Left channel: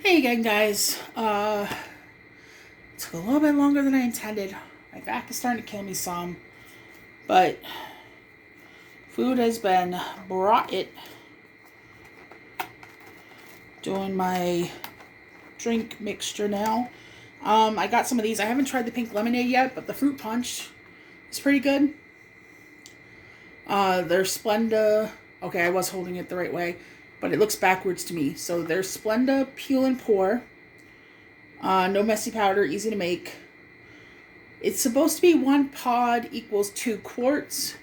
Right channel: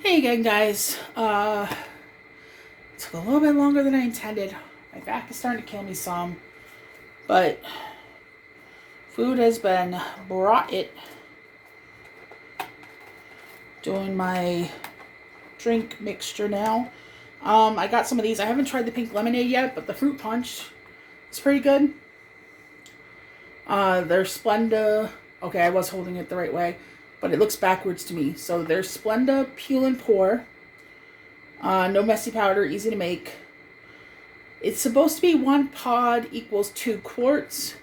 Hey again, guys. Took a little bit longer than I intended. My back is starting to kill me some, but food has been brought it. Doing my drink mixture now. I got some of these. I haven't tried the pink lemonade yet, but the fruit punch is pretty good. There's Splenda. Okay, I was holding it the right way, but it looks backwards to me. So there's Splenda Peel and Pour. No messy powder, easy to make. It's supposed to be 1 pod equals 2 quarts.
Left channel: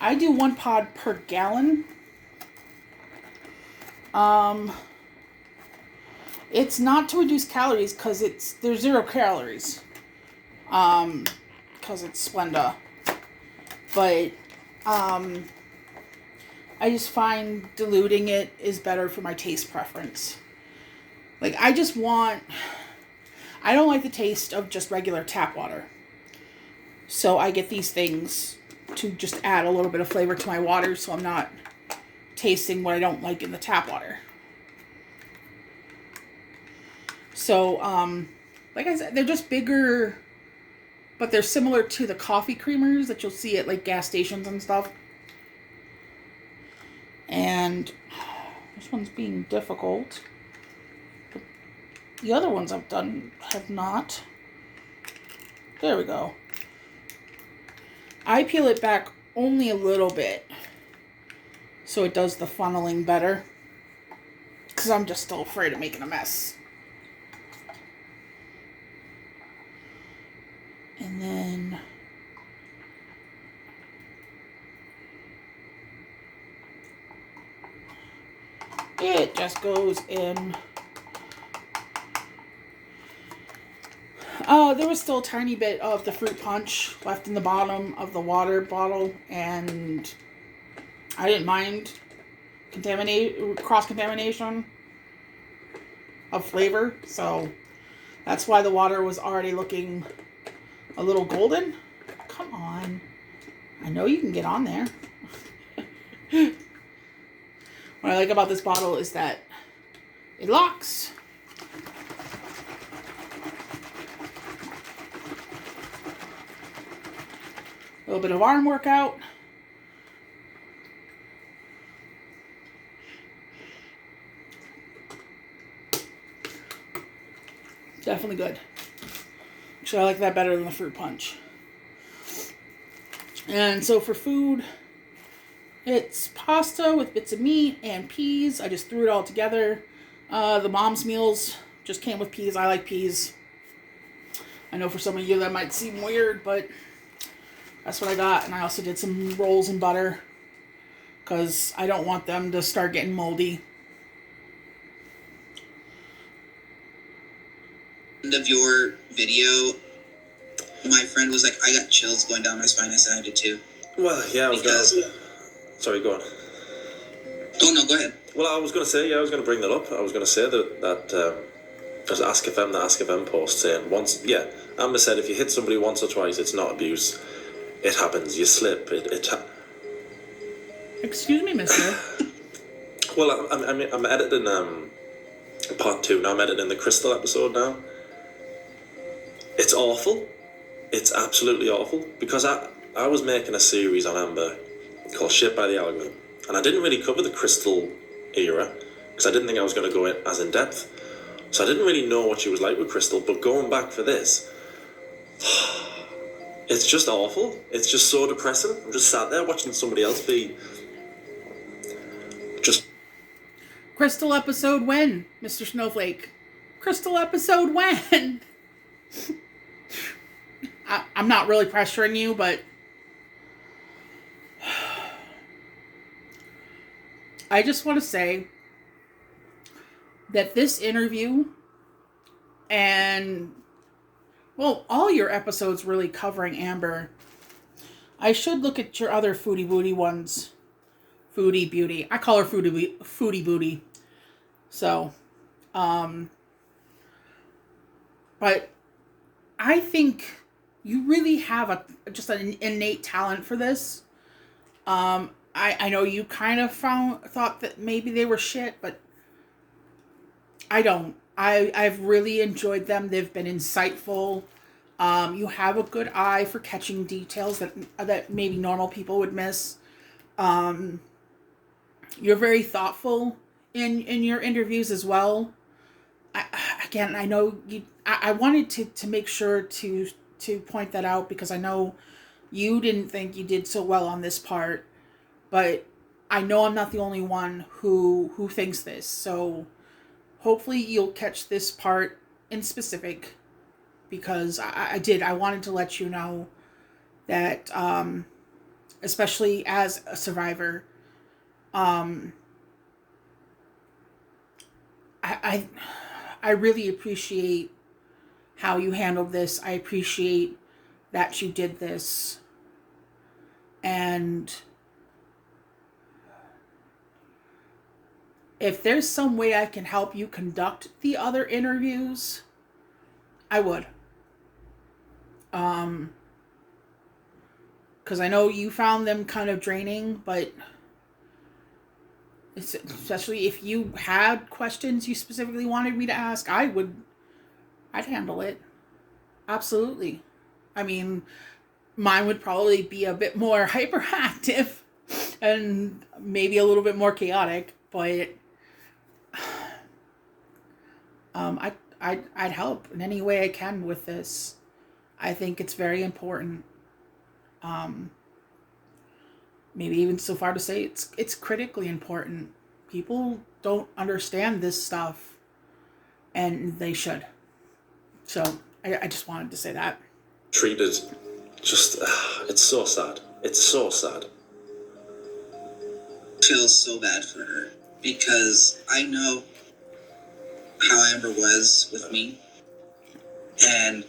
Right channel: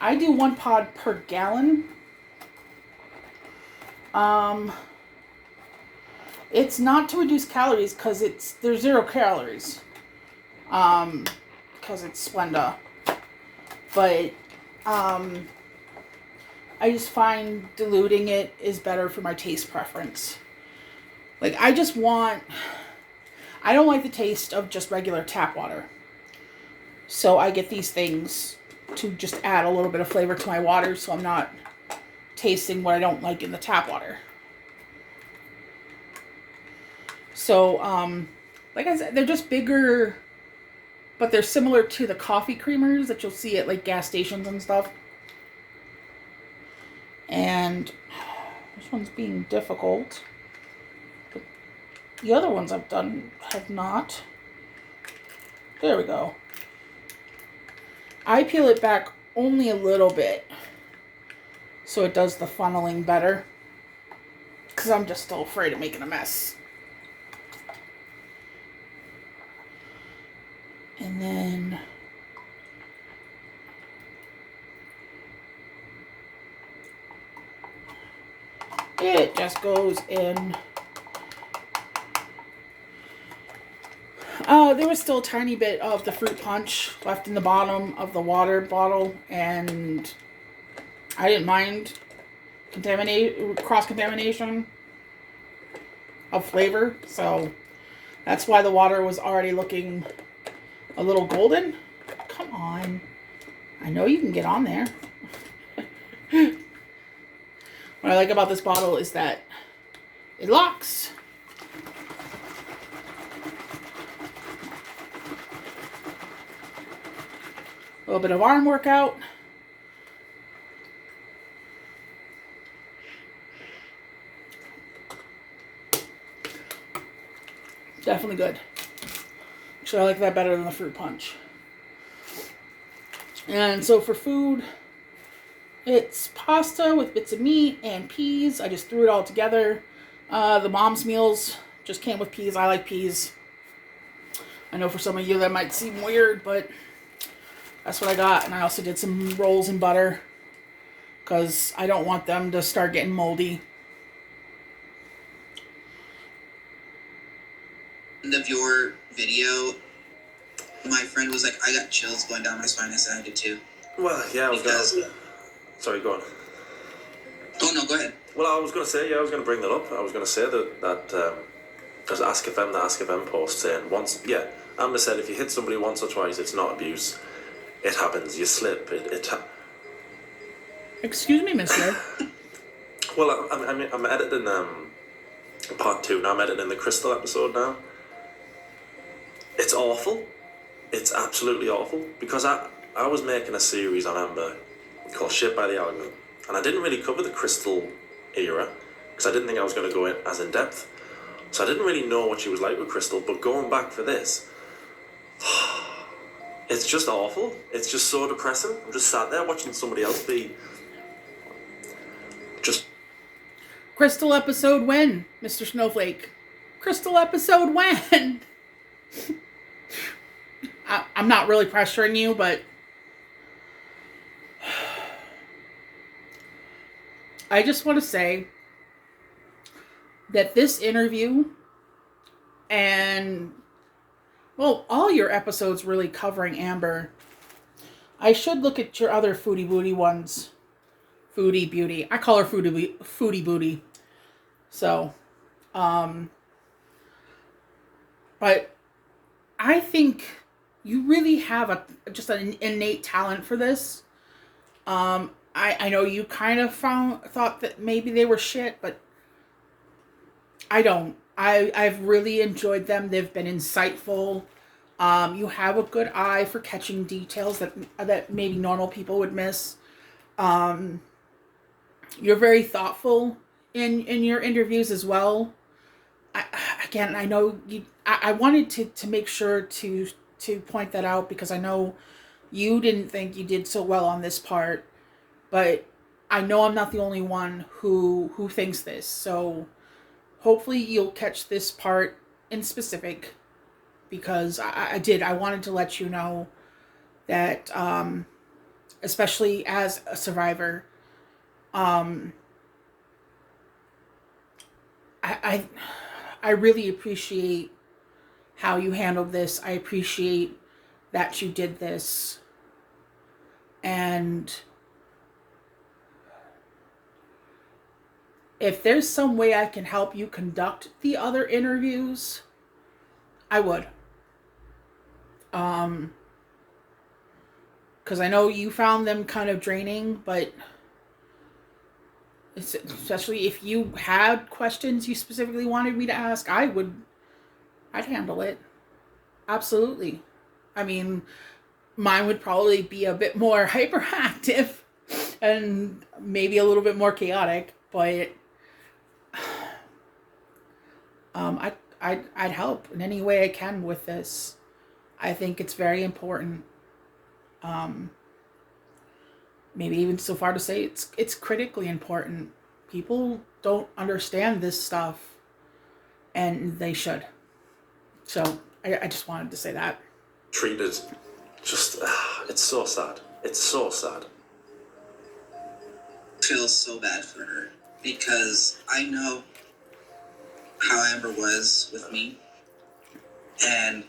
I do 1 pod per gallon. It's not to reduce calories because there's 0 calories. Because it's Splenda. But I just find diluting it is better for my taste preference. Like I don't like the taste of just regular tap water. So I get these things to just add a little bit of flavor to my water so I'm not tasting what I don't like in the tap water. So, like I said, they're just bigger, but they're similar to the coffee creamers that you'll see at like gas stations and stuff. And this one's being difficult. But the other ones I've done have not. There we go. I peel it back only a little bit so it does the funneling better because I'm just still afraid of making a mess. And then it just goes in. There was still a tiny bit of the fruit punch left in the bottom of the water bottle, and I didn't mind cross-contamination of flavor, so that's why the water was already looking a little golden. Come on. I know you can get on there. What I like about this bottle is that it locks. A little bit of arm workout. Definitely good. Actually, I like that better than the fruit punch. And so for food, it's pasta with bits of meat and peas. I just threw it all together. The mom's meals just came with peas. I like peas. I know for some of you that might seem weird, but that's what I got. And I also did some rolls in butter because I don't want them to start getting moldy. End of your video, my friend was like, I got chills going down my spine. I said I did too. Well, yeah, I was going. Sorry, go on. Oh no, go ahead. Well, I was going to say, I was going to bring that up. I was going to say that there's Ask FM, the Ask FM post saying once, Amber said if you hit somebody once or twice, it's not abuse. It happens. You slip. Excuse me, mister. Well, I'm editing part 2 now. I'm editing the Crystal episode now. It's awful. It's absolutely awful because I was making a series on Amber called Shit by the Algorithm, and I didn't really cover the Crystal era because I didn't think I was going to go in as in depth. So I didn't really know what she was like with Crystal, but going back for this, it's just awful. It's just so depressing. I'm just sat there watching somebody else be just... Crystal episode when, Mr. Snowflake? Crystal episode when? I'm not really pressuring you, but I just want to say that this interview and, well, all your episodes really covering Amber, I should look at your other Foodie Booty ones. Foodie Beauty. I call her Foodie Booty. So, but I think you really have just an innate talent for this. I know you kind of thought that maybe they were shit, but I don't. I've really enjoyed them. They've been insightful. You have a good eye for catching details that maybe normal people would miss. Um, you're very thoughtful in your interviews as well. I, again, I know you. I wanted to make sure to point that out because I know you didn't think you did so well on this part, but I know I'm not the only one who thinks this. So hopefully you'll catch this part in specific because I did. I wanted to let you know that, especially as a survivor, um, I, I I really appreciate how you handled this. I appreciate that you did this, and if there's some way I can help you conduct the other interviews, I would. Um, because I know you found them kind of draining, but especially if you had questions you specifically wanted me to ask, I'd handle it. Absolutely. I mean, mine would probably be a bit more hyperactive and maybe a little bit more chaotic, but I'd help in any way I can with this. I think it's very important. Um, Maybe even so far to say it's critically important. People don't understand this stuff, and they should. So I just wanted to say that. Treated just, it's so sad. It's so sad. Feel so bad for her because I know how Amber was with me, and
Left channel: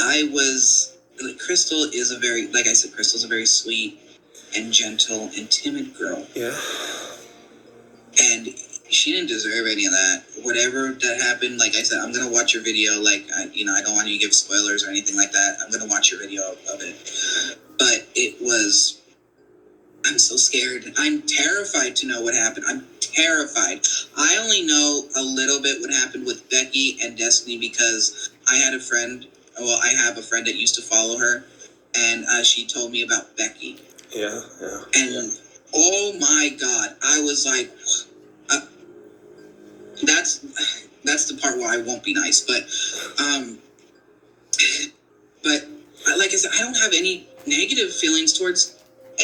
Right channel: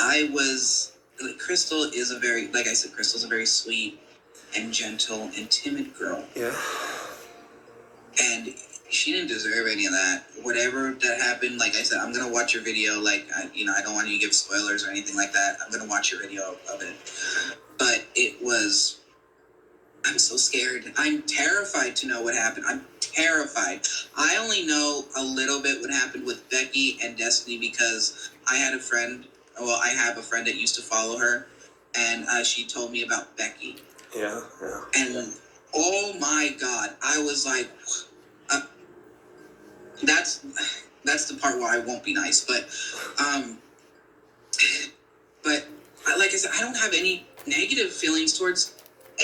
I was Crystal is a very, like I said, Crystal's a very sweet and gentle and timid girl. Yeah. And she didn't deserve any of that. Whatever that happened, like I said, I'm gonna watch your video. Like I don't want you to give spoilers or anything like that. I'm gonna watch your video of it. But it was. I'm so scared. I'm terrified to know what happened. I'm terrified. I only know a little bit what happened with Becky and Destiny because I had a friend. Well, I have a friend that used to follow her, and she told me about Becky. Yeah. And oh my God, I was like, that's the part where I won't be nice. But like I said, I don't have any negative feelings towards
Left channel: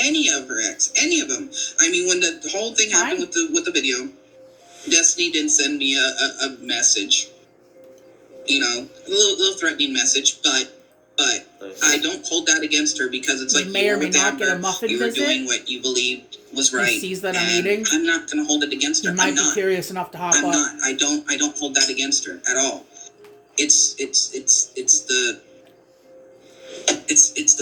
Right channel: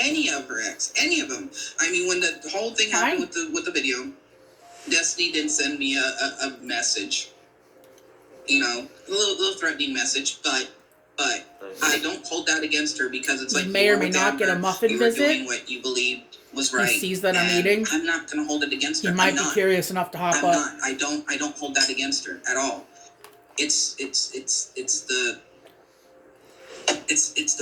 any of her ex, any of them. I mean, when the whole thing happened with the video, Destiny didn't send me a message, a little threatening message, but I don't hold that against her because it's You like may or may not get a muffin you were visit. doing what you believed was right. He sees that I'm and eating. I'm not gonna hold it against her. You might be curious enough to hop I'm up. not. I don't hold that against her at all. It's the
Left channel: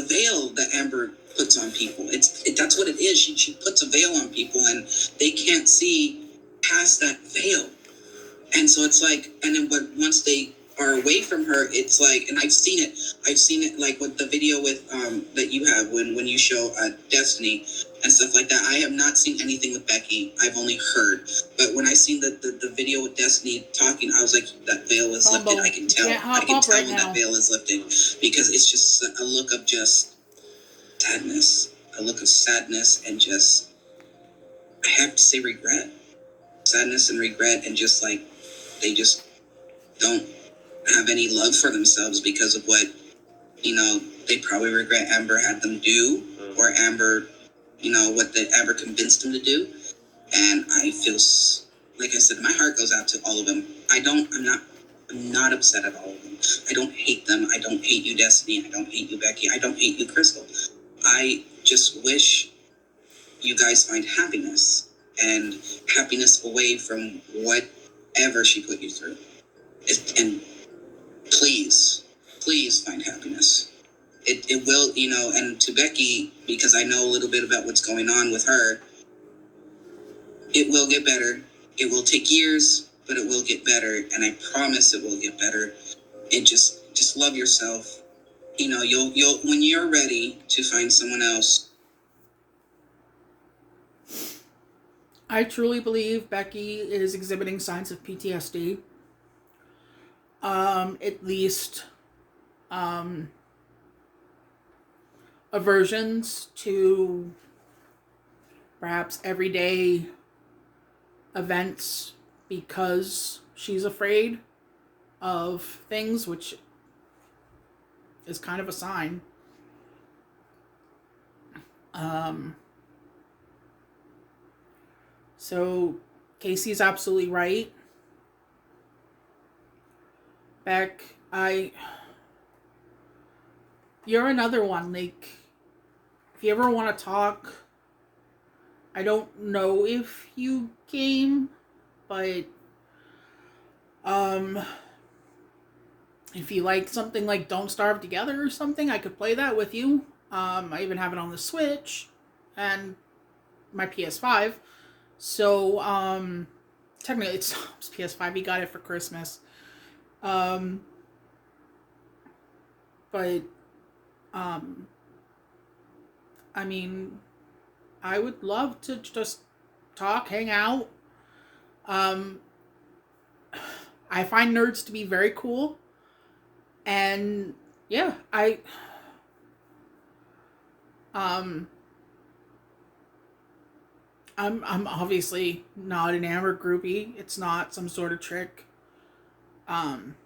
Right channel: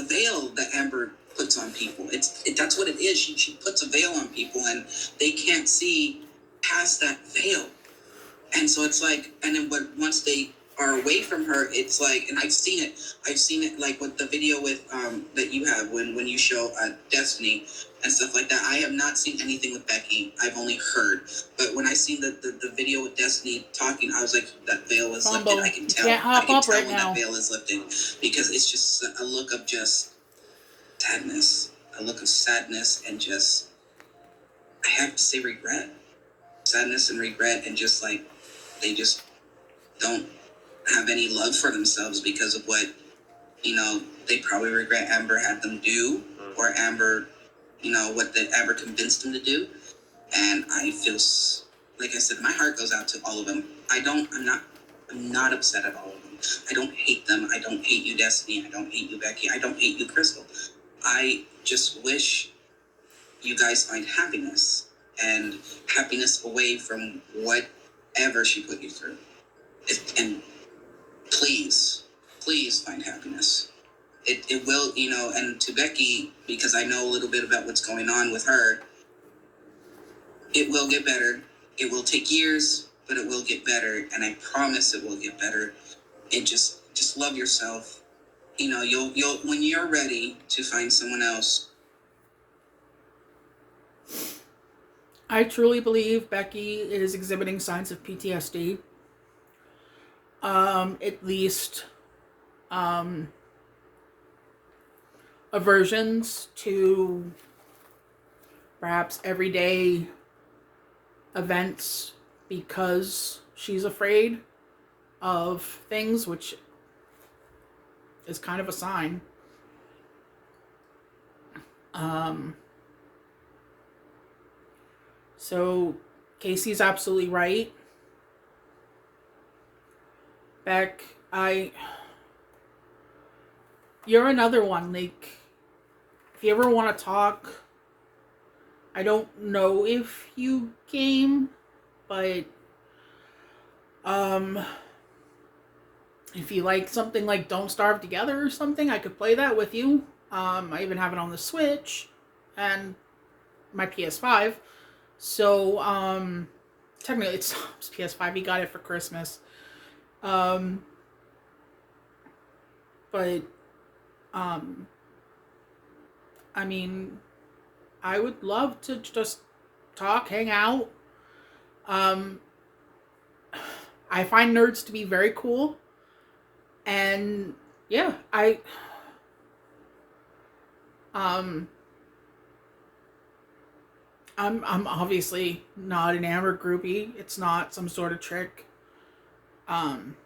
veil that Amber puts on people. That's what it is. She puts a veil on people, and they can't see past that veil. And so it's like, and then once they are away from her, it's like, and I've seen it like with the video with that you have when you show Destiny and stuff like that. I have not seen anything with Becky. I've only heard. But when I seen the video with Destiny talking, I was like, that veil is lifted. I can tell. I can tell when that veil is lifted because it's just a look of just sadness, a look of sadness, and just, I have to say, regret, sadness and regret, and just like they just don't have any love for themselves because of what they probably regret Amber had them do, or Amber, what the Amber convinced them to do. And I feel, like I said, my heart goes out to all of them. I'm not upset at all of them. I don't hate them. I don't hate you, Destiny. I don't hate you, Becky. I don't hate you, Crystal. I just wish you guys find happiness, and happiness away from whatever she put you through. And please find happiness. It will, and to Becky, because I know a little bit about what's going on with her, it will get better. It will take years, but it will get better, and I promise it will get better. And just love yourself. You'll when you're ready to find someone else. I truly believe Becky is exhibiting signs of PTSD. at least aversions to perhaps everyday events because she's afraid of things, which is kind of a sign. So Casey's absolutely right. Beck, you're another one. Like, if you ever want to talk, I don't know if you game, but if you like something like Don't Starve Together or something, I could play that with you. I even have it on the Switch and my PS5. So, technically it's PS5. He got it for Christmas. But, I mean, I would love to just talk, hang out. I find nerds to be very cool. And yeah, I'm obviously not an Amber groupie. It's not some sort of trick. Um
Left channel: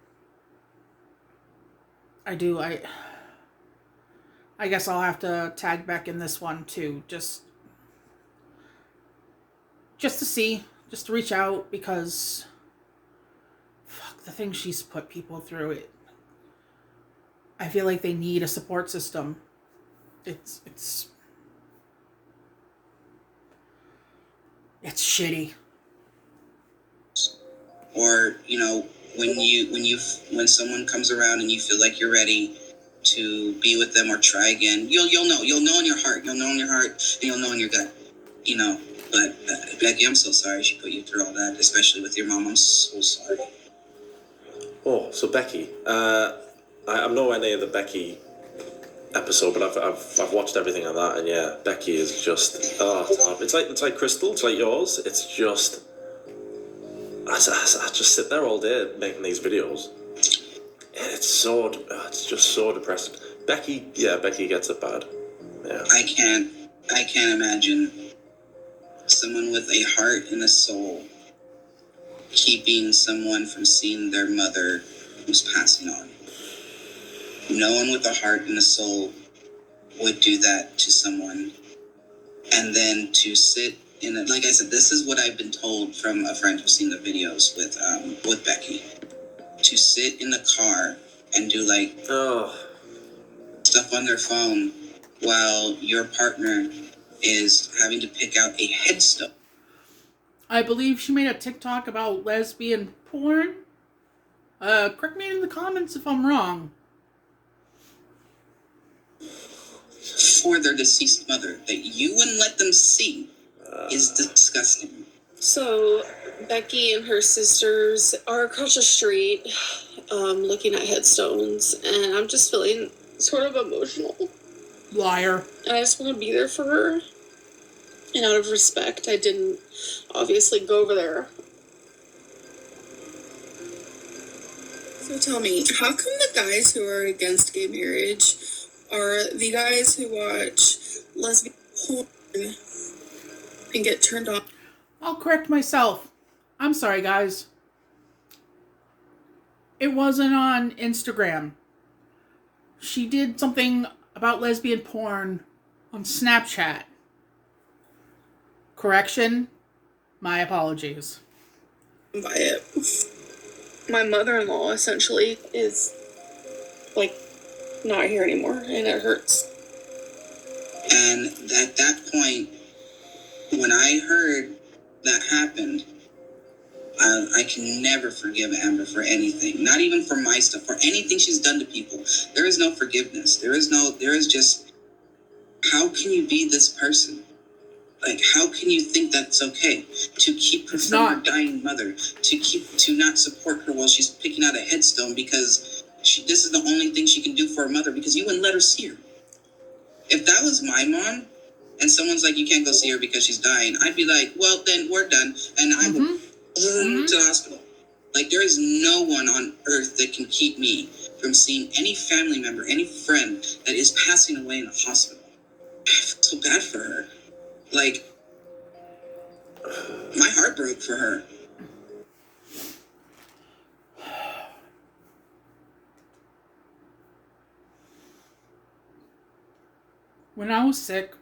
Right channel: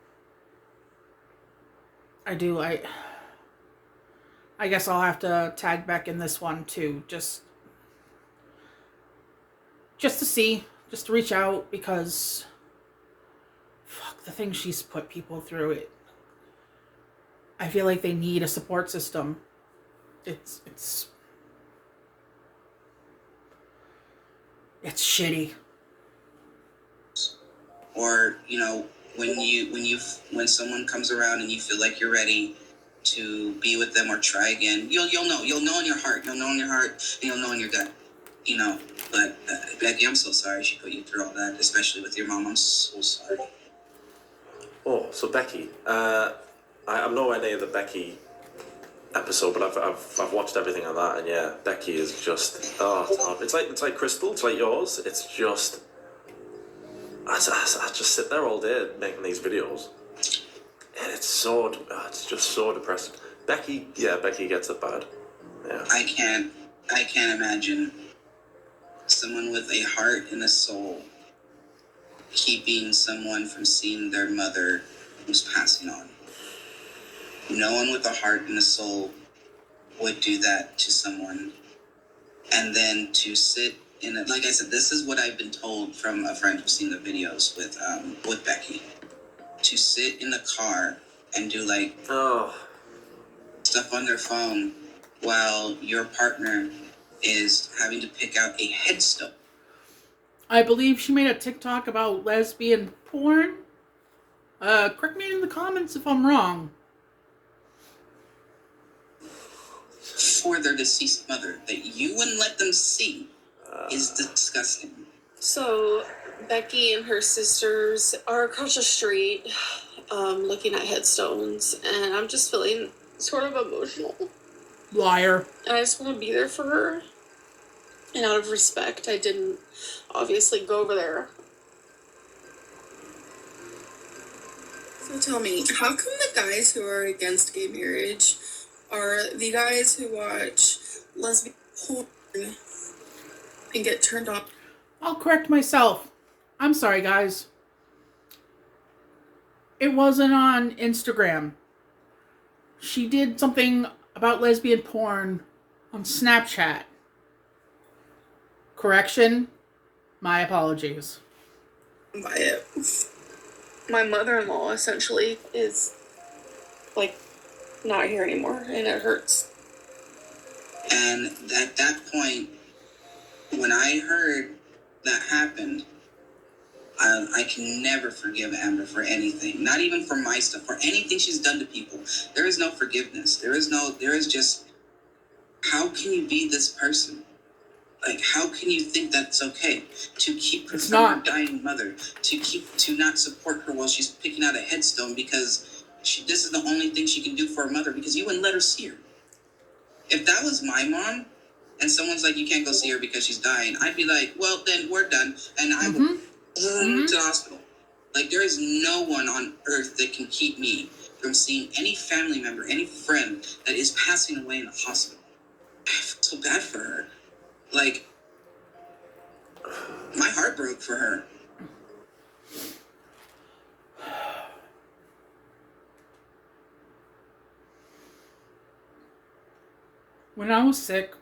I guess I'll have to tag Beck in this one too. Just to see, just to reach out, because fuck, the things she's put people through, it I feel like they need a support system. It's shitty. Or, you know, when someone comes around and you feel like you're ready to be with them or try again, you'll know in your heart, and you'll know in your gut, you know. But Becky, I'm so sorry she put you through all that, especially with your mom. I'm so sorry. Oh, so Becky, I'm nowhere near the Becky episode, but I've watched everything of that, and yeah, Becky is just it's like Crystal, it's like yours. It's just I just sit there all day making these videos, and it's just so depressing. Becky gets it bad. Yeah. I can't imagine someone with a heart and a soul keeping someone from seeing their mother who's passing on. No one with a heart and a soul would do that to someone. And then to sit in it, like I said, this is what I've been told from a friend who's seen the videos with Becky. To sit in the car and do like stuff on their phone while your partner is having to pick out a headstone. I believe she made a TikTok about lesbian porn. Correct me in the comments if I'm wrong. For their deceased mother that you wouldn't let them see is disgusting. So Becky and her sisters are across the street looking at headstones, and I'm just feeling sort of emotional. Liar. And I just want to be there for her. And out of respect, I didn't obviously go over there. So tell me, how come the guys who are against gay marriage are the guys who watch lesbian porn and get turned on? I'll correct myself. I'm sorry, guys. It wasn't on Instagram. She did something about lesbian porn on Snapchat. Correction. My apologies. By it. My mother-in-law essentially is like not here anymore, and it hurts. And at that point, when I heard that happened, I can never forgive Amber for anything. Not even for my stuff, for anything she's done to people. There is no forgiveness. There is just, how can you be this person? Like, how can you think that's okay? To keep her from her dying mother, to not support her while she's picking out a headstone because this is the only thing she can do for her mother, because you wouldn't let her see her. If that was my mom, and someone's like, you can't go see her because she's dying, I'd be like, well, then we're done, and I will to the hospital. Like, there is no one on earth that can keep me from seeing any family member, any friend that is passing away in the hospital. I feel so bad for her. Like, my heart broke for her. When I was sick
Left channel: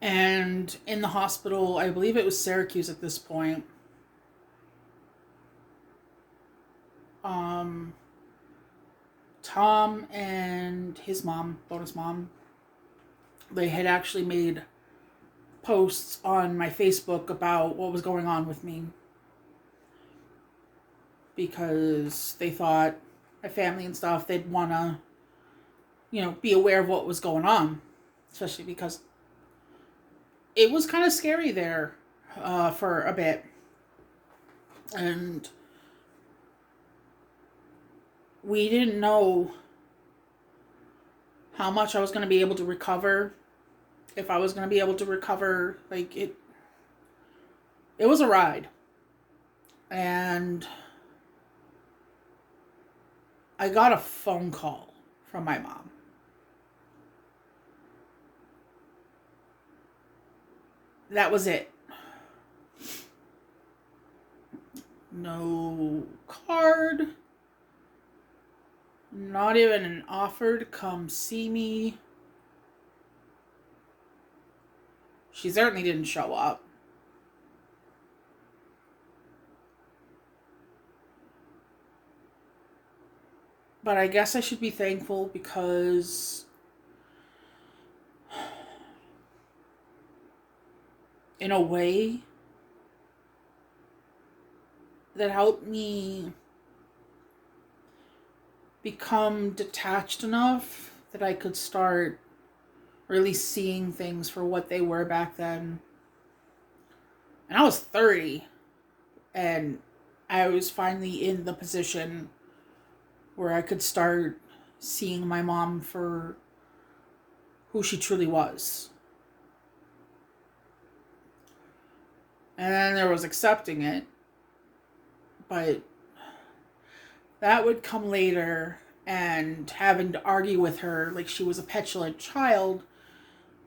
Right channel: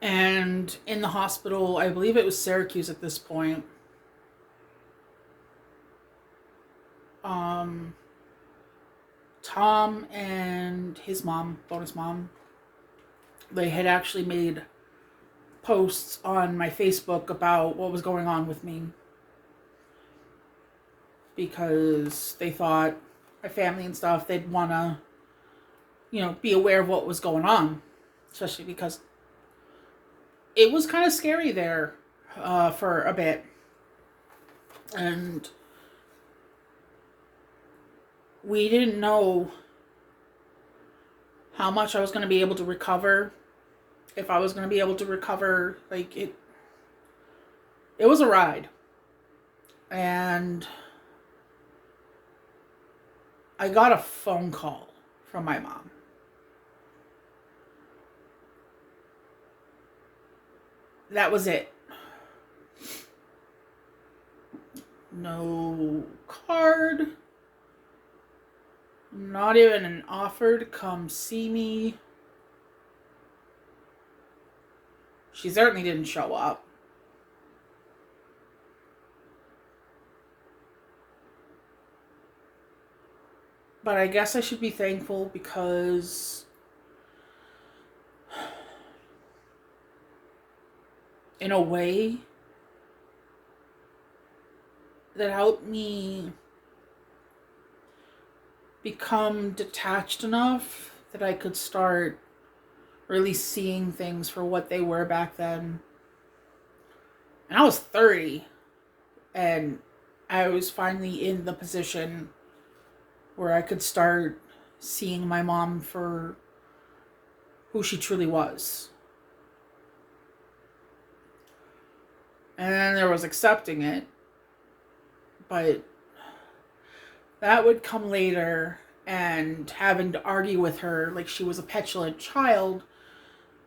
and in the hospital, I believe it was Syracuse at this point, Tom and his mom, bonus mom, they had actually made posts on my Facebook about what was going on with me, because they thought my family and stuff, they'd want to, be aware of what was going on, especially because it was kind of scary there for a bit. And we didn't know how much I was going to be able to recover, if I was going to be able to recover. Like, it was a ride. And I got a phone call from my mom. That was it. No card. Not even an offer to come see me. She certainly didn't show up. But I guess I should be thankful, because in a way, that helped me become detached enough that I could start really seeing things for what they were back then. And I was 30, and I was finally in the position where I could start seeing my mom for who she truly was. And then there was accepting it, but that would come later, and having to argue with her like she was a petulant child,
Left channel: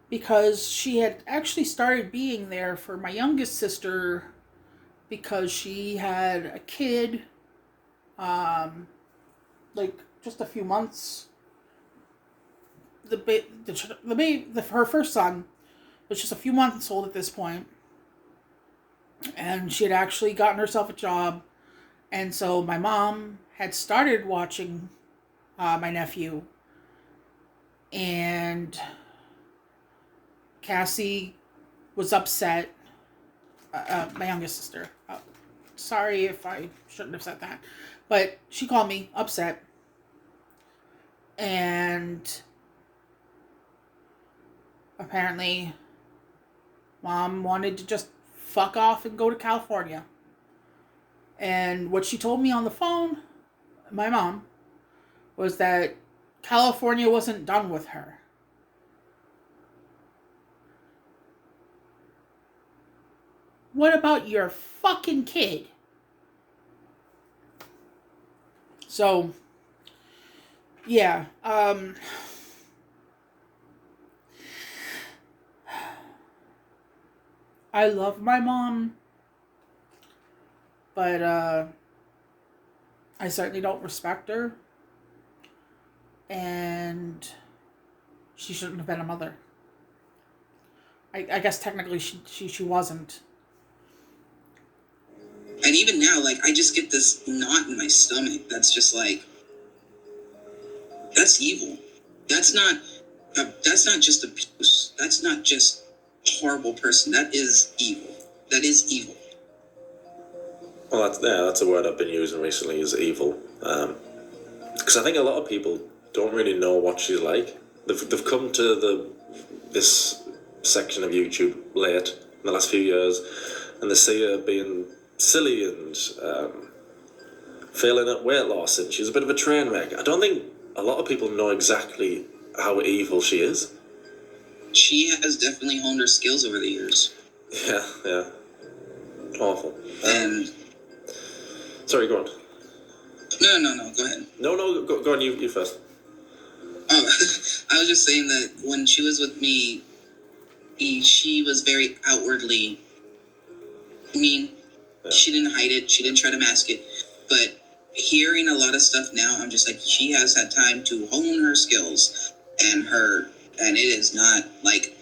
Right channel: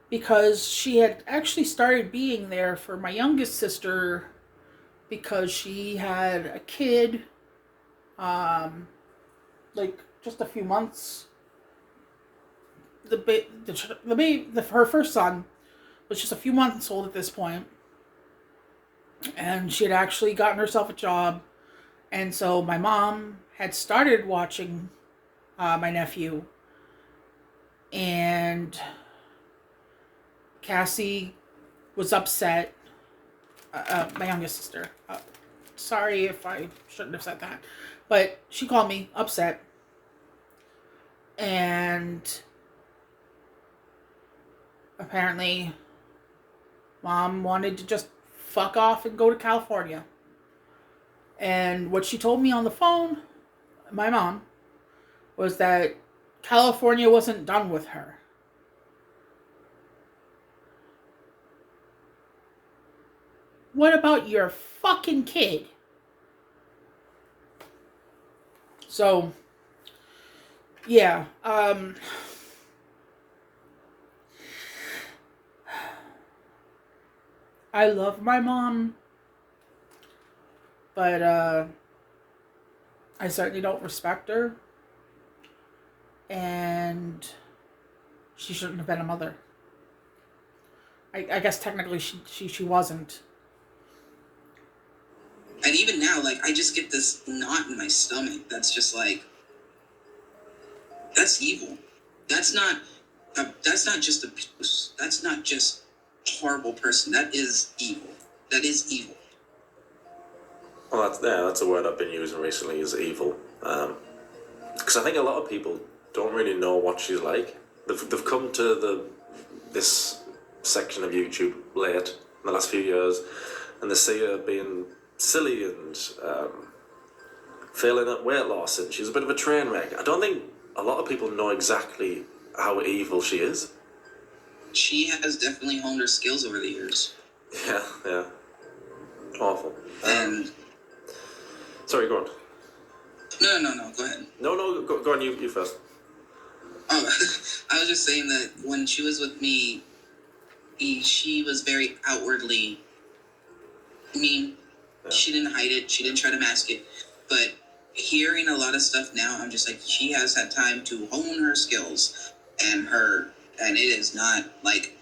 because she had actually started being there for my youngest sister because she had a kid, like just a few months. Her first son was just a few months old at this point, and she had actually gotten herself a job, and so my mom had started watching my nephew, and Cassie was upset. My youngest sister. Sorry if I shouldn't have said that, but she called me upset, and apparently Mom wanted to just fuck off and go to California. And what she told me on the phone, my mom, was that California wasn't done with her. What about your fucking kid? So, yeah, I love my mom, but I certainly don't respect her, and she shouldn't have been a mother. I guess technically she wasn't. And even now, like, I just get this knot in my stomach that's just like, that's evil. That's not just abuse. That's not just a horrible person. That is evil. That is evil. Well, that's a word I've been using recently, is evil. Because I think a lot of people don't really know what she's like. They've come to this section of YouTube late in the last few years, and they see her being silly and failing at weight loss, and she's a bit of a train wreck. I don't think a lot of people know exactly how evil she is. She has definitely honed her skills over the years. Yeah. Awful. And Sorry, go on. no, go ahead. No, go on. You first. Oh, I was just saying that when she was with me, she was very outwardly mean. Yeah. She didn't hide it. She didn't try to mask it. But hearing a lot of stuff now, I'm just like, she has had time to hone her skills, and it is not like,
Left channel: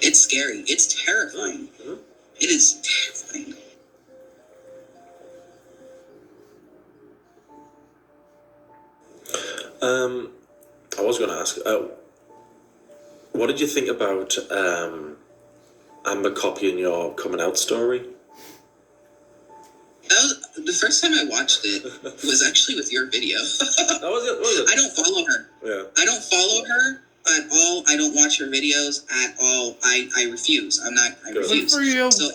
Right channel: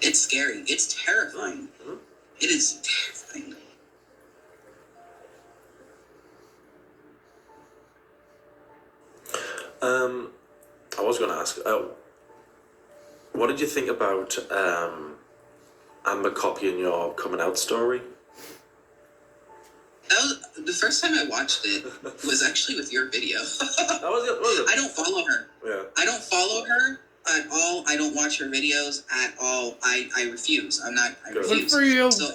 it's scary. It's terrifying. Mm-hmm. It is terrifying. I was going to ask, what did you think about Amber copying your coming out story? That was the first time I watched it was actually with your video. That was it. I don't follow her. Yeah. I don't follow her at all. I don't watch her videos at all. I refuse. I Good. refuse. Good for you. So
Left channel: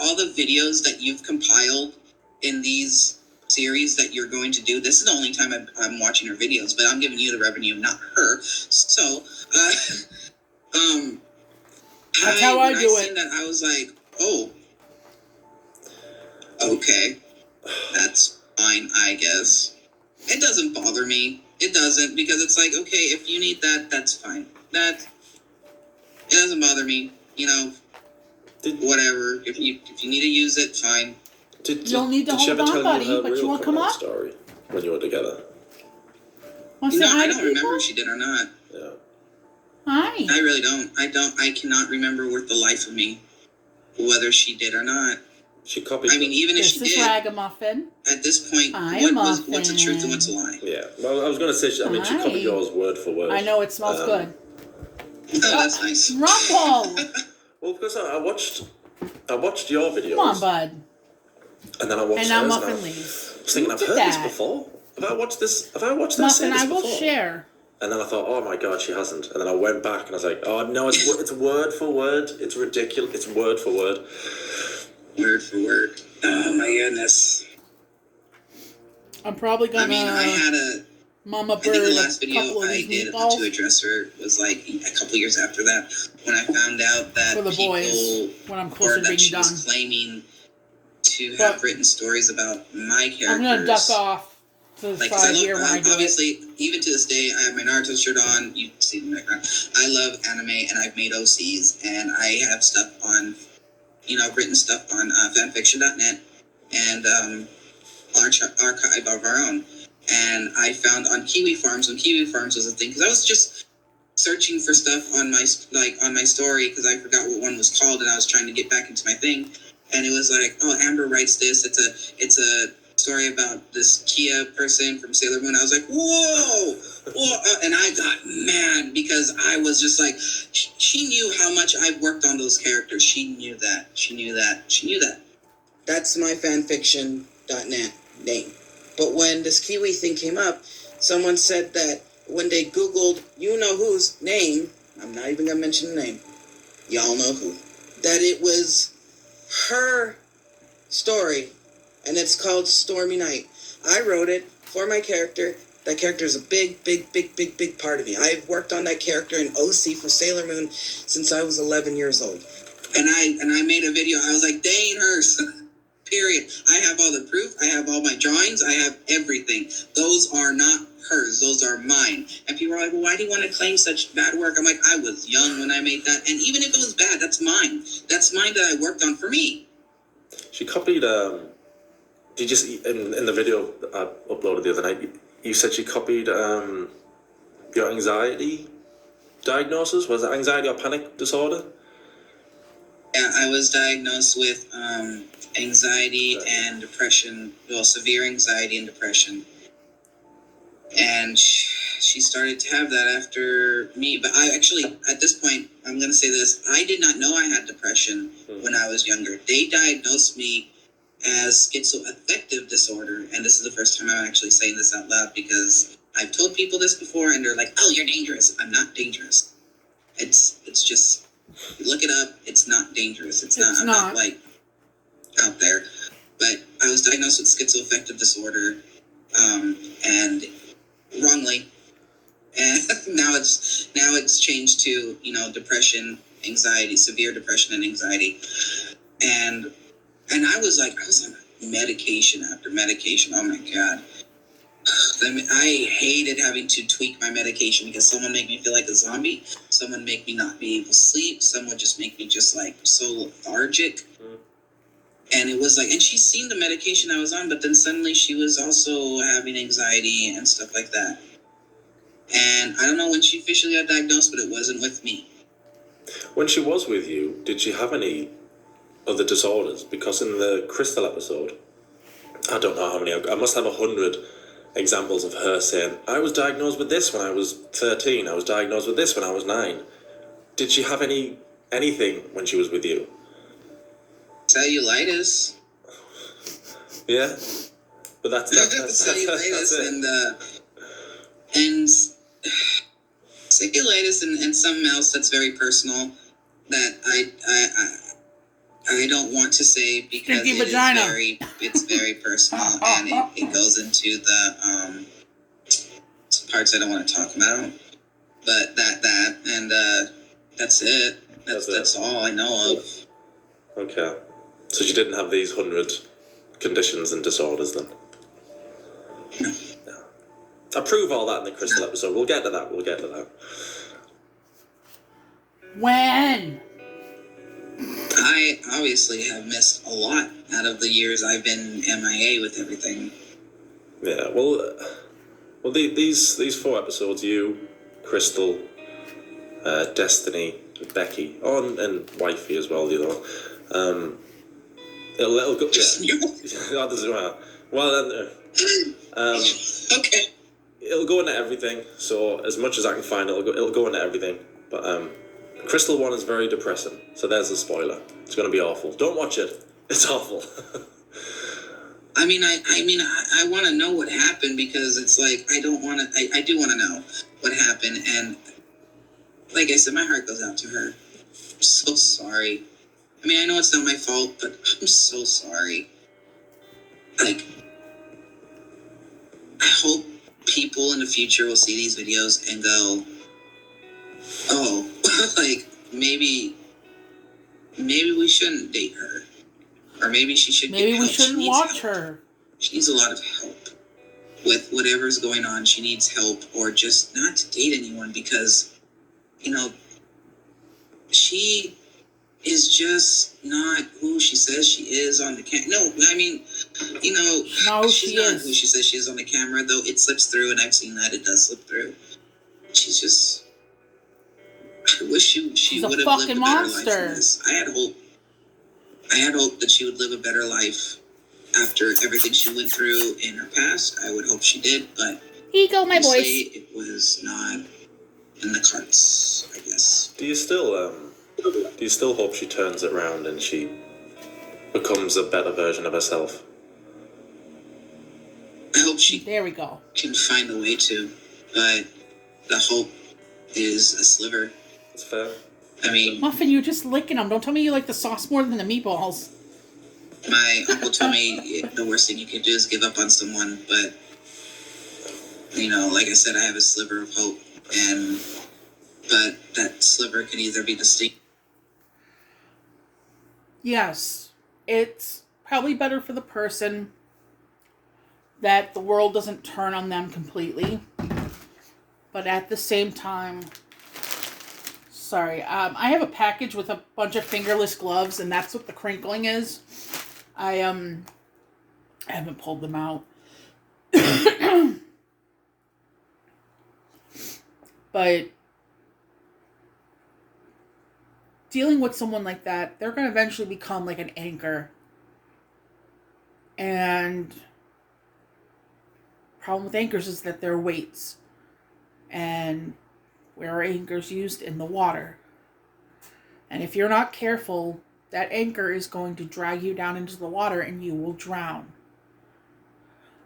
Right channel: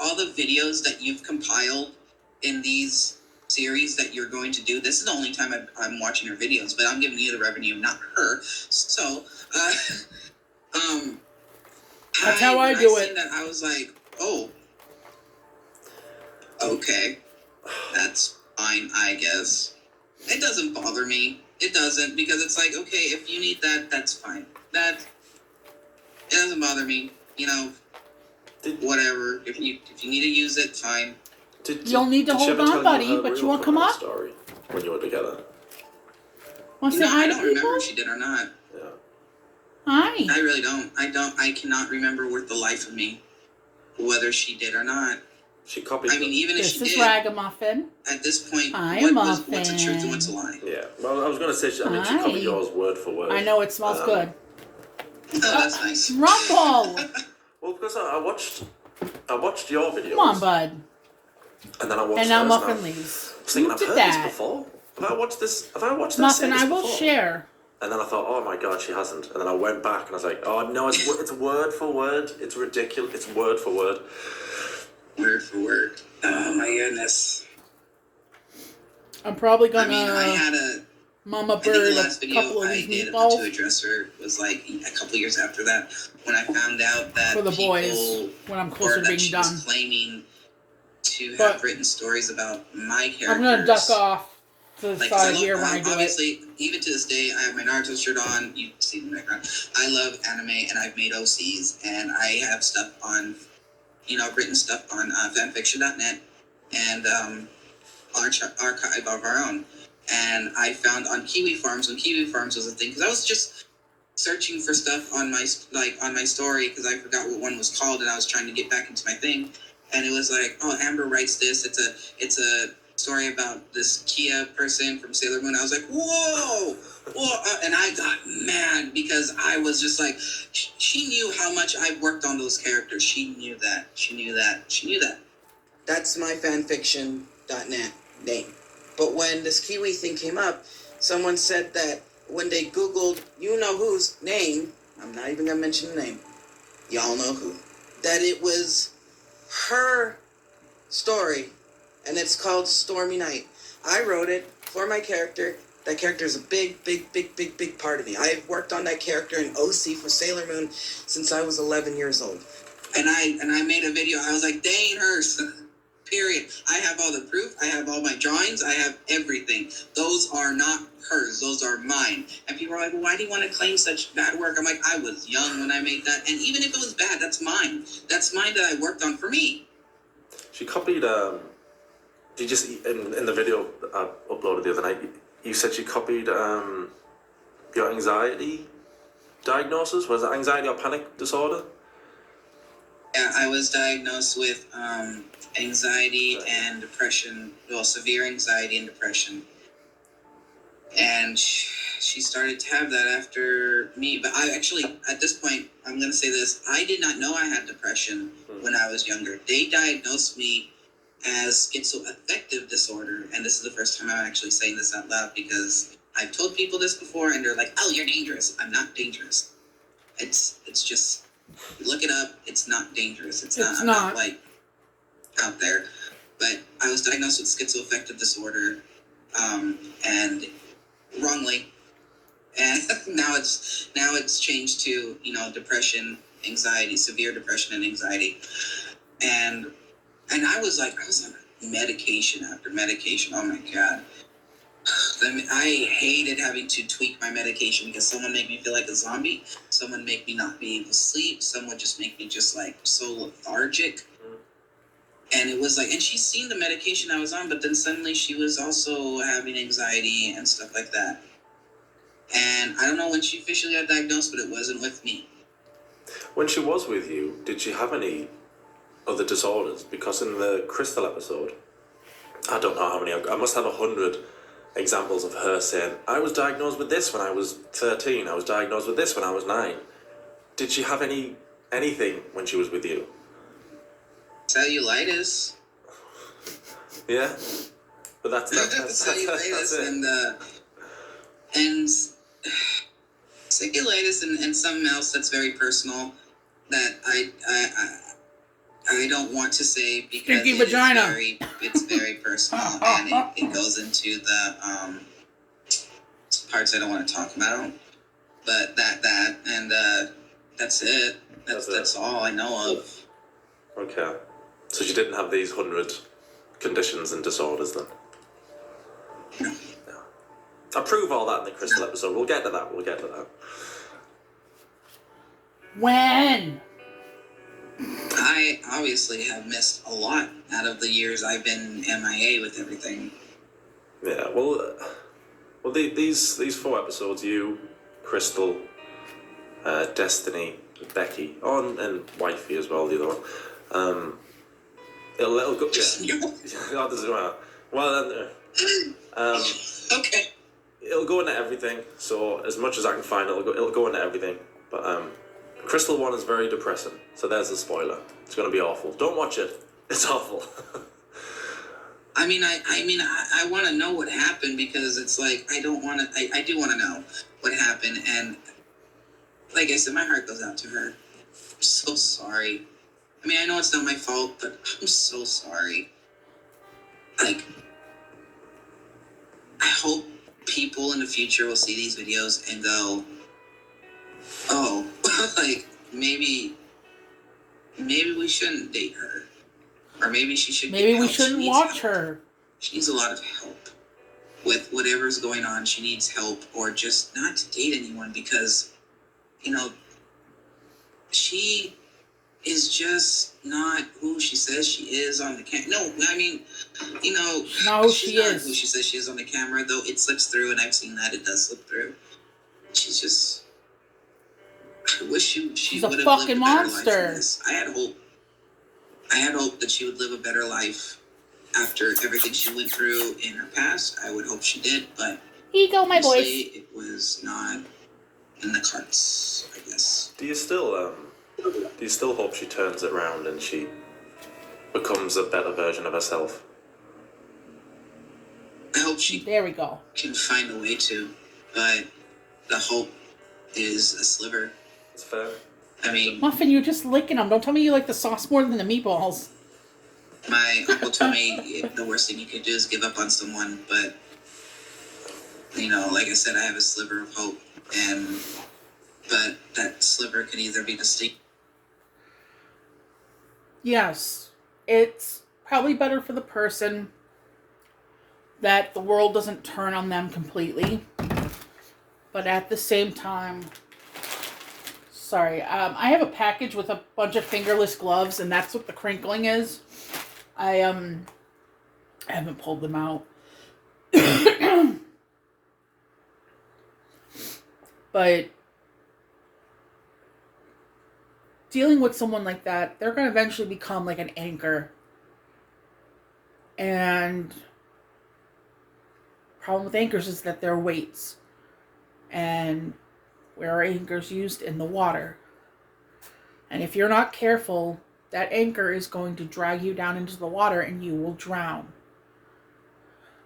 all the videos that you've compiled in these series that you're going to do, this is the only time I'm watching her videos, but I'm giving you the revenue, not her. So, That's how I do it. Seen that, I was like, oh, okay, that's fine, I guess. It doesn't bother me. It doesn't, because it's like, okay, if you need that, that's fine. It doesn't bother me. You know, whatever. If you need to use it, fine. You'll need to hold on, buddy, but you won't come up? Story when you were together. Want to say hi I to don't people? remember if she did or not. Yeah. Hi. I really don't. I cannot remember with the life of me whether she did or not. She copied. I mean, even if This she is did, Ragamuffin. at this point, Hi, what's the Muffin. truth and what's a lie? Yeah. Well, I was going to say, she Hi. copied yours word for word. I know it smells good. Oh, that's nice. Rumble! Well, because I watched your videos. Come on, bud. And then I watched And now hers, Muffin and I leaves. was thinking, Who I've did heard that? this before. Have I watched this? Muffin, I will before? share. And then I thought, oh my god, she hasn't. And then I went back and I was like, oh no, it's word for word. It's ridiculous. It's word for word. Word for word. Oh my goodness. I'm probably gonna I had a. Mama I think Bird the last a video couple of I these did meatballs to address her was like a couple years after that, when I found out that for the people, boys when I'm closer or to that being she done. was claiming to But have written stories about my characters. I'm gonna duck off to the Like, 'cause side here when I do it. obviously, even to this day, I have my Naruto shirt on. You see it in the background. I love anime, and I've made OCs, and I have stuff on, I've written stuff on fanfiction.net and archive of our own. And I found on Kiwi Farms, when Kiwi Farms was a thing, because I was just searching for stuff on my story, because I forgot what one was called, and I was trying to get back into my thing. And it was like, oh, Amber writes this. It's a story about this Kia person from Sailor Moon. I was like, whoa, and I got mad because I was just like, she knew how much I worked on those characters. She knew that. That's my fanfiction.net name. But when this Kiwi thing came up, someone said that when they Googled you-know-who's name, I'm not even going to mention the name, y'all know who, that it was her story, and it's called Stormy Night. I wrote it for my character. That character is a big part of me. I've worked on that character in OC for Sailor Moon since I was 11 years old. And I made a video. I was like, dang hers. Period. I have all the proof. I have all my drawings. I have everything. Those are not hers. Those are mine. And people are like, well, why do you want to claim such bad work? I'm like, I was young when I made that. And even if it was bad, that's mine. That's mine that I worked on for me. She copied, you just, in the video I uploaded the other night, you said she copied your anxiety diagnosis. Was it anxiety or panic disorder? Yeah, I was diagnosed with anxiety and depression. Well, severe anxiety and depression. And she started to have that after me. But I actually, at this point, I'm going to say this. I did not know I had depression when I was younger. They diagnosed me as schizoaffective disorder. And this is the first time I'm actually saying this out loud, because I've told people this before and they're like, oh, you're dangerous. I'm not dangerous. It's just, look it up. It's not dangerous. I'm not like out there. But I was diagnosed with schizoaffective disorder, and wrongly. And now it's changed to, depression anxiety, severe depression and anxiety. And I was on medication after medication. Oh my God. I hated having to tweak my medication because someone made me feel like a zombie. Someone make me not be able to sleep. Someone just make me just like so lethargic. And it was like, and she's seen the medication I was on, but then suddenly she was also having anxiety and stuff like that. And I don't know when she officially got diagnosed, but it wasn't with me. When she was with you, did she have any other disorders? Because in the Crystal episode, I don't know how many, I must have 100 examples of her saying, I was diagnosed with this when I was 13, I was diagnosed with this when I was 9. Did she have anything when she was with you? Cellulitis. Yeah, but that's cellulitis it. and cellulitis and something else that's very personal that I don't want to say because Stinky vagina. It's very personal and it goes into the parts I don't want to talk about. But that and that's it. That's all I know of. Okay. So she didn't have these 100 conditions and disorders then? No. I prove all that in the Crystal episode. We'll get to that. When? I obviously have missed a lot out of the years I've been MIA with everything. Yeah, well, these 4 episodes, you, Crystal, Destiny, Becky, and Wifey as well, the other one. It'll go. Yeah, that doesn't matter. Well, okay. It'll go into everything. So as much as I can find, it'll go into everything. But Crystal 1 is very depressing. So there's a spoiler. It's going to be awful. Don't watch it. It's awful. I mean, I want to know what happened because it's like I do want to know what happened, and like I said, my heart goes out to her. I'm so sorry. I mean, I know it's not my fault, but I'm so sorry. Like, I hope people in the future will see these videos and go, oh, like maybe we shouldn't date her, or maybe she should. Maybe we shouldn't watch her. She needs a lot of help with whatever's going on. She needs help, or just not to date anyone because, she is just not who she says she is on the camera. No, I mean, she's not who she is. Who she says she is on the camera, though it slips through, and I've seen that it does slip through. She's just. I wish she would have lived a better life than this. I had hope that she would live a better life after everything she went through in her past. I would hope she did, but ego, my boys. It was not in the cards, I guess. Do you still hope she turns it around and she becomes a better version of herself? I hope she there we go. Can find a way to, but the hope is a sliver. It's fair. I mean, Muffin, you're just licking them. Don't tell me you like the sauce more than the meatballs. My uncle told me the worst thing you could do is give up on someone, but like I said, I have a sliver of hope, but that sliver could either be distinct. Yes, it's probably better for the person that the world doesn't turn on them completely, but at the same time, sorry, I have a package with a bunch of fingerless gloves, and that's what the crinkling is. I haven't pulled them out. But dealing with someone like that, they're going to eventually become like an anchor. And problem with anchors is that they're weights. And where are anchors used? In the water. And if you're not careful, that anchor is going to drag you down into the water and you will drown.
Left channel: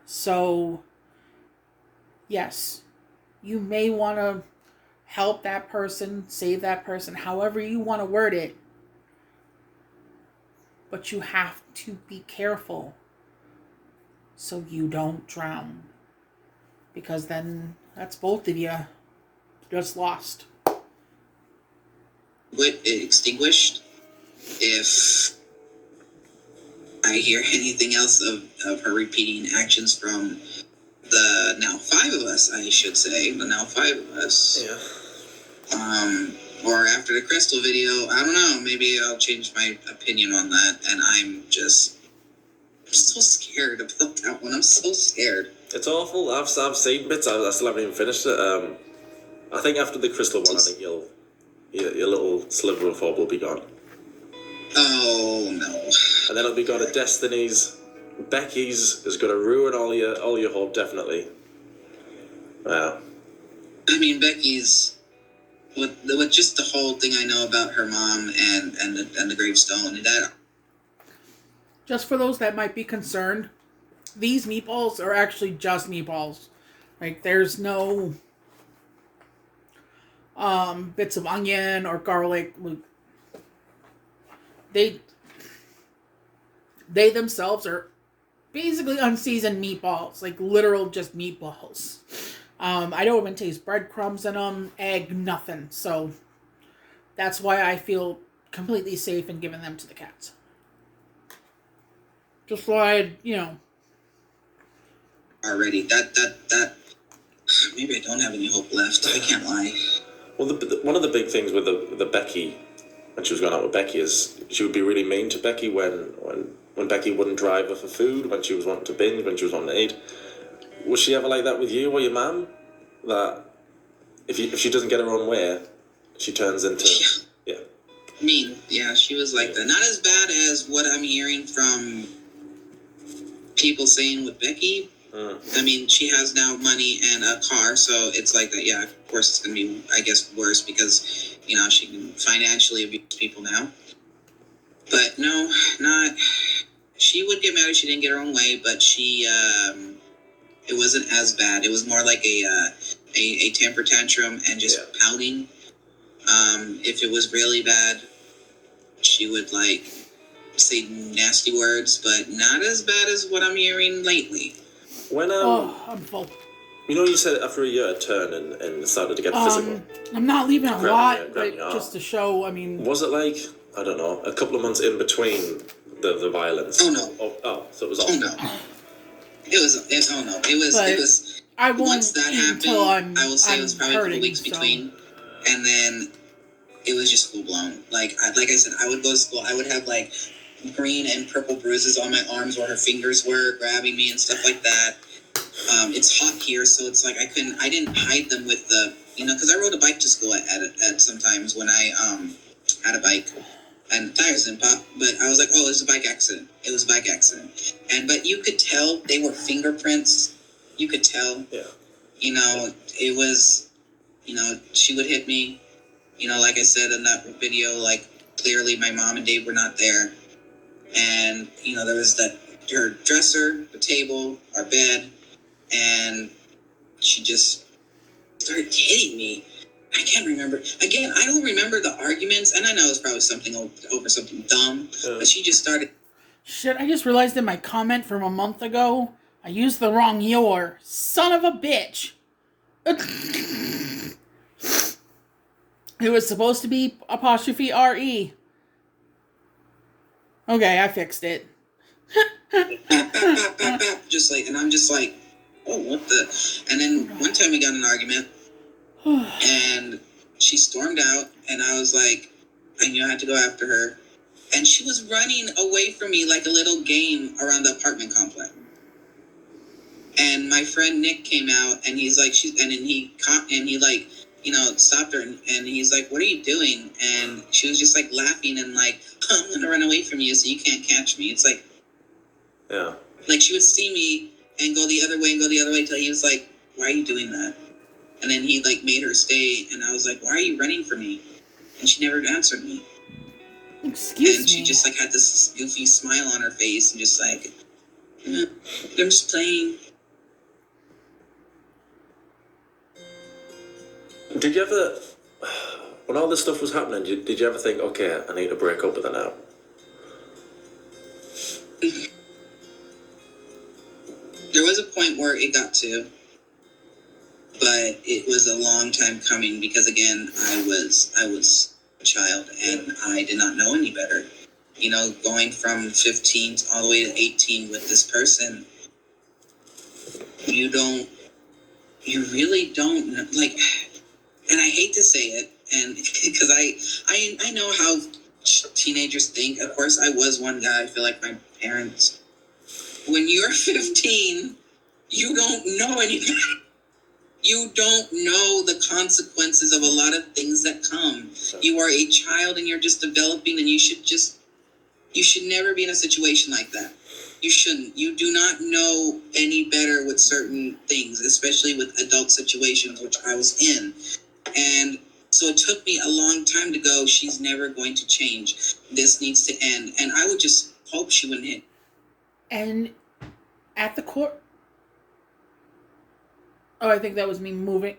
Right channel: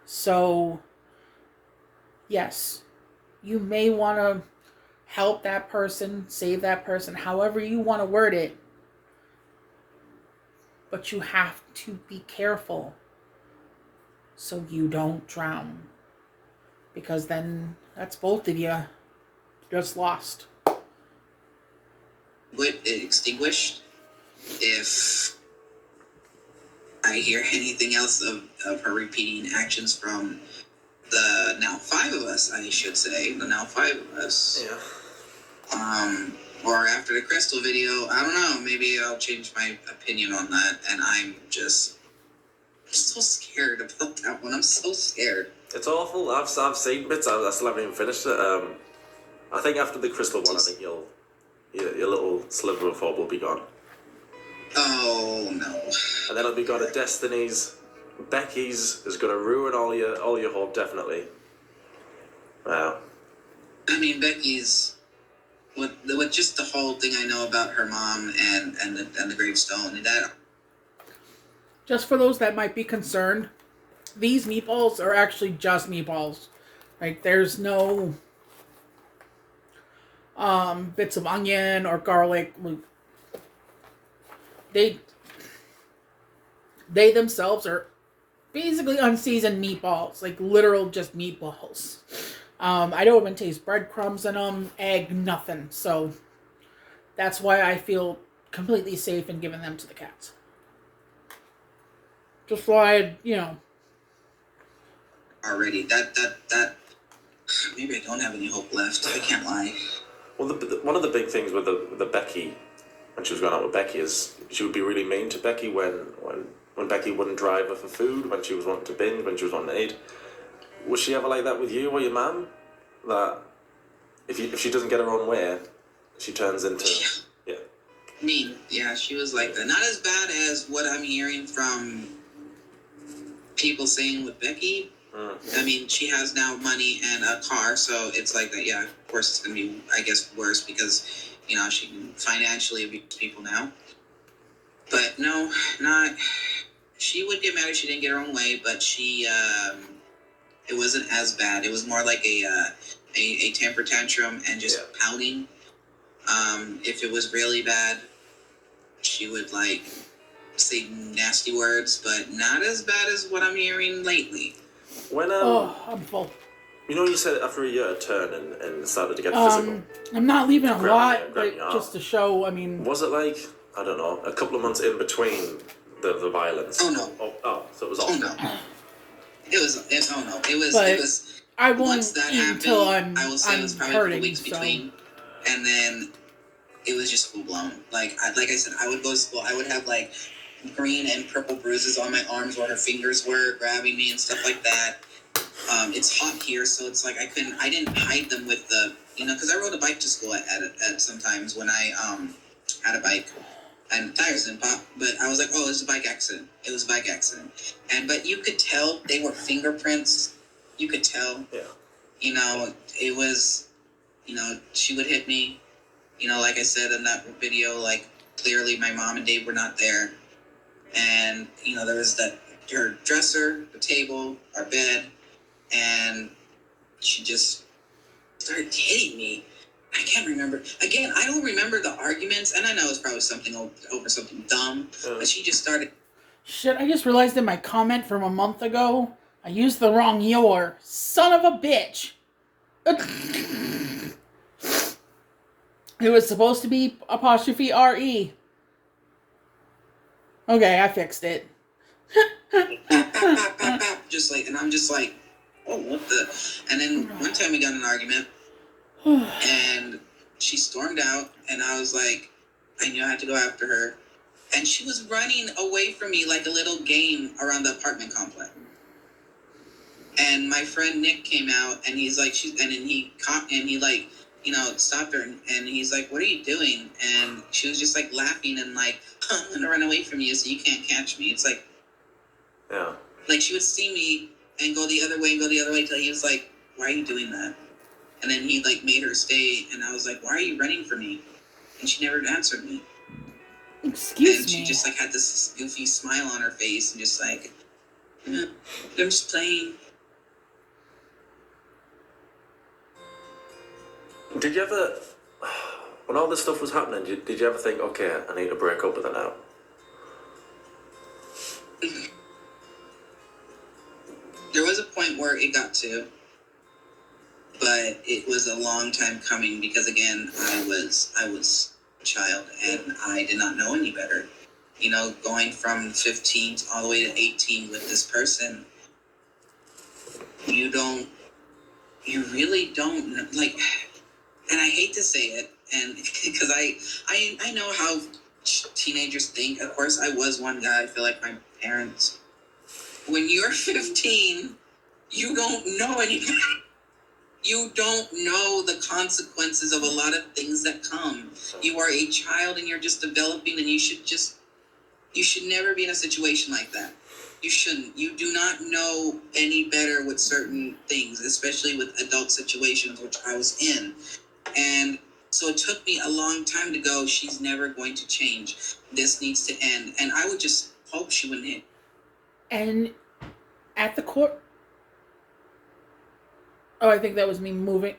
So, yes, you may want to help that person, save that person, however you want to word it. But you have to be careful so you don't drown. Because then that's both of you just lost. extinguished if I hear anything else of her repeating actions from the now 5 of us, I should say. The now 5 of us. Yeah. Or after the Crystal video, I don't know. Maybe I'll change my opinion on that. And I'm so scared about that one. I'm so scared. It's awful. I've seen bits. I still haven't even finished it. I think after the Crystal one, I think your little sliver of hope will be gone. Oh no. And then it'll be gone to Destiny's. Becky's is going to ruin all your hope, definitely. Wow. I mean, Becky's with just the whole thing I know about her mom and the gravestone and that. Just for those that might be concerned, these meatballs are actually just meatballs. Like, there's no bits of onion or garlic. They themselves are basically unseasoned meatballs, like literal just meatballs. I don't even taste breadcrumbs in them, egg, nothing. So that's why I feel completely safe in giving them to the cats. Just why, Already, that maybe I don't have any hope left. I can't lie. Well, one of the big things with the Becky, when she was going out with Becky, is she would be really mean to Becky when Becky wouldn't drive her for food, when she was wanting to binge, when she was wanting to eat. Was she ever like that with you or your mum? That if she doesn't get her own way, she turns into... Yeah. Mean. Yeah, she was like that. Not as bad as what I'm hearing from people saying with Becky. I mean, she has now money and a car, so it's like that. Yeah, of course it's going to be, I guess, worse because, she can financially abuse people now. But no, not... She would get mad if she didn't get her own way, but she... it wasn't as bad. It was more like a temper tantrum and just pouting. If it was really bad, she would say nasty words, but not as bad as what I'm hearing lately. When I'm full. You said after a year it turned and it started to get physical. I'm not leaving a lot, grabbing but just to show. I mean, was it like, I don't know, a couple of months in between the violence? Oh no. So it was awful. Oh no. It was. I won't once that eat happened, until I will say it was probably hurting, a couple weeks between, and then it was just full blown. Like I said, I would go to school. I would have green and purple bruises on my arms where her fingers were grabbing me and stuff like that. It's hot here, so it's like I didn't hide them with the, because I rode a bike to school at sometimes when I had a bike. And the tires didn't pop, but I was like, oh, it was a bike accident. It was a bike accident. But you could tell they were fingerprints. You could tell. Yeah. It was, she would hit me. Like I said in that video, clearly my mom and Dave were not there. And, there was her dresser, the table, our bed, and she just started hitting me. I can't remember. Again, I don't remember the arguments, and I know it's probably something over something dumb, but she just started... Shit, I just realized in my comment from a month ago, I used the wrong your. Son of a bitch! It was supposed to be apostrophe R-E. Okay, I fixed it. And I'm just like, oh, what the... And then one time we got in an argument, and she stormed out, and I was like, I knew I had to go after her. And she was running away from me like a little game around the apartment complex. And my friend Nick came out, and he's like, he stopped her, and he's like, what are you doing? And she was just laughing and I'm gonna run away from you so you can't catch me. It's like, yeah. She would see me and go the other way till he was like, why are you doing that? And then he made her stay, and I was like, why are you running from me? And she never answered me. Excuse me. And she just had this goofy smile on her face and just I'm just playing. Did you ever, when all this stuff was happening, did you ever think, okay, I need to break up with her now? There was a point where it got to, but it was a long time coming because again, I was child, and I did not know any better. You know, going from 15 all the way to 18 with this person, you really don't like, and I hate to say it, and because I know how teenagers think. Of course, I was one guy. I feel like my parents. When you're 15, you don't know anything. You don't know the consequences of a lot of things that come. You are a child and you're just developing, and you should never be in a situation like that. You shouldn't. You do not know any better with certain things, especially with adult situations, which I was in. And so it took me a long time to go, she's never going to change. This needs to end. And I would just hope she wouldn't hit. And at the court... Oh, I think that was me moving.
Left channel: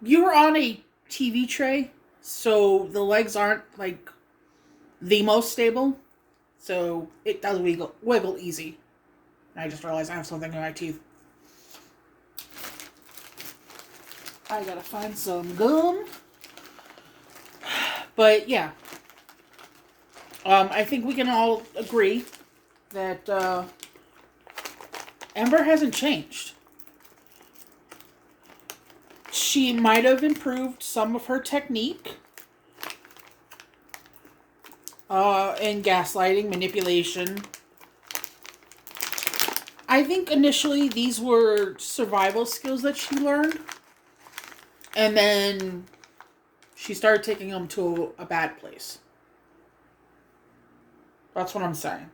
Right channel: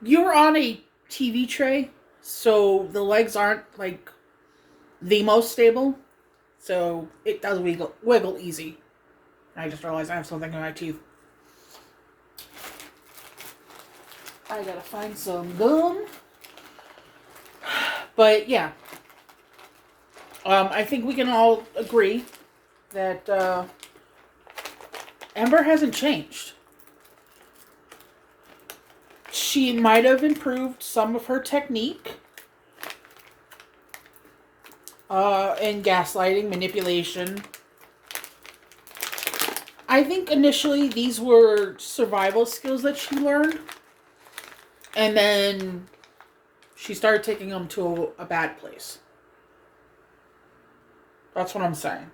You were on a TV tray, so the legs aren't, like, the most stable. So it does wiggle easy. I just realized I have something in my teeth. I gotta find some gum. But yeah. I think we can all agree that Ember hasn't changed. She might have improved some of her technique in gaslighting, manipulation. I think initially these were survival skills that she learned. And then she started taking them to a bad place. That's what I'm saying.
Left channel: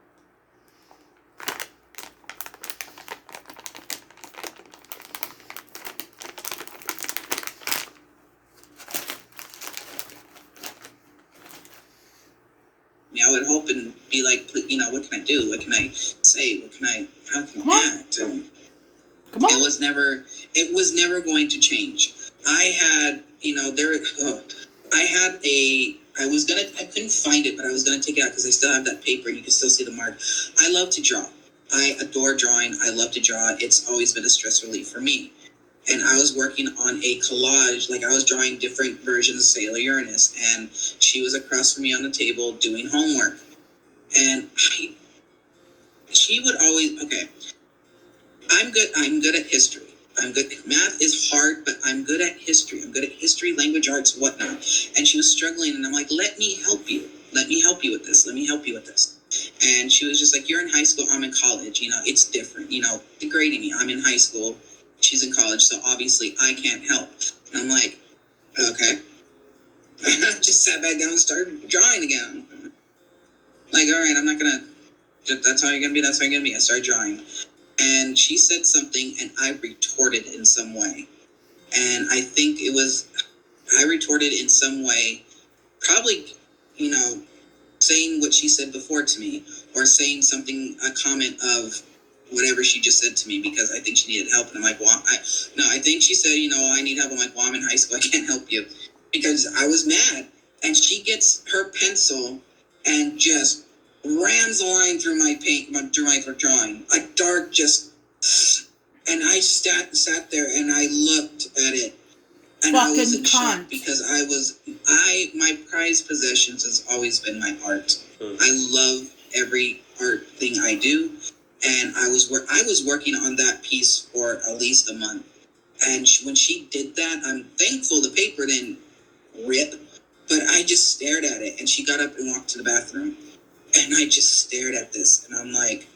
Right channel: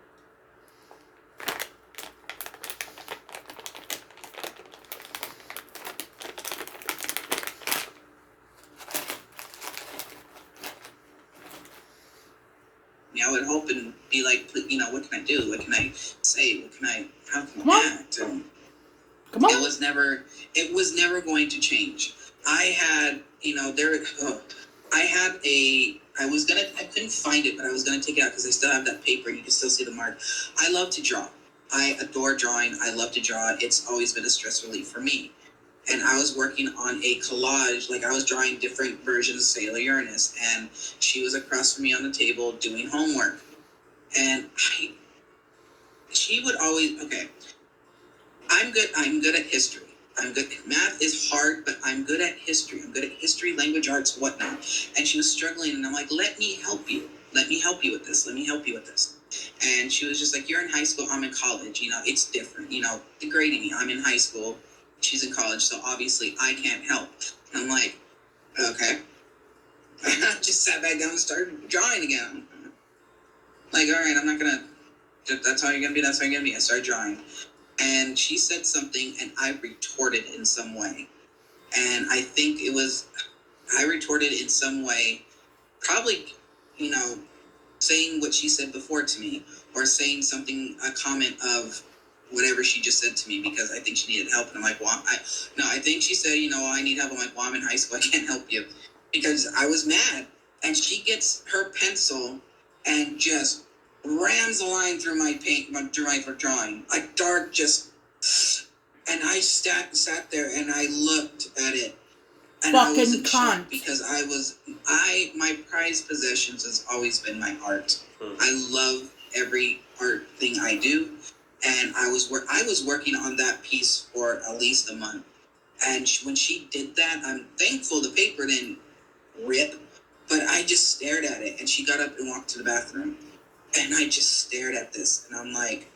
I would hope and be like, you know, what can I do? What can I say? How can I act? Come on. It was never going to change. I had, you know, I couldn't find it, but I was going to take it out because I still have that paper and you can still see the mark. I love to draw. I adore drawing. I love to draw. It's always been a stress relief for me. And I was working on a collage, like I was drawing different versions of Sailor Uranus, and she was across from me on the table doing homework. And she would always, okay, I'm good at history. Math is hard, but I'm good at history. I'm good at history, language arts, whatnot. And she was struggling, and I'm like, let me help you. Let me help you with this. Let me help you with this. And she was just like, you're in high school, I'm in college. You know, it's different. You know, degrading me. I'm in high school. She's in college, so obviously I can't help. And I'm like, okay. I just sat back down and started drawing again. Like, all right, I'm not going to, that's how you're going to be, that's how you're going to be. I started drawing. And she said something, and I retorted in some way. And I think I retorted in some way, probably, you know, saying what she said before to me, or saying something, a comment of whatever she just said to me, because I think she needed help. And I'm like, well, I think she said, you know, I need help. I'm like, well, I'm in high school. I can't help you. Because I was mad. And she gets her pencil and just rams a line through my drawing. Like dark, just... And I sat there and I looked at it. And I was in shock because my prized possessions has always been my art. I love every art thing I do. And I was working on that piece for at least a month. And when she did that, I'm thankful the paper didn't rip, but I just stared at it. And she got up and walked to the bathroom. And I just stared at this. And I'm like,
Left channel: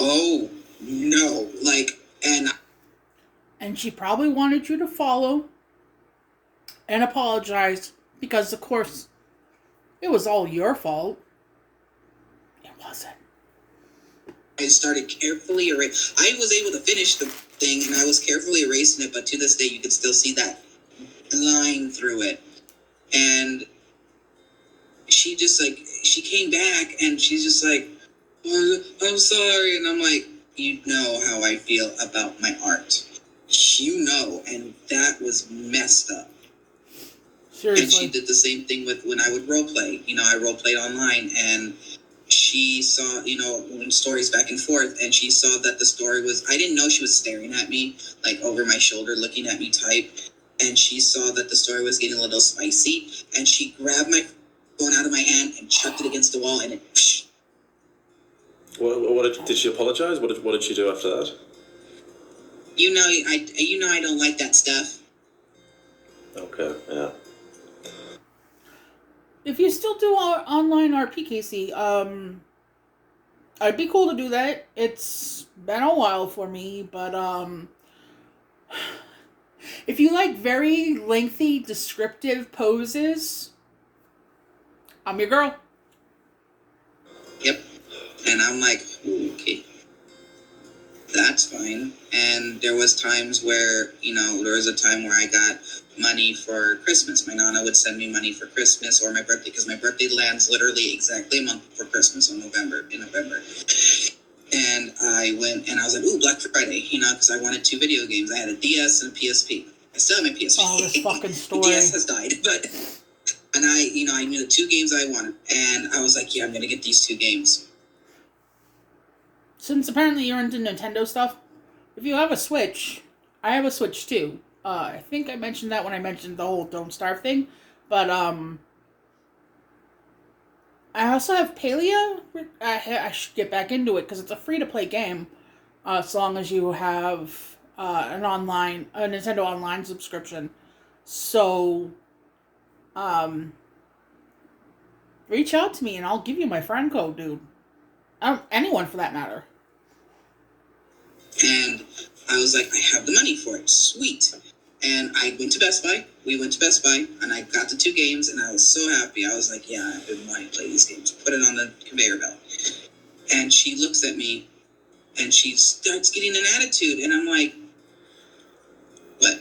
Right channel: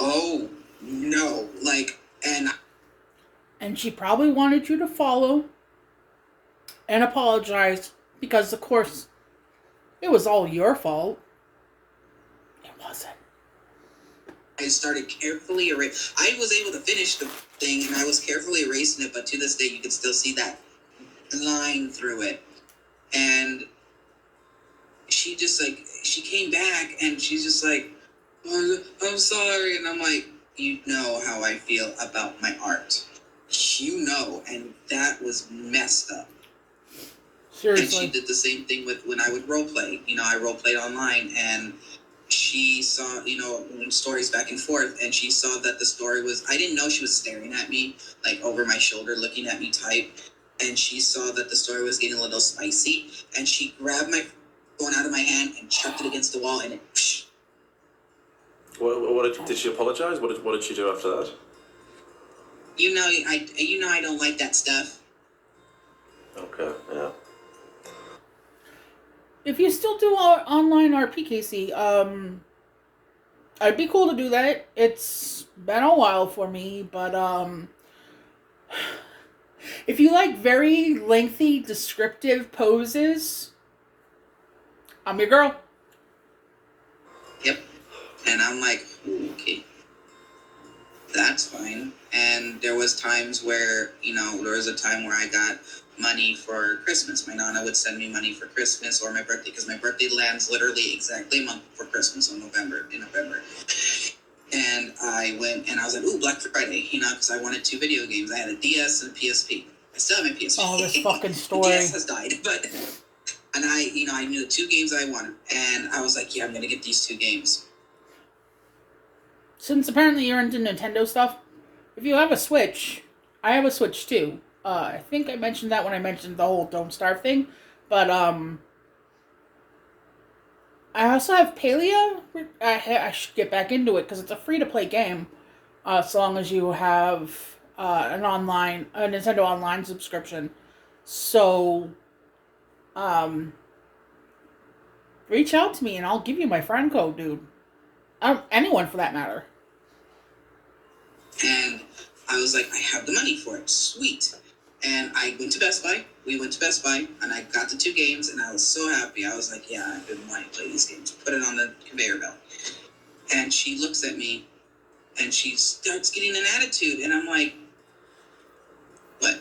oh, no. Like, And she probably wanted you to follow and apologize because, of course, it was all your fault. It wasn't. I started carefully erasing. I was able to finish the thing, and I was carefully erasing it, but to this day, you can still see that line through it. And she just, like, she came back, and she's just like, oh, I'm sorry. And I'm like, you know how I feel about my art. You know, and that was messed up. Seriously. And she did the same thing with when I would role play. You know, I role played online, and she saw, you know, stories back and forth, and she saw that the story was, I didn't know she was staring at me, like over my shoulder, looking at me type. and she saw that the story was getting a little spicy, and she grabbed my phone out of my hand and chucked it against the wall, and it. Psh. Did she apologize? What did she do after that? I don't like that stuff. Okay, yeah. If you still do online RP, Casey, I'd be cool to do that. It's been a while for me, but if you like very lengthy, descriptive poses, I'm your girl. Yep. And I'm like, ooh, okay, that's fine. And there was times where, there was a time where I got money for Christmas. My nana would send me money for Christmas or my birthday, because my birthday lands literally exactly a month before Christmas in November. And I went and I was like, ooh, Black Friday, because I wanted 2 video games. I had a DS and a PSP. I still have my PSP. Oh, this fucking The story. DS has died, and I knew the 2 games I wanted, and I was like, yeah, I'm gonna get these 2 games. Since apparently you're into Nintendo stuff, if you have a Switch, I have a Switch too. I think I mentioned that when I mentioned the whole Don't Starve thing, but I also have Palia. I should get back into it because it's a free-to-play game, as long as you have a Nintendo Online subscription. So, reach out to me and I'll give you my friend code, dude. Anyone for that matter. And I was like, I have the money for it. Sweet. And I went to Best Buy. We went to Best Buy, and I got the 2 games, and I was so happy. I was like, yeah, I've been wanting to play these games. Put it on the conveyor belt. And she looks at me, and she starts getting an attitude. And I'm like, what?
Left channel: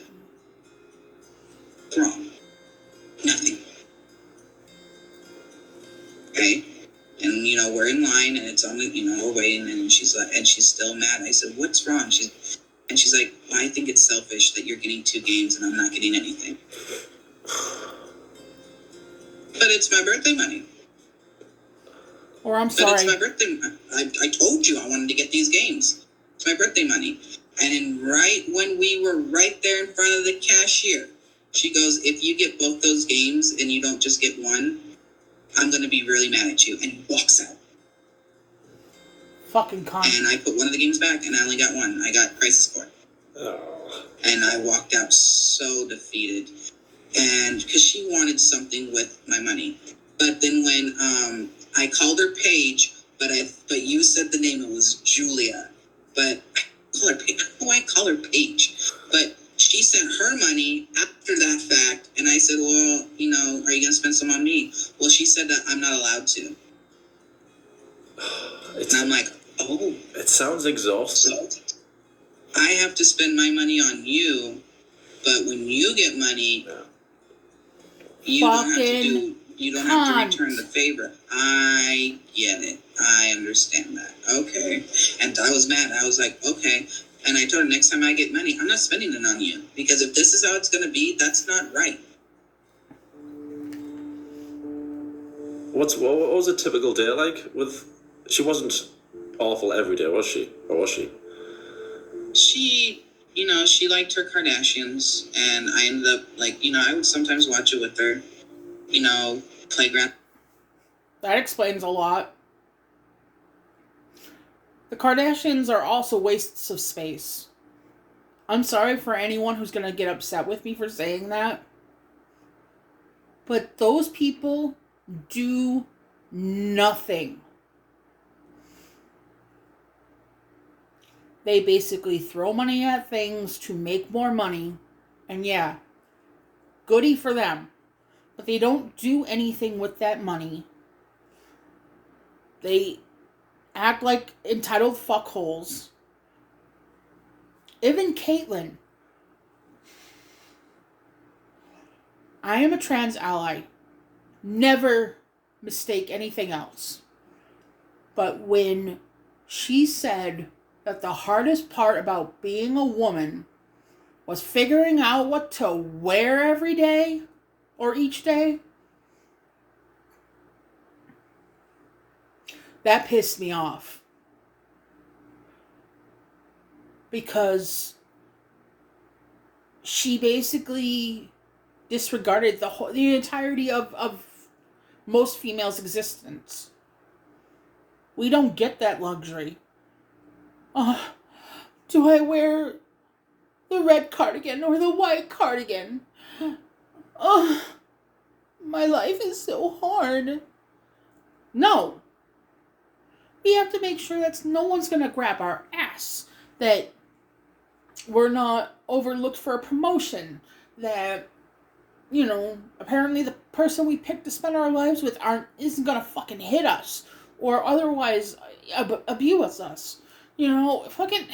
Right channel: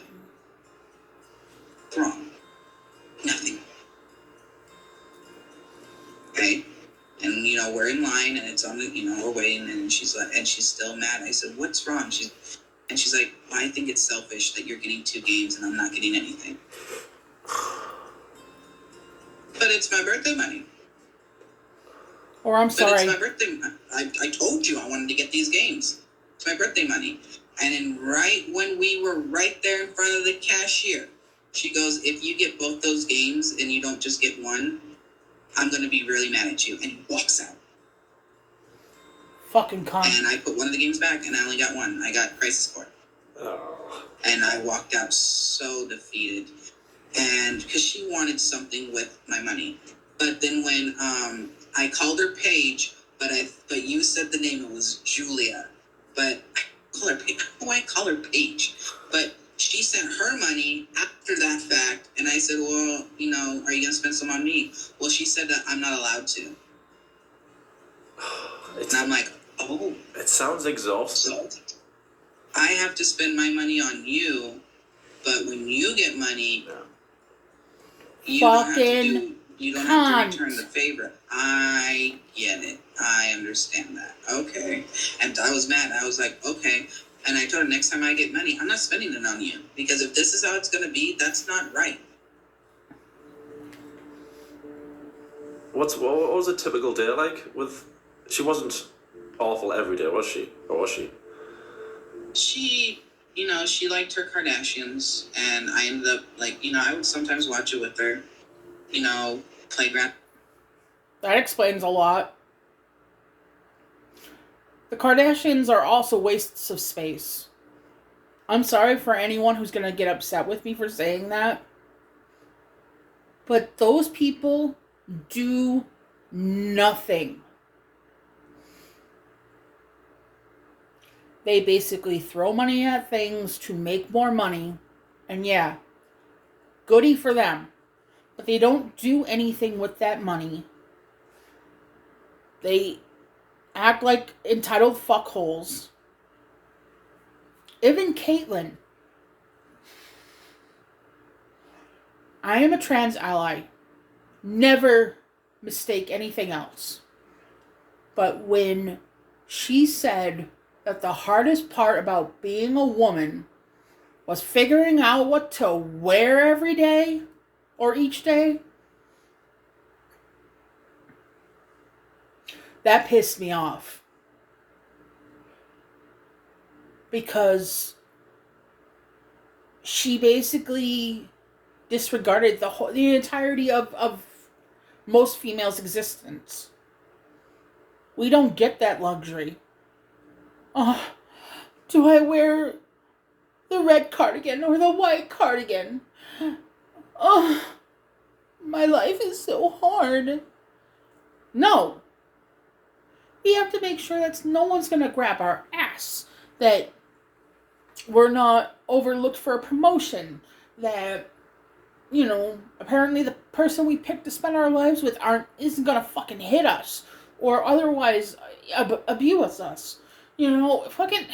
What's wrong? Nothing. Okay? And, we're in line, and it's on the, we're waiting, and she's like, and she's still mad. I said, what's wrong? She's like, well, I think it's selfish that you're getting 2 games and I'm not getting anything. But it's my birthday money. Or I'm sorry. But it's my birthday. I told you I wanted to get these games. It's my birthday money. And then right when we were right there in front of the cashier, she goes, if you get both those games and you don't just get one, I'm going to be really mad at you. And walks out. Fucking cunt. And I put one of the games back, and I only got one. I got Crisis Core. Oh. And I walked out so defeated. And because she wanted something with my money. But then when I called her Paige, but you said the name, it was Julia. But I call her Paige. Why call her Paige? But she sent her money after that fact, and I said, well, are you going to spend some on me? Well, she said that I'm not allowed to. And I'm like, oh. It sounds exhausting. So I have to spend my money on you, but when you get money, you don't have to return the favor. I get it. I understand that. Okay. And I was mad. I was like, okay. And I told her, next time I get money, I'm not spending it on you. Because if this is how it's going to be, that's not right. What was a typical day like with... She wasn't awful every day, was she? Or was she? She, she liked her Kardashians. And I ended up, I would sometimes watch it with her. Playground. That explains a lot. The Kardashians are also wastes of space. I'm sorry for anyone who's going to get upset with me for saying that. But those people do nothing. They basically throw money at things to make more money. And yeah, goody for them. But they don't do anything with that money. They act like entitled fuckholes. Even Caitlyn. I am a trans ally. Never mistake anything else. But when she said that the hardest part about being a woman was figuring out what to wear every day or each day, that pissed me off. Because she basically disregarded the entirety of most females' existence. We don't get that luxury. Do I wear the red cardigan or the white cardigan? Oh, my life is so hard. No. We have to make sure that no one's going to grab our ass. That we're not overlooked for a promotion. That, apparently the person we picked to spend our lives with isn't going to fucking hit us. Or otherwise abuse us. Fucking...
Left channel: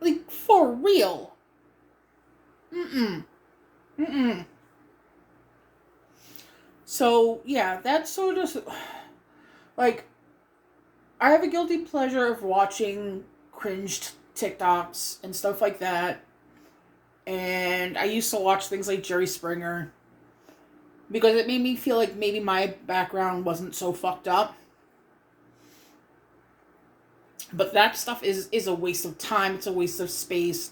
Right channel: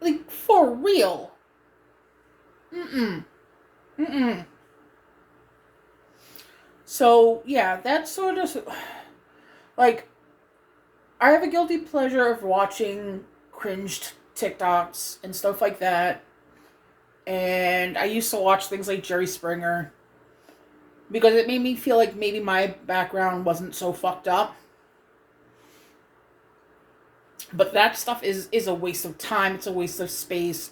Like, for real. Mm-mm. So, yeah, that's sort of... Like, I have a guilty pleasure of watching cringed TikToks and stuff like that. And I used to watch things like Jerry Springer. Because it made me feel like maybe my background wasn't so fucked up. But that stuff is a waste of time. It's a waste of space.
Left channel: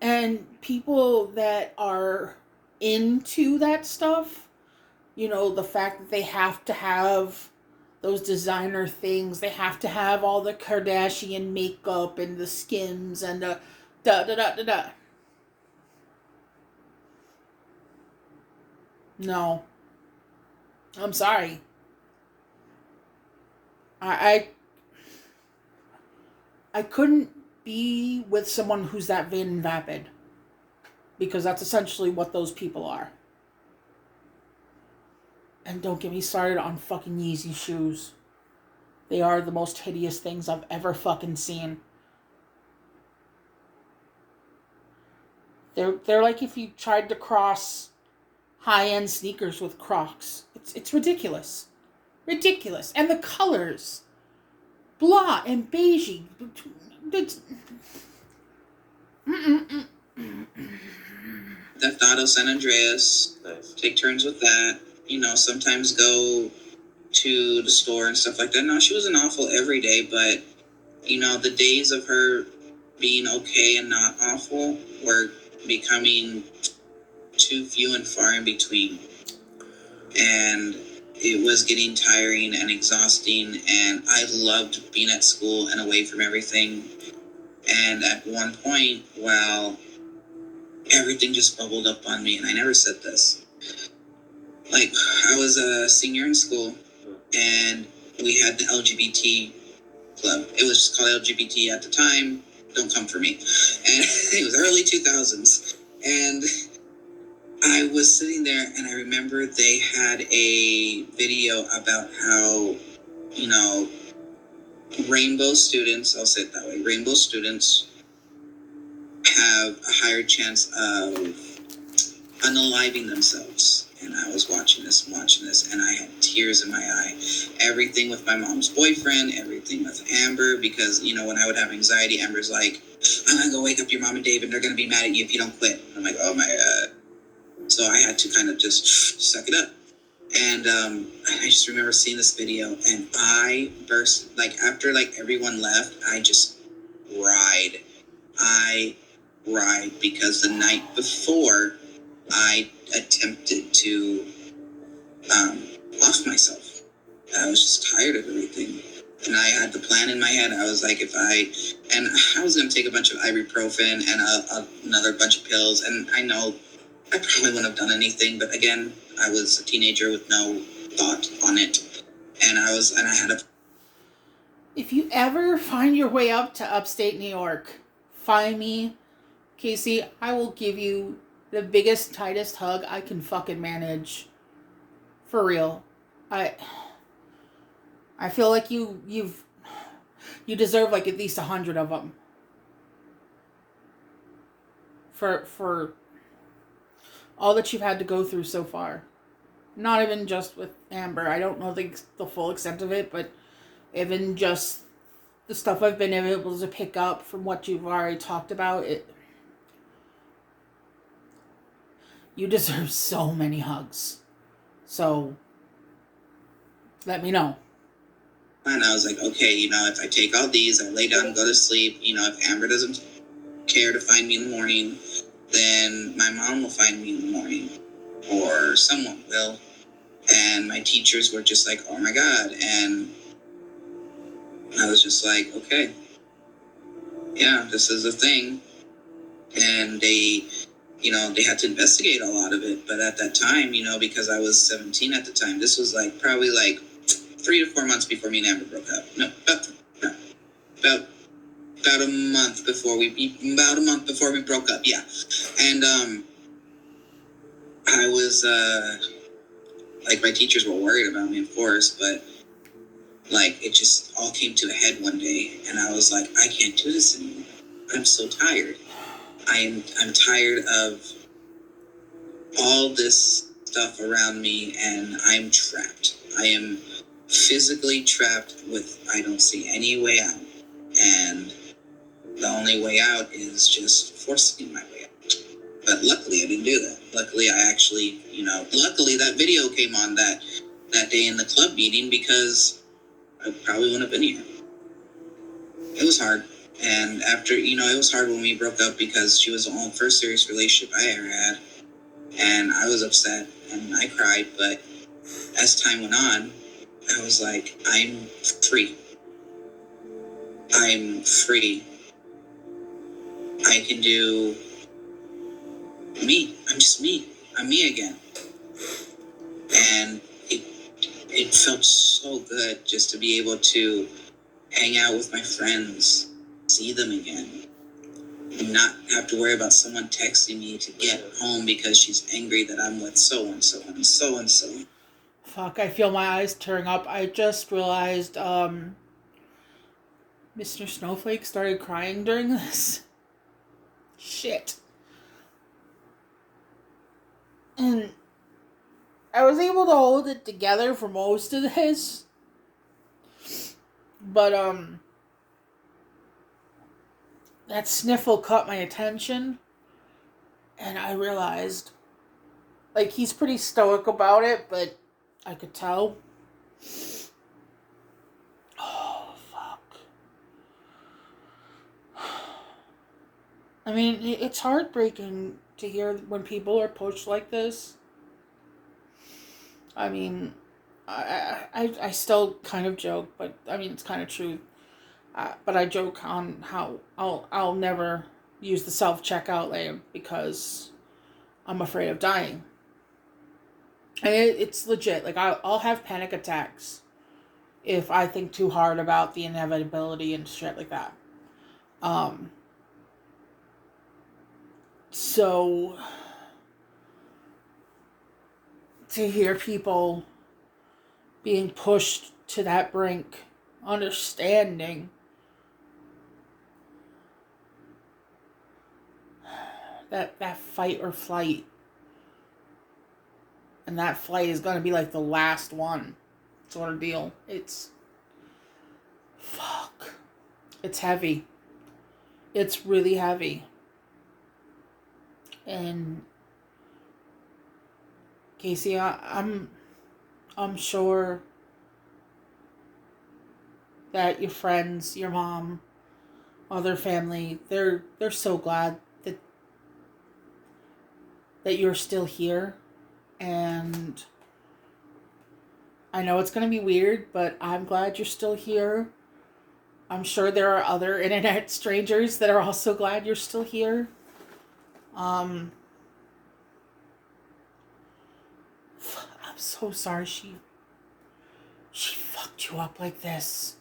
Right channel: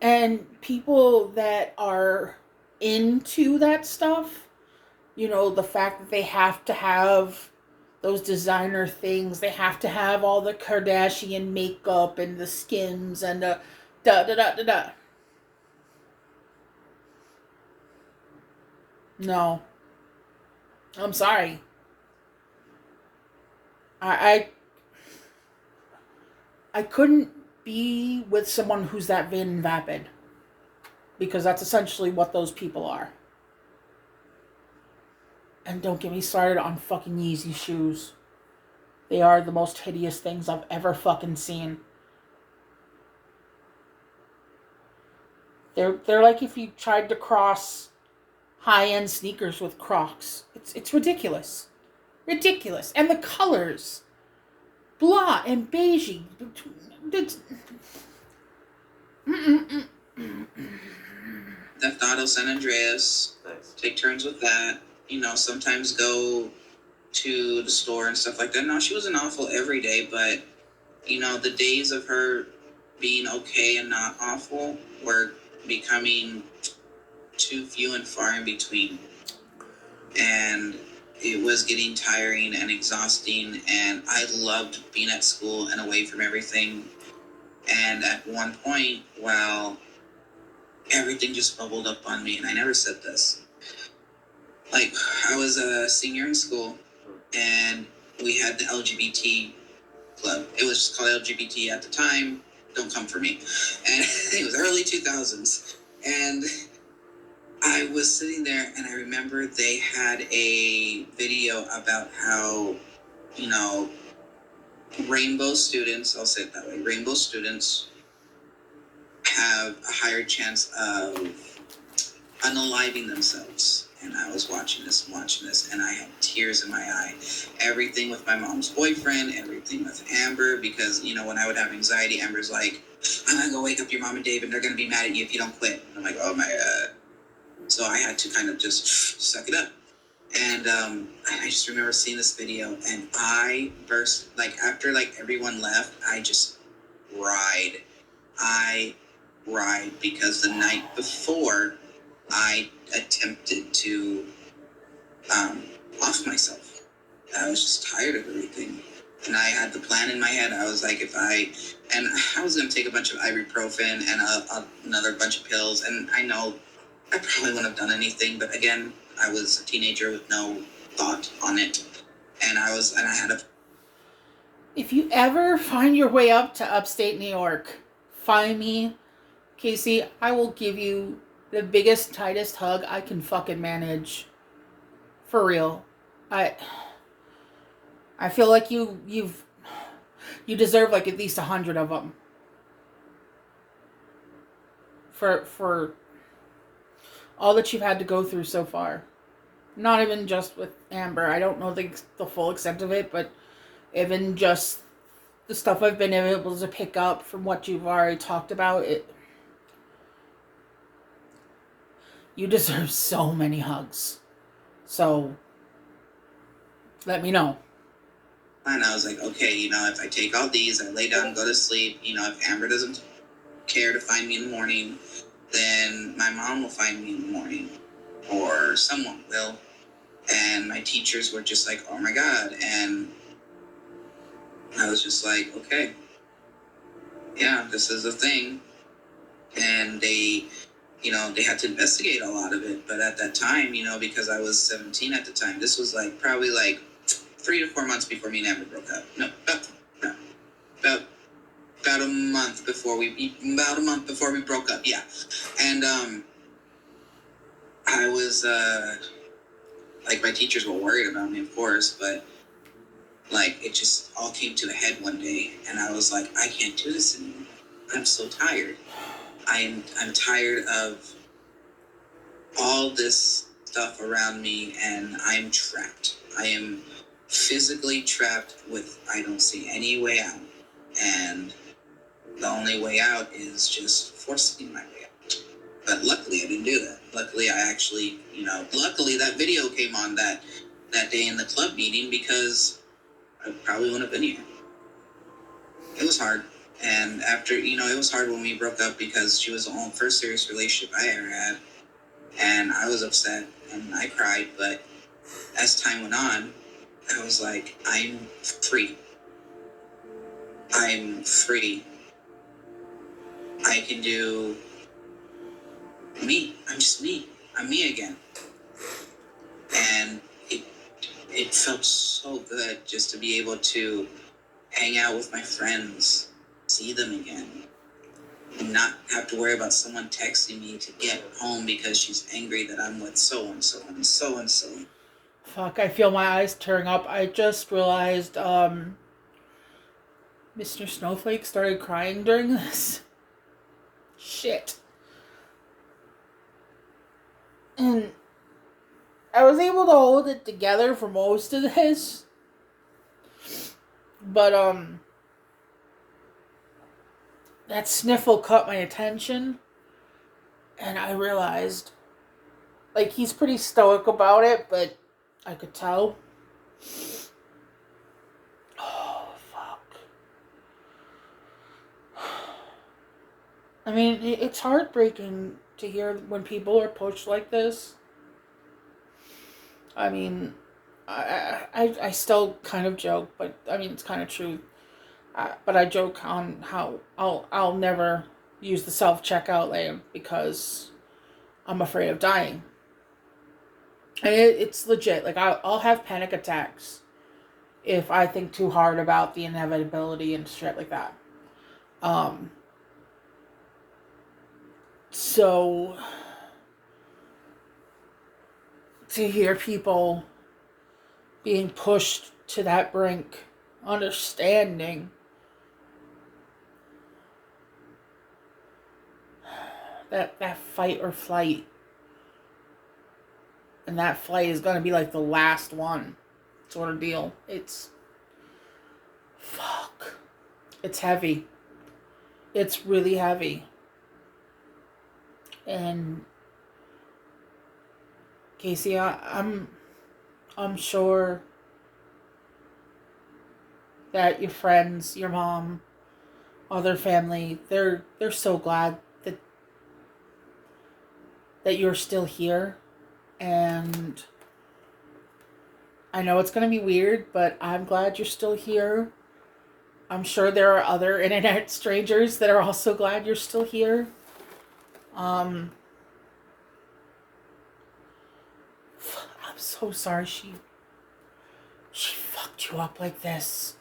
And people that are into that stuff, the fact that they have to have those designer things, they have to have all the Kardashian makeup and the skins and the da-da-da-da-da. No. I'm sorry. I couldn't be with someone who's that vain and vapid. Because that's essentially what those people are. And don't get me started on fucking Yeezy shoes. They are the most hideous things I've ever fucking seen. They're like if you tried to cross high-end sneakers with Crocs. It's ridiculous. Ridiculous. And the colors. Blah and beigey. Theft Auto San Andreas. Nice. Take turns with that. Sometimes go to the store and stuff like that. No, she wasn't awful every day, but, the days of her being okay and not awful were becoming too few and far in between. And it was getting tiring and exhausting, and I loved being at school and away from everything. And at one point, everything just bubbled up on me, and I never said this. Like, I was a senior in school, and we had the LGBT club. It was just called LGBT at the time. Don't come for me. And it was early 2000s. And I was sitting there, and I remember they had a video about how, rainbow students, I'll say it that way, rainbow students have a higher chance of unaliving themselves. And I was watching this, and I had tears in my eye. Everything with my mom's boyfriend, everything with Amber, because, when I would have anxiety, Amber's like, I'm going to go wake up your mom and Dave, and they're going to be mad at you if you don't quit. And I'm like, oh my God. So I had to kind of just suck it up. And I just remember seeing this video, and I burst, after, everyone left, I just cried. I cried because the night before, I attempted to off myself. I was just tired of everything. And I had the plan in my head. I was like, I was going to take a bunch of ibuprofen and another bunch of pills. And I know I probably wouldn't have done anything. But again, I was a teenager with no thought on it. And I had a... If you ever find your way up to upstate New York, find me, Casey. I will give you the biggest, tightest hug I can fucking manage. For real. I feel like you deserve at least 100 of them. For all that you've had to go through so far. Not even just with Amber. I don't know the full extent of it, but even just the stuff I've been able to pick up from what you've already talked about, you deserve so many hugs. So, let me know. And I was like, okay, if I take all these, I lay down and go to sleep, if Amber doesn't care to find me in the morning, then my mom will find me in the morning, or someone will. And my teachers were just like, oh my God. And I was just like, okay, yeah, this is a thing. And they had to investigate a lot of it. But at that time, because I was 17 at the time, this was probably 3 to 4 months before me and Amber broke up. No, about a month before we broke up. Yeah. And I was my teachers were worried about me, of course, but it just all came to a head one day, and I was like, I can't do this anymore. I'm so tired. I'm tired of all this stuff around me, and I'm trapped. I am physically trapped I don't see any way out. And the only way out is just forcing my way out. But luckily I didn't do that. Luckily I actually, luckily that video came on that day in the club meeting, because I probably wouldn't have been here. It was hard. And after, it was hard when we broke up, because she was the only first serious relationship I ever had. And I was upset and I cried. But as time went on, I was like, I'm free. I'm free. I can do me. I'm just me. I'm me again. And it felt so good just to be able to hang out with my friends, see them again, and not have to worry about someone texting me to get home because she's angry that I'm with so and so and so and so. Fuck, I feel my eyes tearing up. I just realized Mr. Snowflake started crying during this. Shit. And I was able to hold it together for most of this. But that sniffle caught my attention, and I realized he's pretty stoic about it, but I could tell. Oh, fuck. I mean, it's heartbreaking to hear when people are pushed like this. I mean, I still kind of joke, but I mean, it's kind of true. But I joke on how I'll never use the self-checkout lane because I'm afraid of dying. And it's legit. I'll have panic attacks if I think too hard about the inevitability and shit like that. So to hear people being pushed to that brink, understanding that fight or flight, and that flight is going to be the last one sort of deal. It's fuck. It's heavy. It's really heavy. And Casey, I'm sure that your friends, your mom, other family, they're so glad that you're still here. And I know it's going to be weird, but I'm glad you're still here. I'm sure there are other internet strangers that are also glad you're still here. I'm so sorry she fucked you up like this.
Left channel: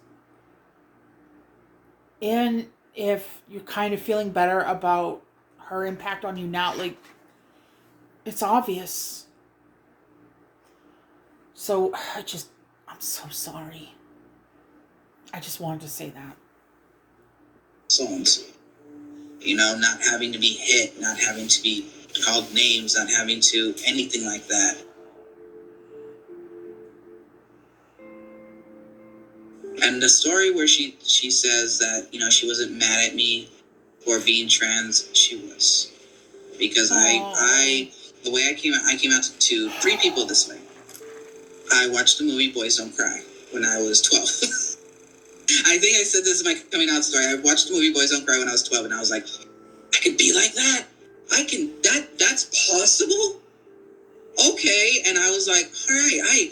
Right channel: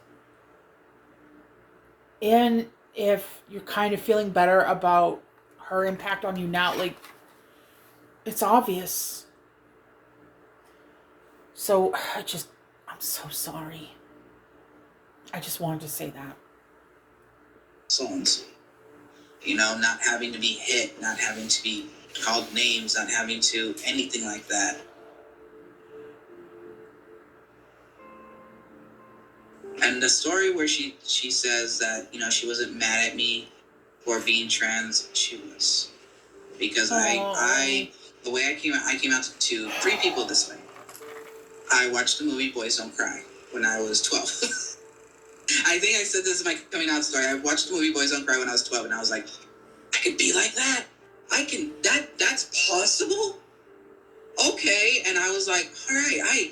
And if you're kind of feeling better about her impact on you now, it's obvious. So I'm so sorry. I just wanted to say that. Songs. Not having to be hit, not having to be called names, not having to anything like that. And the story where she says that, she wasn't mad at me for being trans, she was. Because the way I came out to 3 people this way. I watched the movie Boys Don't Cry when I was 12. I think I said this in my coming out story. I watched the movie Boys Don't Cry when I was 12, and I was like, I could be like that. That's possible? Okay. And I was like, all right,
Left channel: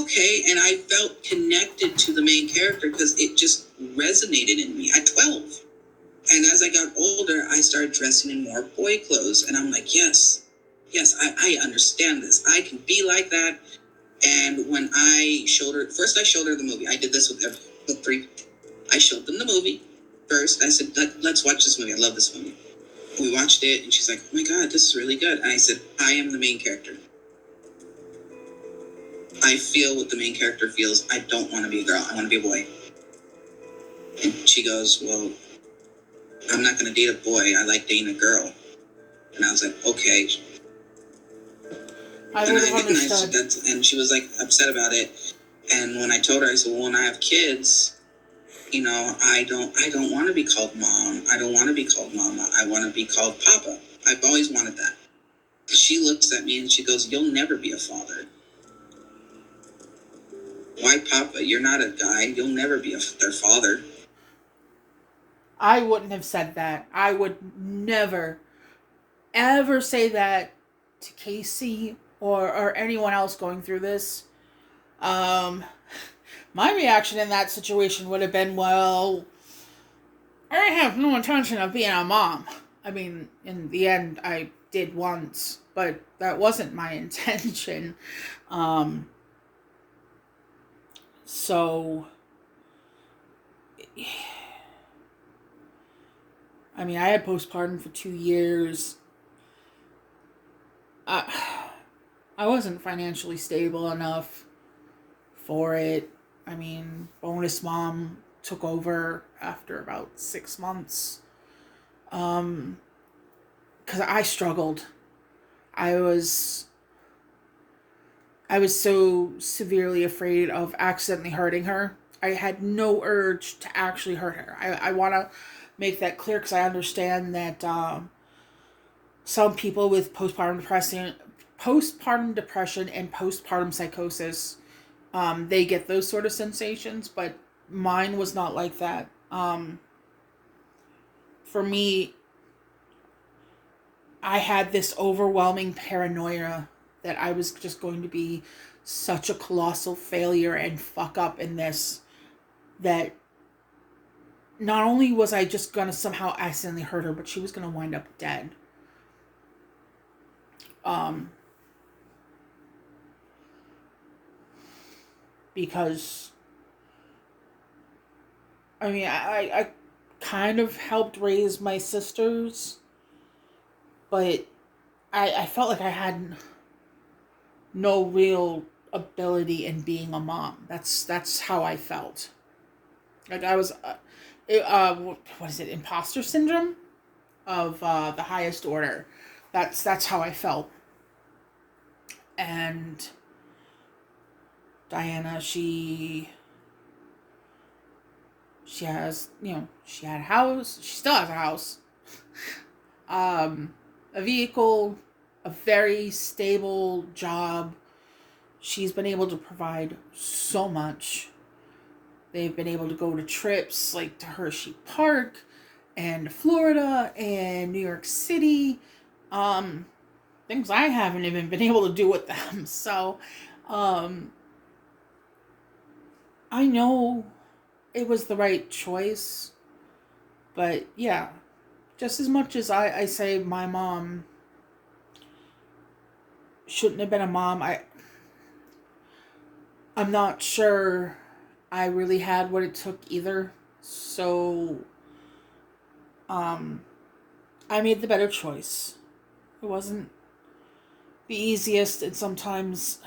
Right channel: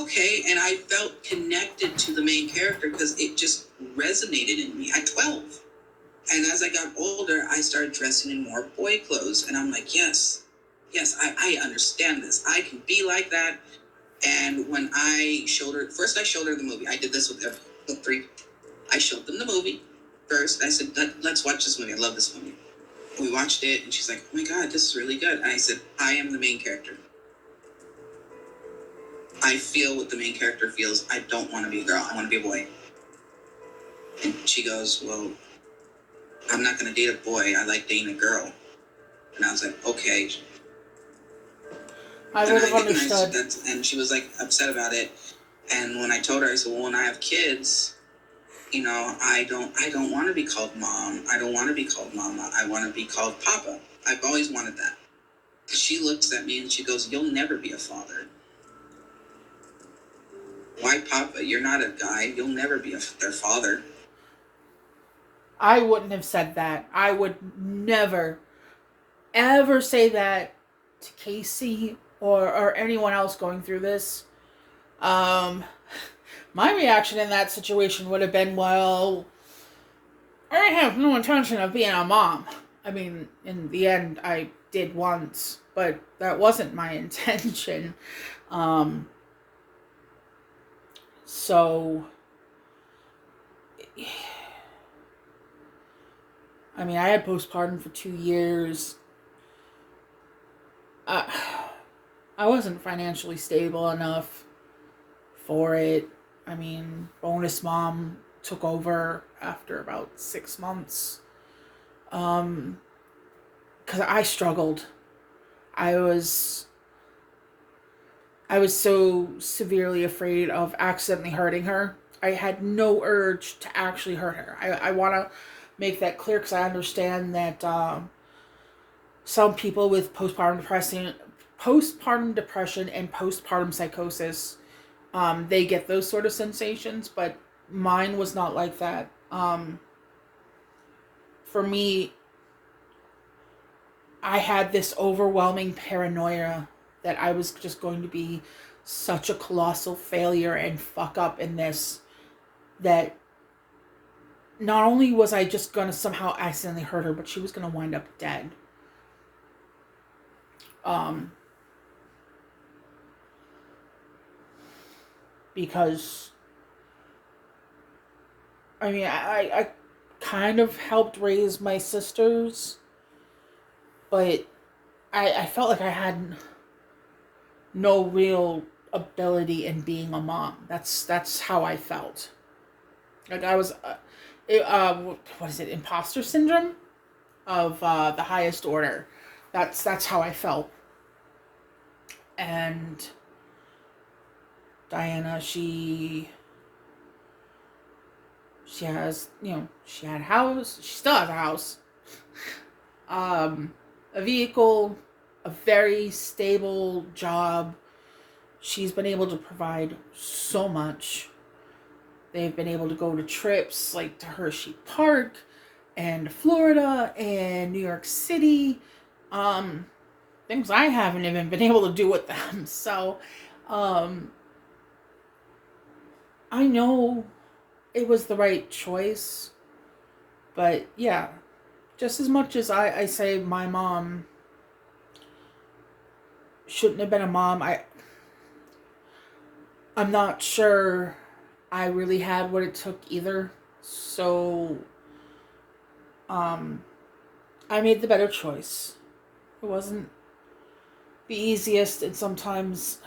okay. And I felt connected to the main character because it just resonated in me at 12. And as I got older, I started dressing in more boy clothes. And I'm like, yes, I understand this. I can be like that. And when I showed her, first I showed her the movie. I did this with three. I showed them the movie first. I said, let's watch this movie. I love this movie. We watched it, and she's like, oh my God, this is really good. And I said, I am the main character. I feel what the main character feels. I don't want to be a girl. I want to be a boy. And she goes, well, I'm not going to date a boy. I like dating a girl. And I was like, okay. I would have understood. And she was like upset about it. And when I told her, I said, well, when I have kids, you know, I don't want to be called mom. I don't want to be called mama. I want to be called papa. I've always wanted that. She looks at me and she goes, you'll never be a father. Why papa? You're not a guy. You'll never be their father. I wouldn't have said that. I would never, ever say that to Casey or anyone else going through this. My reaction in that situation would have been, well, I have no intention of being a mom. I mean, in the end, I did once, but that wasn't my intention. So, I mean, I had postpartum for 2 years. I wasn't financially stable enough for it. I mean, bonus mom took over after about 6 months. Because I struggled. I was so severely afraid of accidentally hurting her. I had no urge to actually hurt her. I want to make that clear because I understand that some people with postpartum depression and postpartum psychosis, they get those sort of sensations, but mine was not like that. For me, I had this overwhelming paranoia that I was just going to be such a colossal failure and fuck up in this, that not only was I just going to somehow accidentally hurt her, but she was going to wind up dead. Because, I mean, I kind of helped raise my sisters, but I felt like I had no real ability in being a mom. That's how I felt. Like I was, what is it? Imposter syndrome of the highest order. That's how I felt. And Diana, she has, she had a house. She still has a house. A vehicle, a very stable job. She's been able to provide so much. They've been able to go to trips like to Hershey Park and Florida and New York City. Things I haven't even been able to do with them. So, I know it was the right choice. But yeah, just as much as I say my mom shouldn't have been a mom, I'm not sure I really had what it took either. So, I made the better choice. It wasn't the easiest, and sometimes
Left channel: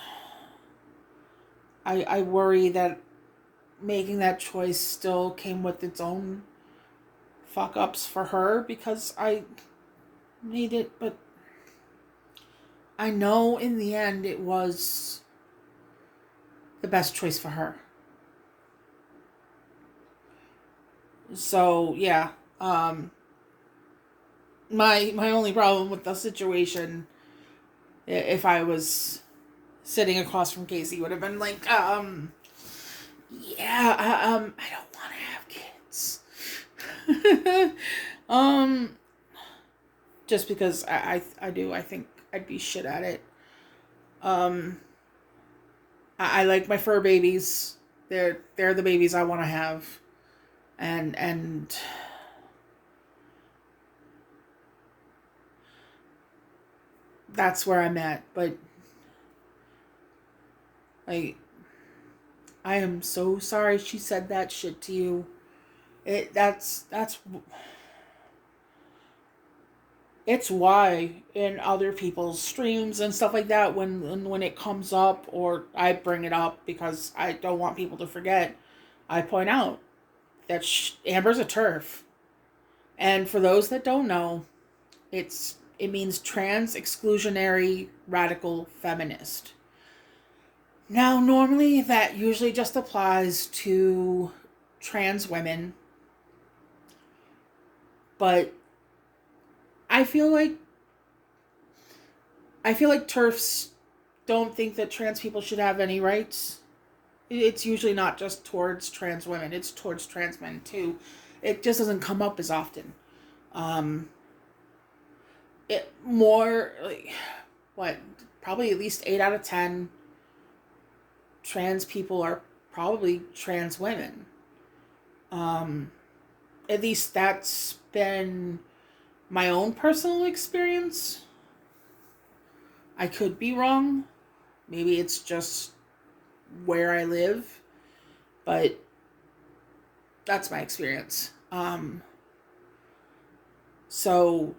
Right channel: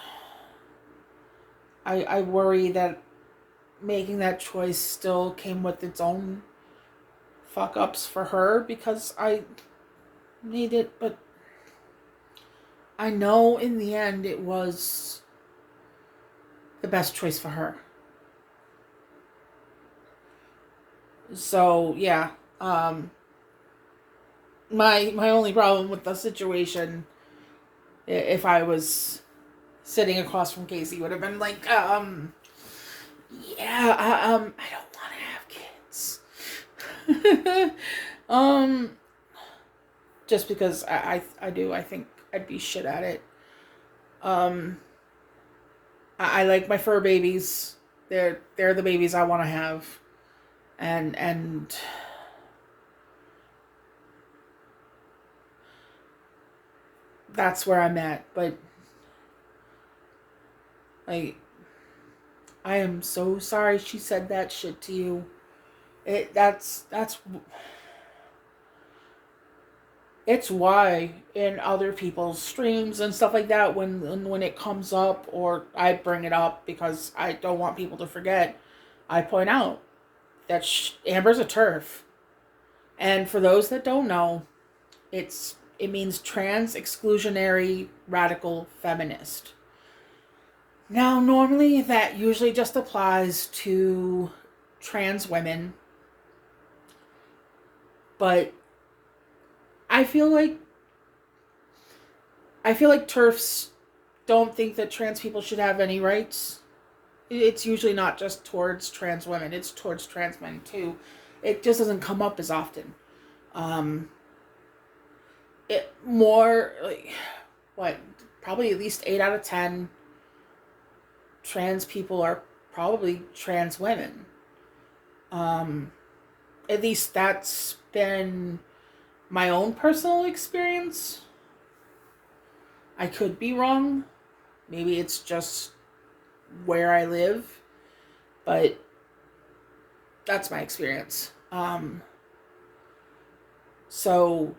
I worry that making that choice still came with its own fuck ups for her because I made it, but I know in the end it was the best choice for her. So yeah, my only problem with the situation, if I was sitting across from Casey, would have been like, I don't want um, just because I think I'd be shit at it. Um, I like my fur babies. They're the babies I want to have, and that's where I'm at. But like, I am so sorry she said that shit to you. That's it's why in other people's streams and stuff like that, when it comes up or I bring it up because I don't want people to forget, I point out that Amber's a TERF, and for those that don't know, it means trans exclusionary radical feminist. Now, normally that usually just applies to trans women, but I feel like TERFs don't think that trans people should have any rights. It's usually not just towards trans women, it's towards trans men too. It just doesn't come up as often. Um, it more like what, probably at least 8 out of 10 trans people are probably trans women. Um, at least that's been my own personal experience. I could be wrong. Maybe it's just where I live, but that's my experience. So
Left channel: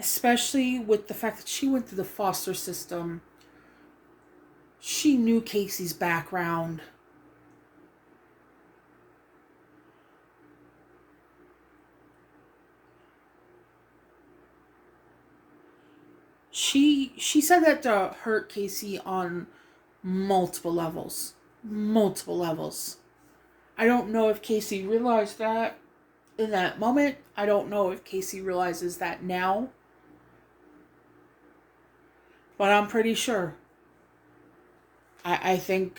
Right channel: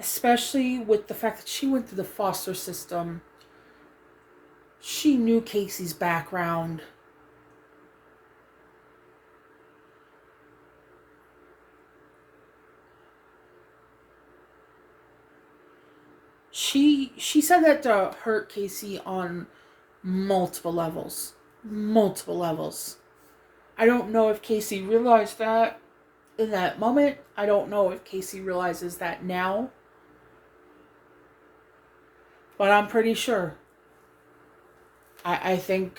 especially with the fact that she went through the foster system, she knew Casey's background. She said that hurt Casey on multiple levels. Multiple levels. I don't know if Casey realized that in that moment. I don't know if Casey realizes that now. But I'm pretty sure. I think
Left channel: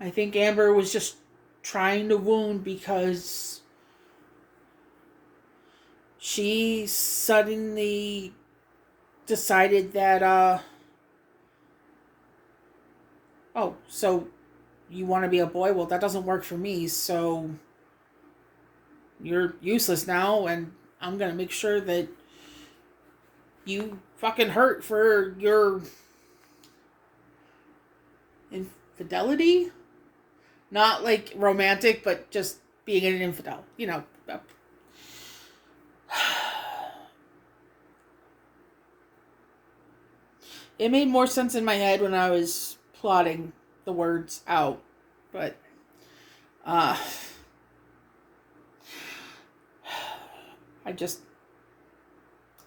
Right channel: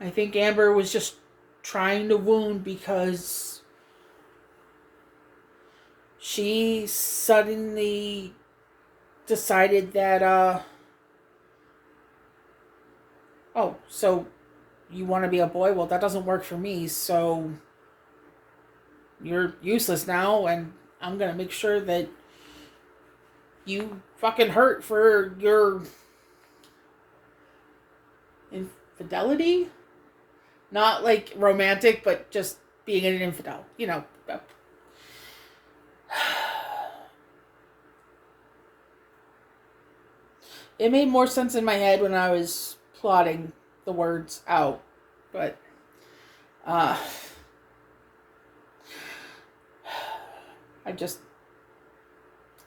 Amber was just trying to wound because she suddenly decided that oh, so you want to be a boy? Well, that doesn't work for me, so you're useless now, and I'm gonna make sure that you fucking hurt for your infidelity. Not like romantic, but just being an infidel. You know. It made more sense in my head when I was plotting the words out, but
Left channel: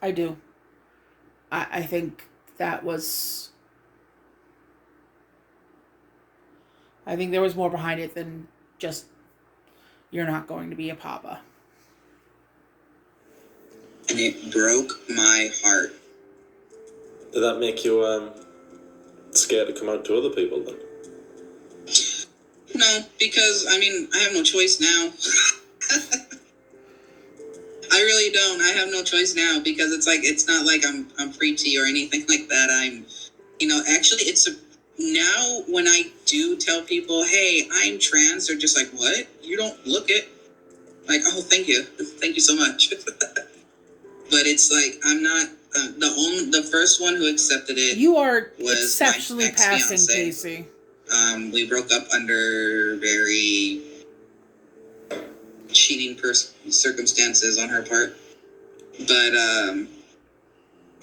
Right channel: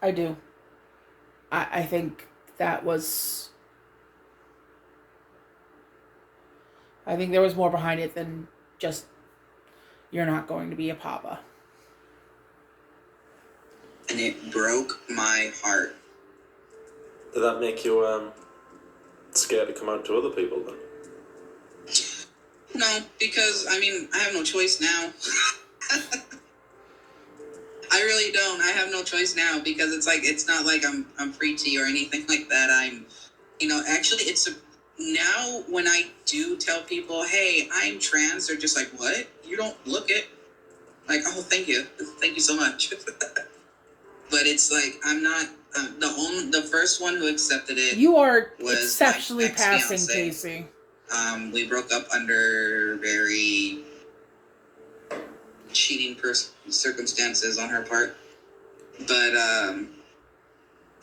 I do. I think that was. I think there was more behind it than just you're not going to be a papa. And it broke my heart. Did that make you scared to come out to other people then? No, because I mean I have no choice now. I really don't. I have no choice now because it's not like I'm free to or anything like that. Actually now when I do tell people, hey, I'm trans, they're just like, what? You don't look it. Like, oh, thank you so much. But it's like I'm not the first one who accepted it. You are was exceptionally my passing, ex-fiance. Casey. We broke up under very cheating circumstances on her part. But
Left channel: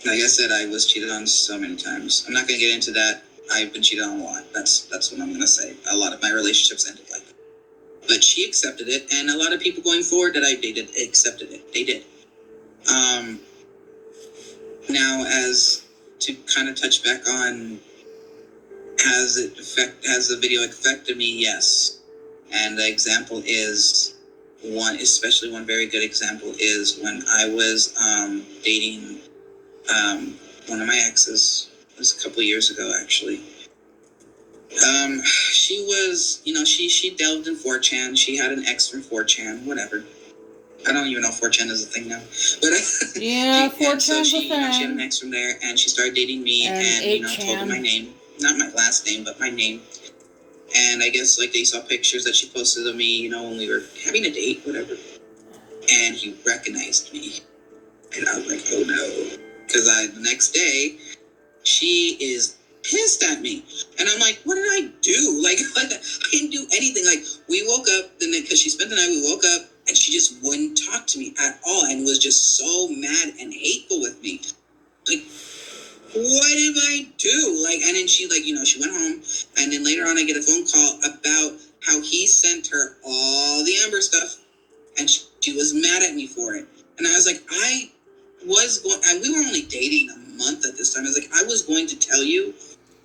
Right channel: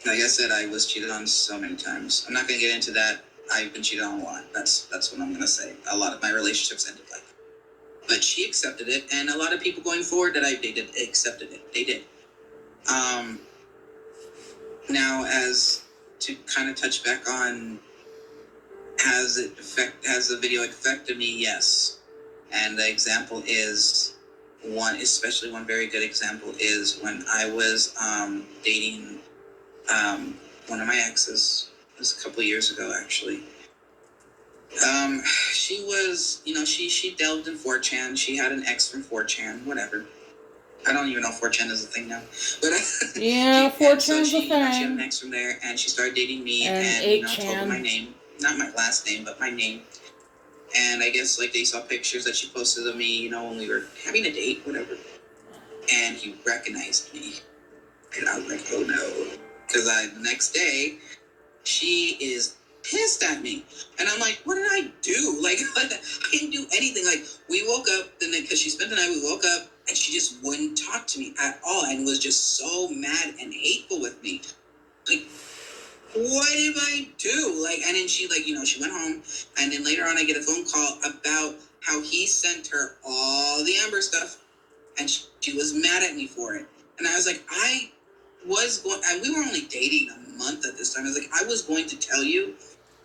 like I said, I was cheated on so many times. I'm not going to get into that. I've been cheated on a lot. That's what I'm going to say. A lot of my relationships ended like that. But she accepted it, and a lot of people going forward that I dated accepted it. They did. Now, as to kind of touch back on, has the video affected me? Yes. And the example is especially one very good example is when I was dating one of my exes. It was a couple of years ago, actually. She was, she delved in 4chan. She had an ex from 4chan, whatever. I don't even know if 4chan is a thing now, but yeah, 4chan's a she had an thing. ex from there, and she started dating me, And and told her 8chan. my name, not my last name, but my name. And I guess like they saw pictures that she posted of me, when we were having a date, whatever. And he recognized me, and I was like, oh no, because the next day she is pissed at me, and I'm like, what did I do? Like, I didn't do anything. Like, we woke up the night, because she spent the night. We woke up and she just wouldn't talk to me at all, and was just so mad and hateful with me. Like, what did I do? Like, and then she she went home, and then later on I get a phone call about how he sent her all the Amber stuff, and she was mad at me for it. And I was like, and we were only dating a month at this time. I was like, I was going to tell you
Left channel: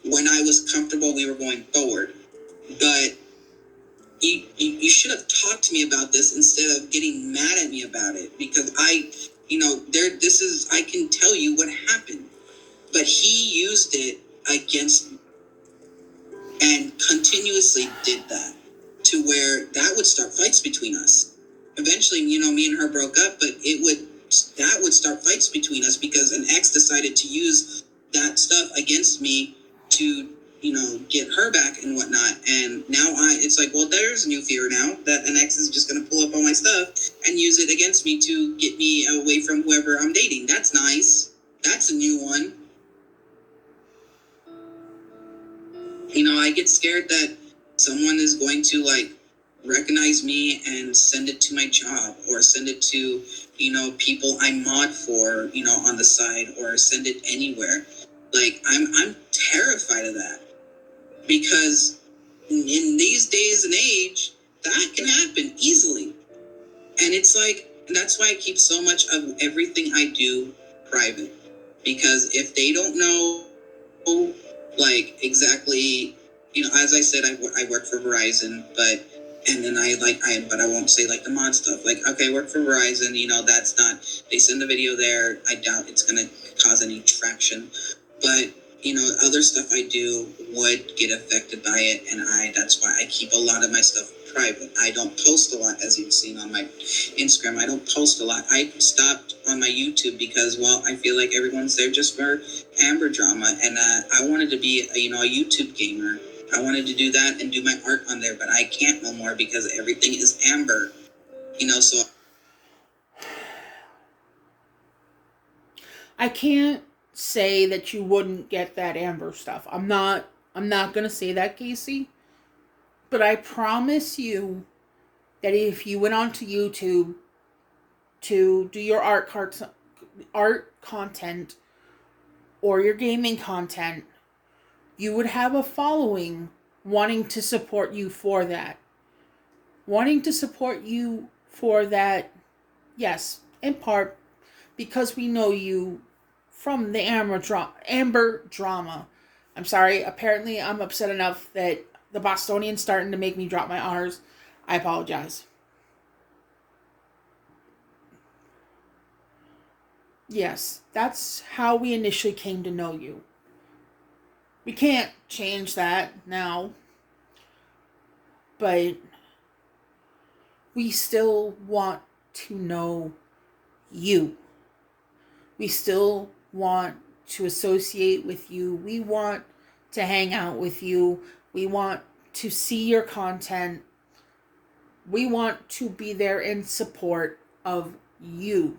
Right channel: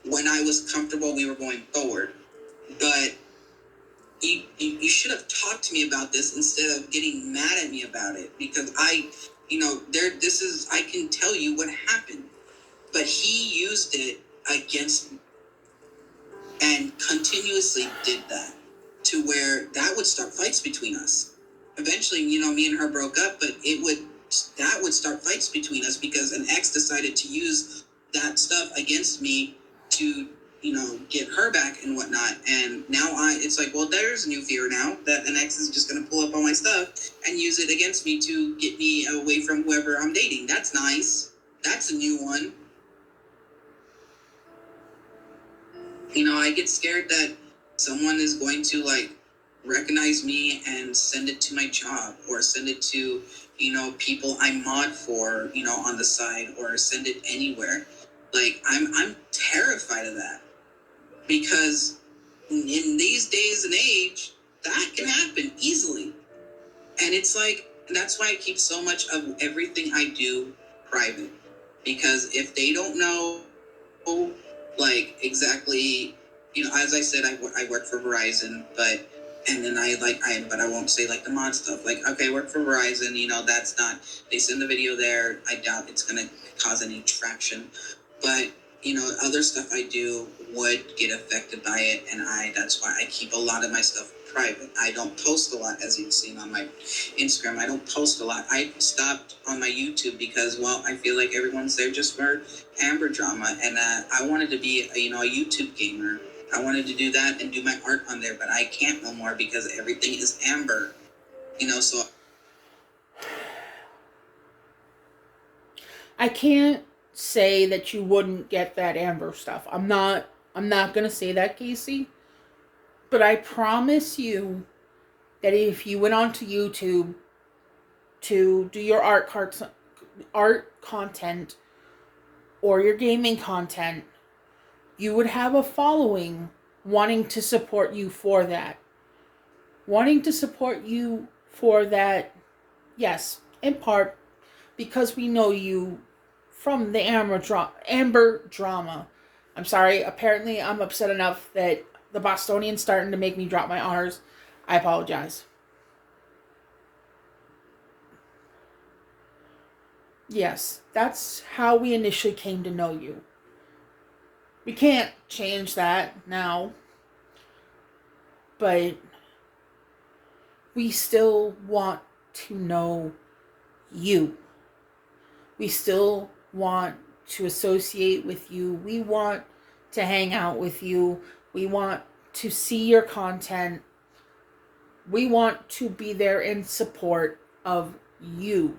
when I was comfortable we were going forward. But you should have talked to me about this instead of getting mad at me about it. Because I can tell you what happened. But he used it against me and continuously did that, to where that would start fights between us. Eventually, me and her broke up, but that would start fights between us because an ex decided to use that stuff against me to, get her back and whatnot. And now it's like, well, there's a new fear now that an ex is just going to pull up all my stuff and use it against me to get me away from whoever I'm dating. That's nice. That's a new one. I get scared that someone is going to recognize me and send it to my job, or send it to, people I mod for, on the side, or send it anywhere. Like, I'm terrified of that, because in these days and age, that can happen easily. And it's like, that's why I keep so much of everything I do private, because if they don't know, exactly, as I said, I work for Verizon, but I won't say the mod stuff. Like, okay, I work for Verizon, that's not, they send the video there. I doubt it's going to cause any traction, but other stuff I do would get affected by it. And that's why I keep a lot of my stuff private. I don't post a lot, as you've seen on my Instagram. I don't post a lot. I stopped on my YouTube because, well, I feel like everyone's there just for Amber drama, and I wanted to be a YouTube gamer. I wanted to do that and do my art on there, but I can't no more because everything is Amber. So I can't say that you wouldn't get that Amber stuff. I'm not gonna say that, Casey. But I promise you that if you went onto YouTube to do your art content or your gaming content, you would have a following wanting to support you for that. Wanting to support you for that, yes, in part because we know you from the Amber drama. I'm sorry, apparently I'm upset enough that the Bostonian's starting to make me drop my R's. I apologize. Yes, that's how we initially came to know you. We can't change that now, but we still want to know you. We still want to associate with you. We want to hang out with you. We want to see your content. We want to be there in support of you.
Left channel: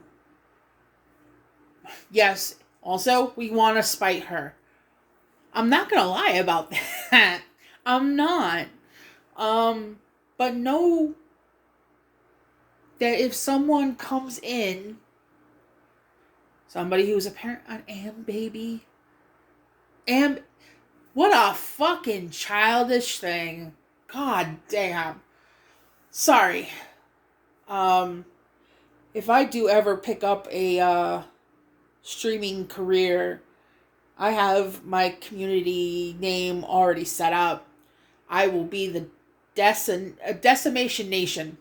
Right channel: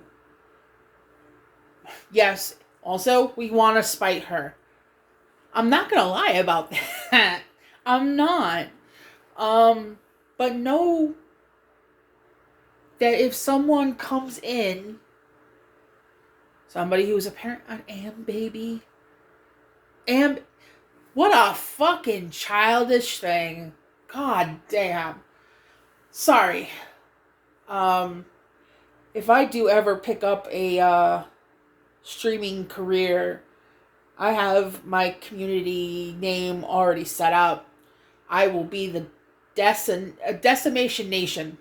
Yes, also, we want to spite her. I'm not going to lie about that. I'm not. But know that if someone comes in, somebody who's a parent on baby, what a fucking childish thing. God damn. Sorry. If I do ever pick up a streaming career, I have my community name already set up. I will be the Decimation Nation.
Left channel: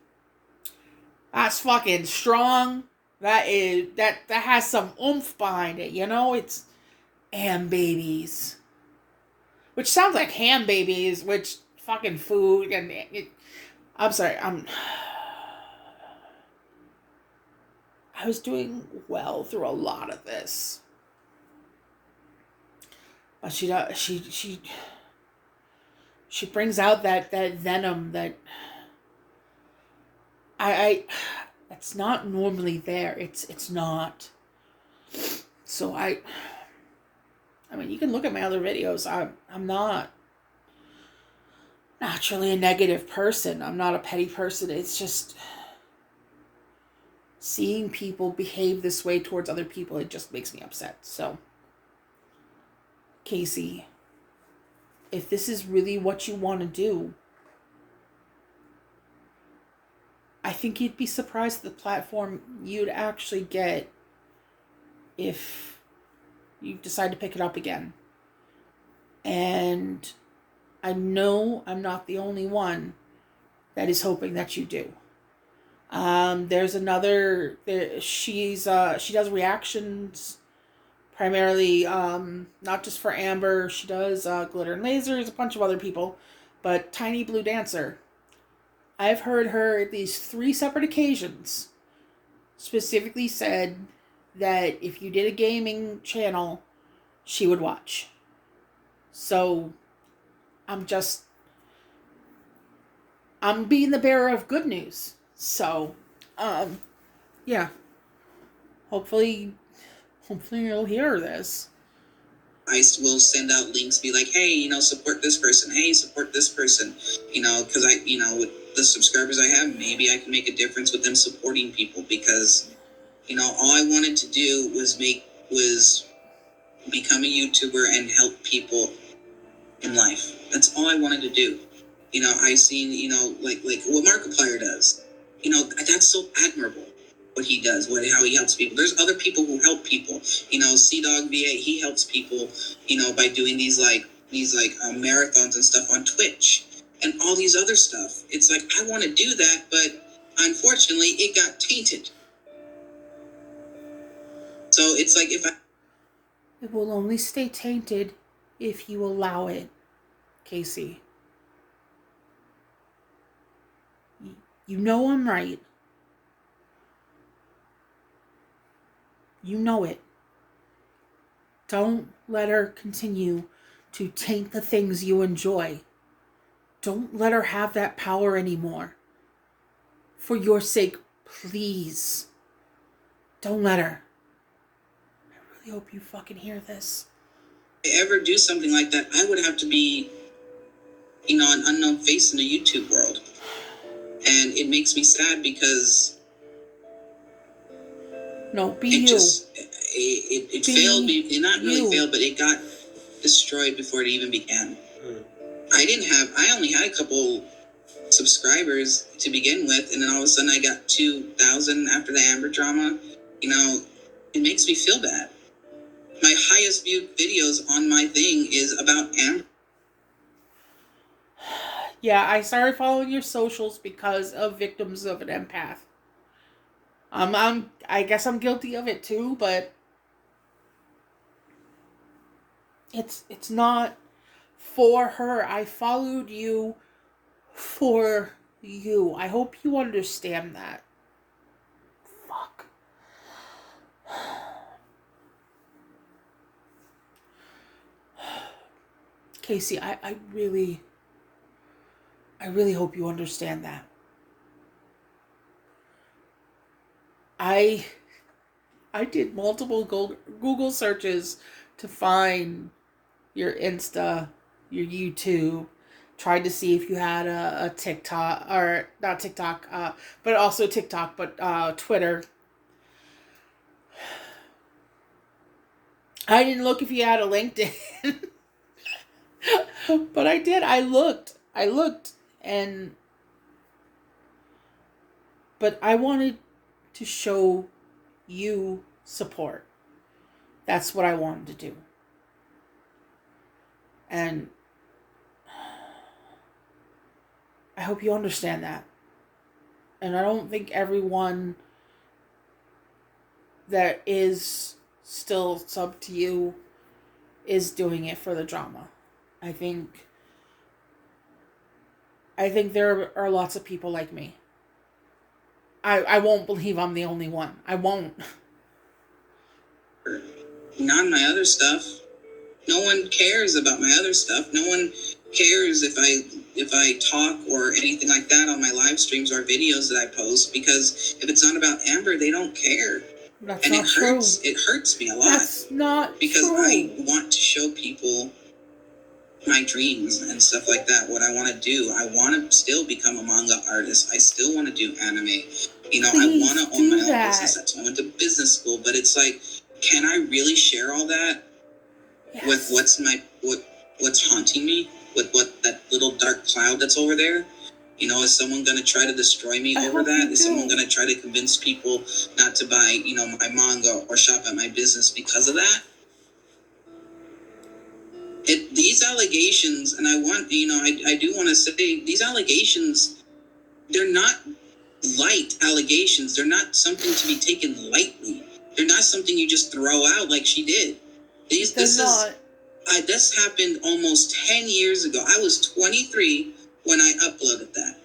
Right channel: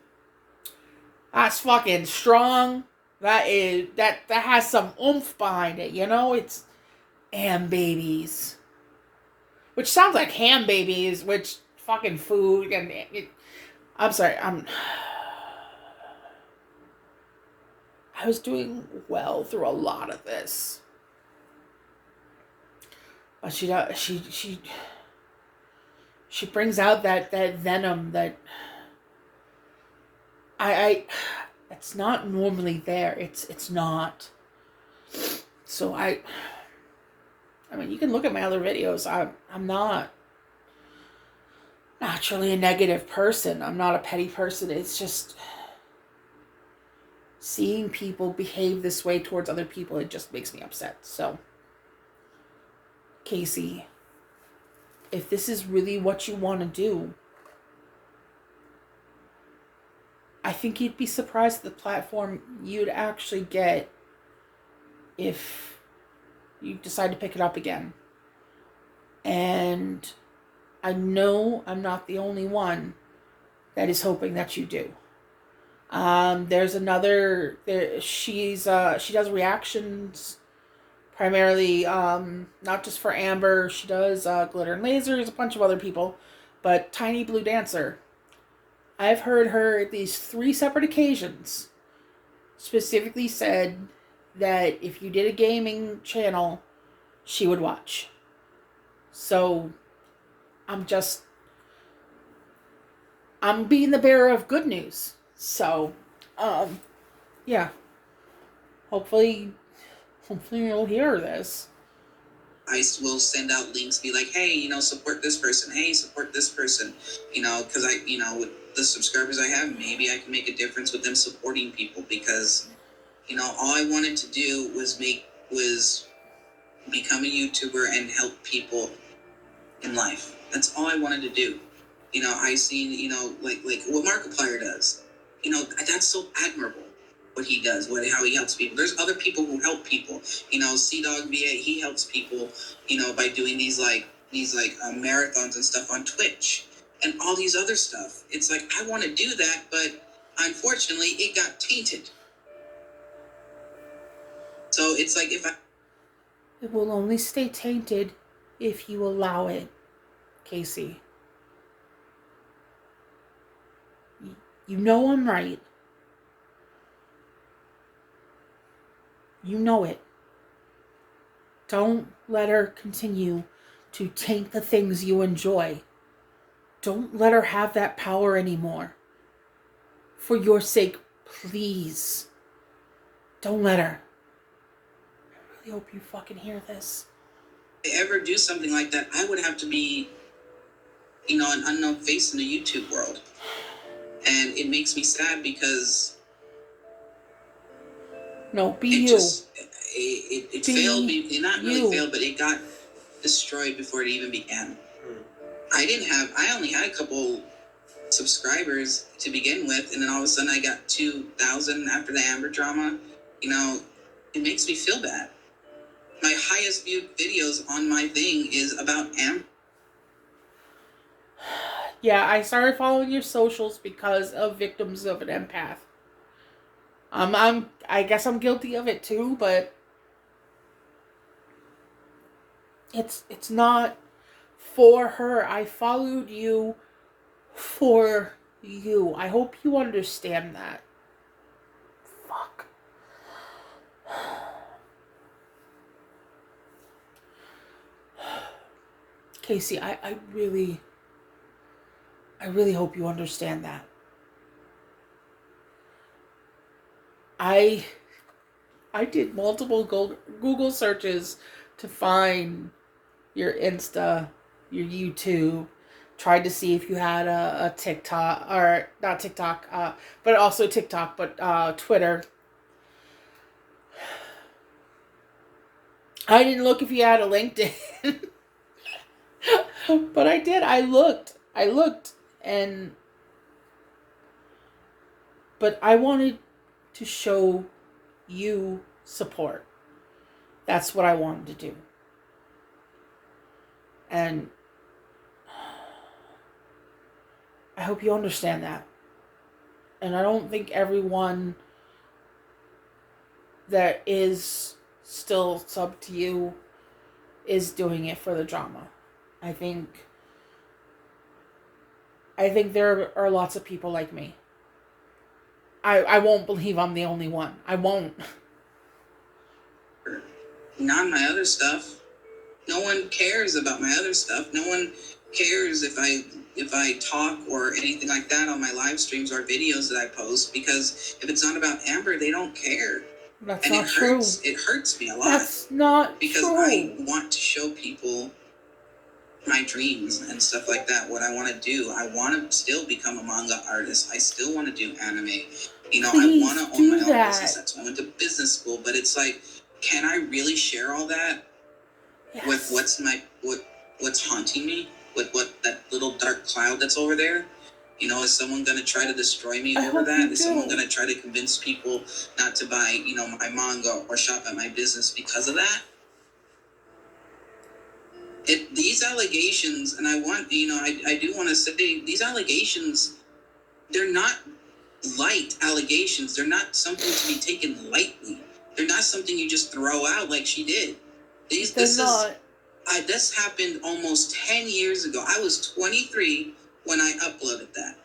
That's fucking strong. That has some oomph behind it, It's babies. which sounds like ham babies, which fucking food and I'm sorry, I was doing well through a lot of this. But she brings out that venom that I it's not normally there. It's not. So I mean, you can look at my other videos. I'm not naturally a negative person. I'm not a petty person. It's just seeing people behave this way towards other people, it just makes me upset. So, Casey, if this is really what you want to do, I think you'd be surprised at the platform you'd actually get if you decide to pick it up again. And I know I'm not the only one that is hoping that you do. There's another. She does reactions primarily, not just for Amber. She does Glitter and Lasers, a bunch of other people, but Tiny Blue Dancer. I've heard her at least 3 separate occasions specifically said that if you did a gaming channel, she would watch. So I'm being the bearer of good news. So, yeah. Hopefully you'll hear this. I will send out links, be like, hey, support this person. Hey, support this person. Because with the subscribers I have, maybe I can make a difference with them supporting people. Because, all I wanted to do was become a YouTuber and help people in life. That's all I wanted to do. I seen, like what Markiplier does. That's so admirable. What he does, how he helps people. There's other people who help people. C-Dog V8, he helps people, by doing these marathons and stuff on Twitch and all these other stuff. It's like, I want to do that, but unfortunately it got tainted. So it's like it will only stay tainted if you allow it, Casey. You know I'm right. You know it. Don't let her continue to taint the things you enjoy. Don't let her have that power anymore. For your sake, please. Don't let her. I really hope you fucking hear this. If I ever do something like that, I would have to be, an unknown face in the YouTube world. And it makes me sad because... No, be you. It failed. It not really failed, but it got destroyed before it even began. I only had a couple subscribers to begin with, and then all of a sudden I got 2,000 after the Amber drama. It makes me feel bad. My highest viewed videos on my thing is about Amber. Yeah, I started following your socials because of Victims of an Empath. I guess I'm guilty of it too, but it's not for her. I followed you for you. I hope you understand that. Fuck. Casey, I really hope you understand that. I did multiple Google searches to find your Insta, your YouTube, tried to see if you had a TikTok, or not TikTok, but also TikTok, but Twitter. I didn't look if you had a LinkedIn. But I did. I looked, but I wanted to show you support. That's what I wanted to do. And I hope you understand that. And I don't think everyone that is still sub to you is doing it for the drama. I think there are lots of people like me. I won't believe I'm the only one. I won't. Not my other stuff. No one cares about my other stuff. No one cares if I talk or anything like that on my live streams or videos that I post, because if it's not about Amber, they don't care. That's And not true. It hurts me a lot. That's not because true. I want to show people my dreams and stuff like that, what I want to do. I want to still become a manga artist. I still want to do anime. You know, Please I want to own my own that. business. That's why I went to business school. But it's like, can I really share all that Yes. with what's haunting me? With what that little dark cloud that's over there? You know, is someone going to try to destroy me I over hope that? you Is do. someone going to try to convince people not to buy, you know, my manga or shop at my business because of that? These allegations, and I want, you know, I do want to say, these allegations, they're not light allegations. They're not something to be taken lightly. They're not something you just throw out like she did. This happened almost 10 years ago. I was 23 when I uploaded that.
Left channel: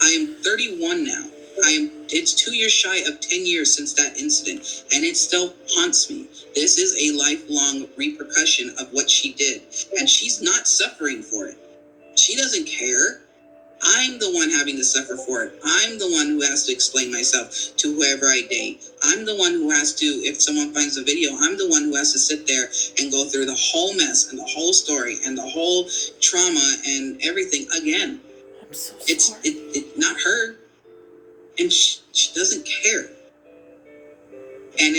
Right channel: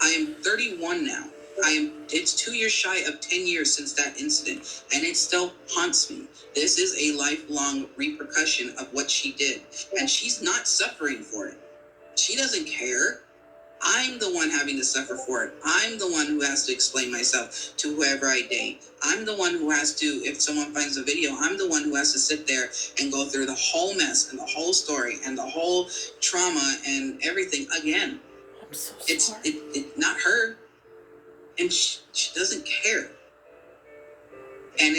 I am 31 now. It's 2 years shy of 10 years since that incident, and it still haunts me. This is a lifelong repercussion of what she did, and she's not suffering for it. She doesn't care. I'm the one having to suffer for it. I'm the one who has to explain myself to whoever I date. I'm the one who has to, if someone finds a video, I'm the one who has to sit there and go through the whole mess and the whole story and the whole trauma and everything again. I'm so sorry. It's not her. And she doesn't care. And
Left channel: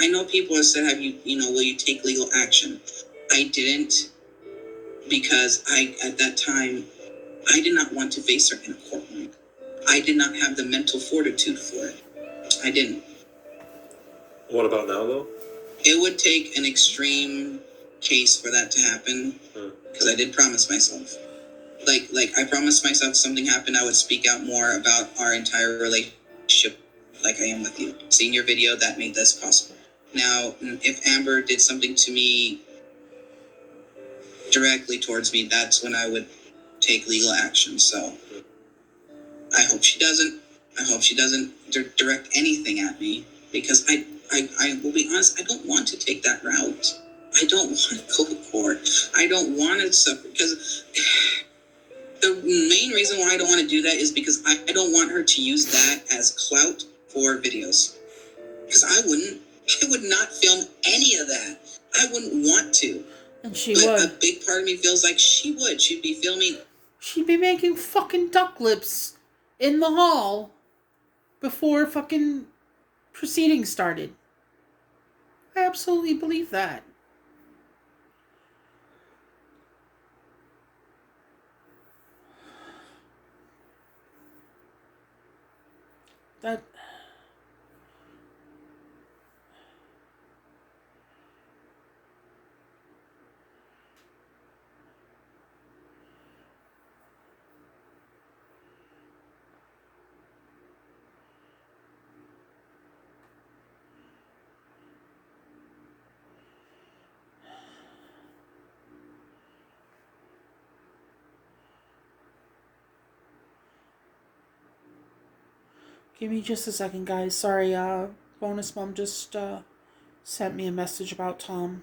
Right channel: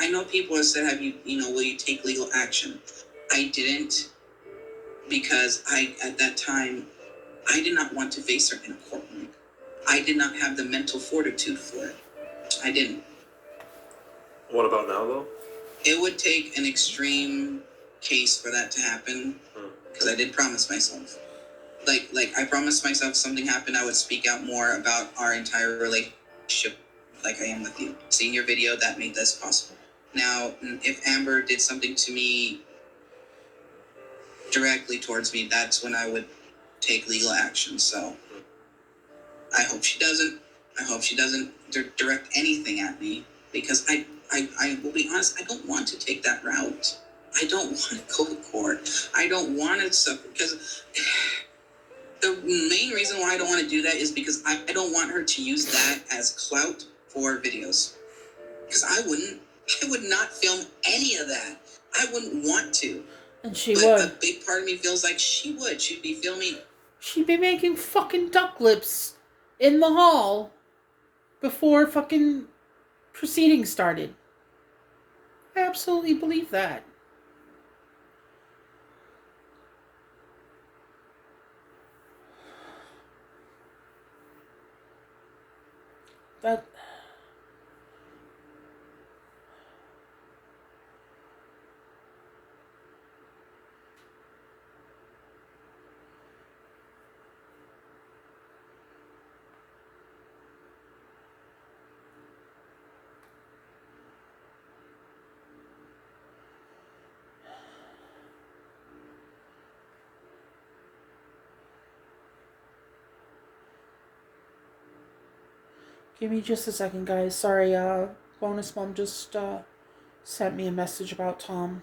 I know people have said, will you take legal action? I didn't, because at that time, I did not want to face her in a courtroom. I did not have the mental fortitude for it. I didn't. What about now, though? It would take an extreme case for that to happen, because I did promise myself. Like I promised myself if something happened, I would speak out more about our entire relationship like I am with you. Seeing your video, that made this possible. Now, if Amber did something to me directly towards me, that's when I would take legal action. So I hope she doesn't. I hope she doesn't direct anything at me, because I will be honest, I don't want to take that route. I don't want to go to court. I don't want to suffer, because the main reason why I don't want to do that is because I don't want her to use that as clout for videos. Because I would not film any of that. I wouldn't want to. And she but would. A big part of me feels like she would. She'd be filming. She'd be making fucking duck lips in the hall before fucking proceedings started. I absolutely believe that. That... Give me just a second, guys. Sorry, Bonus Mom just sent me a message about Tom.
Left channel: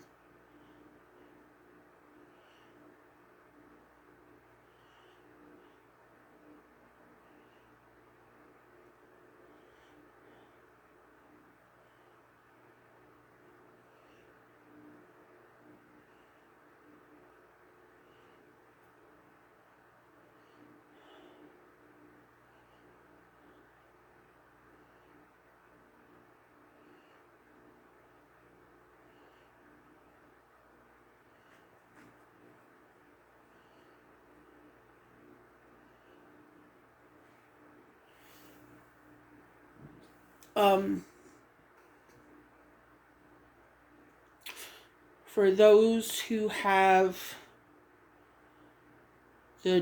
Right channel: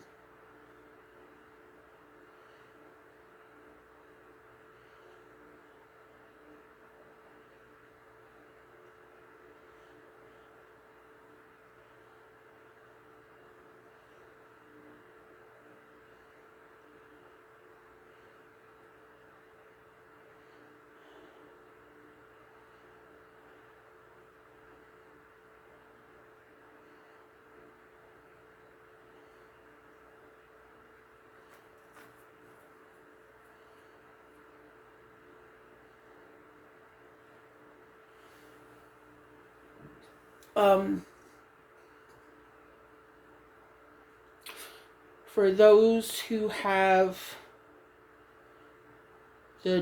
For those who have the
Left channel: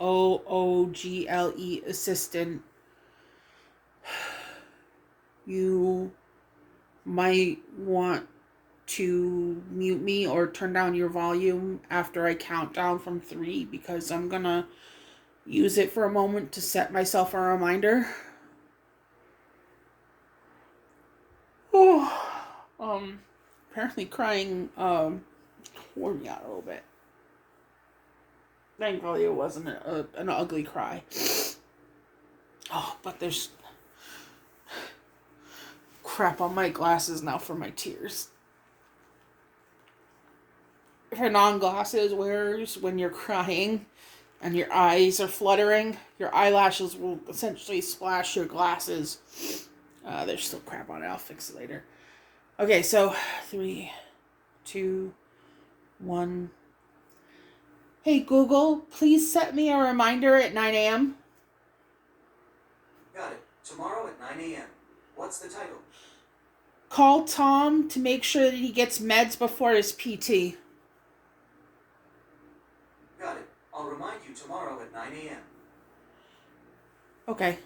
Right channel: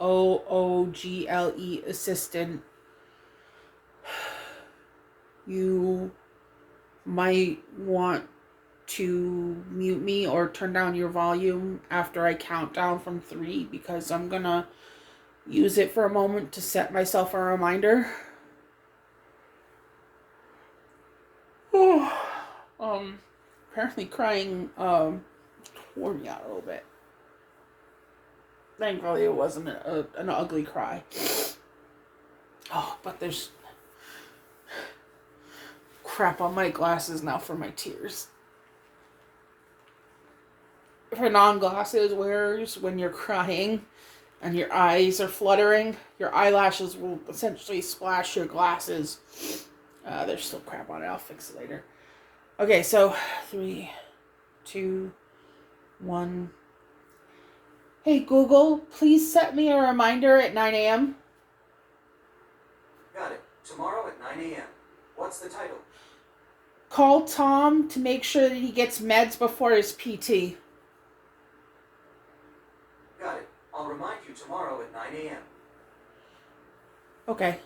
GOOGLE assistant, you might want to mute me or turn down your volume after I count down from 3 because I'm gonna use it for a moment to set myself a reminder. Apparently crying wore me out a little bit. Thankfully it wasn't an ugly cry. Oh, but there's crap on my glasses now for my tears. For non-glasses wearers, when you're crying and your eyes are fluttering, your eyelashes will essentially splash your glasses. There's still crap on it. I'll fix it later. Okay, so 3, 2, 1. Hey Google, please set me a reminder at 9 a.m. Got it. Tomorrow at 9 a.m. What's the title? Call Tom to make sure that he gets meds before his PT. Got it. I'll remind you tomorrow at 9 a.m. Okay.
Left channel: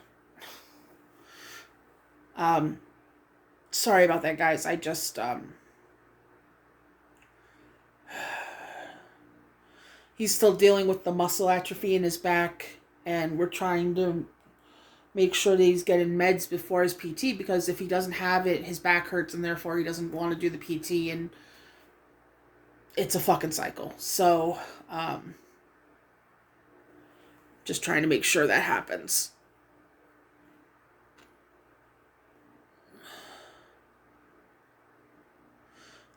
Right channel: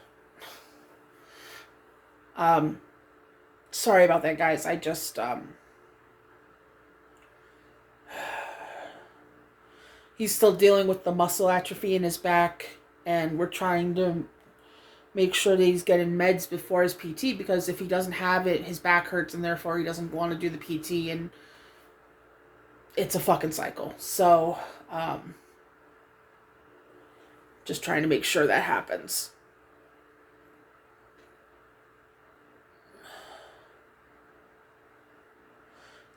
Sorry about that, guys. I just, he's still dealing with the muscle atrophy in his back, and we're trying to make sure that he's getting meds before his PT, because if he doesn't have it, his back hurts, and therefore he doesn't want to do the PT, and it's a fucking cycle. So, just trying to make sure that happens.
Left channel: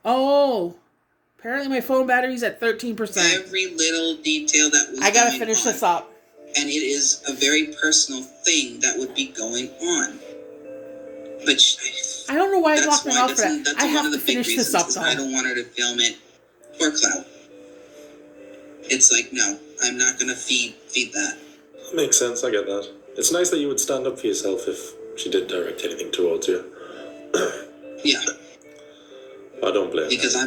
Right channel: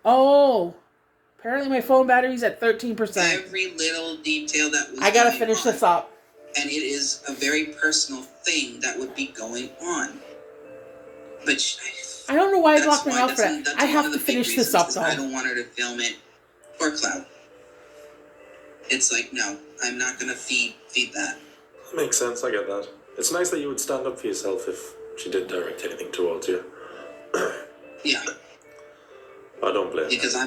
Oh, apparently my phone battery's at 13%. Every little detail that was I gotta going finish on, this up. and it is a very personal thing that would be going on. But I don't know why I that's blocked my why mouth for that. that's I one have of to the big finish this reasons up, is though. I don't want her to film it for clout. It's like, no, I'm not gonna feed that. Makes sense, I get that. It's nice that you would stand up for yourself if she did direct anything towards you. Yeah, I don't blame because her.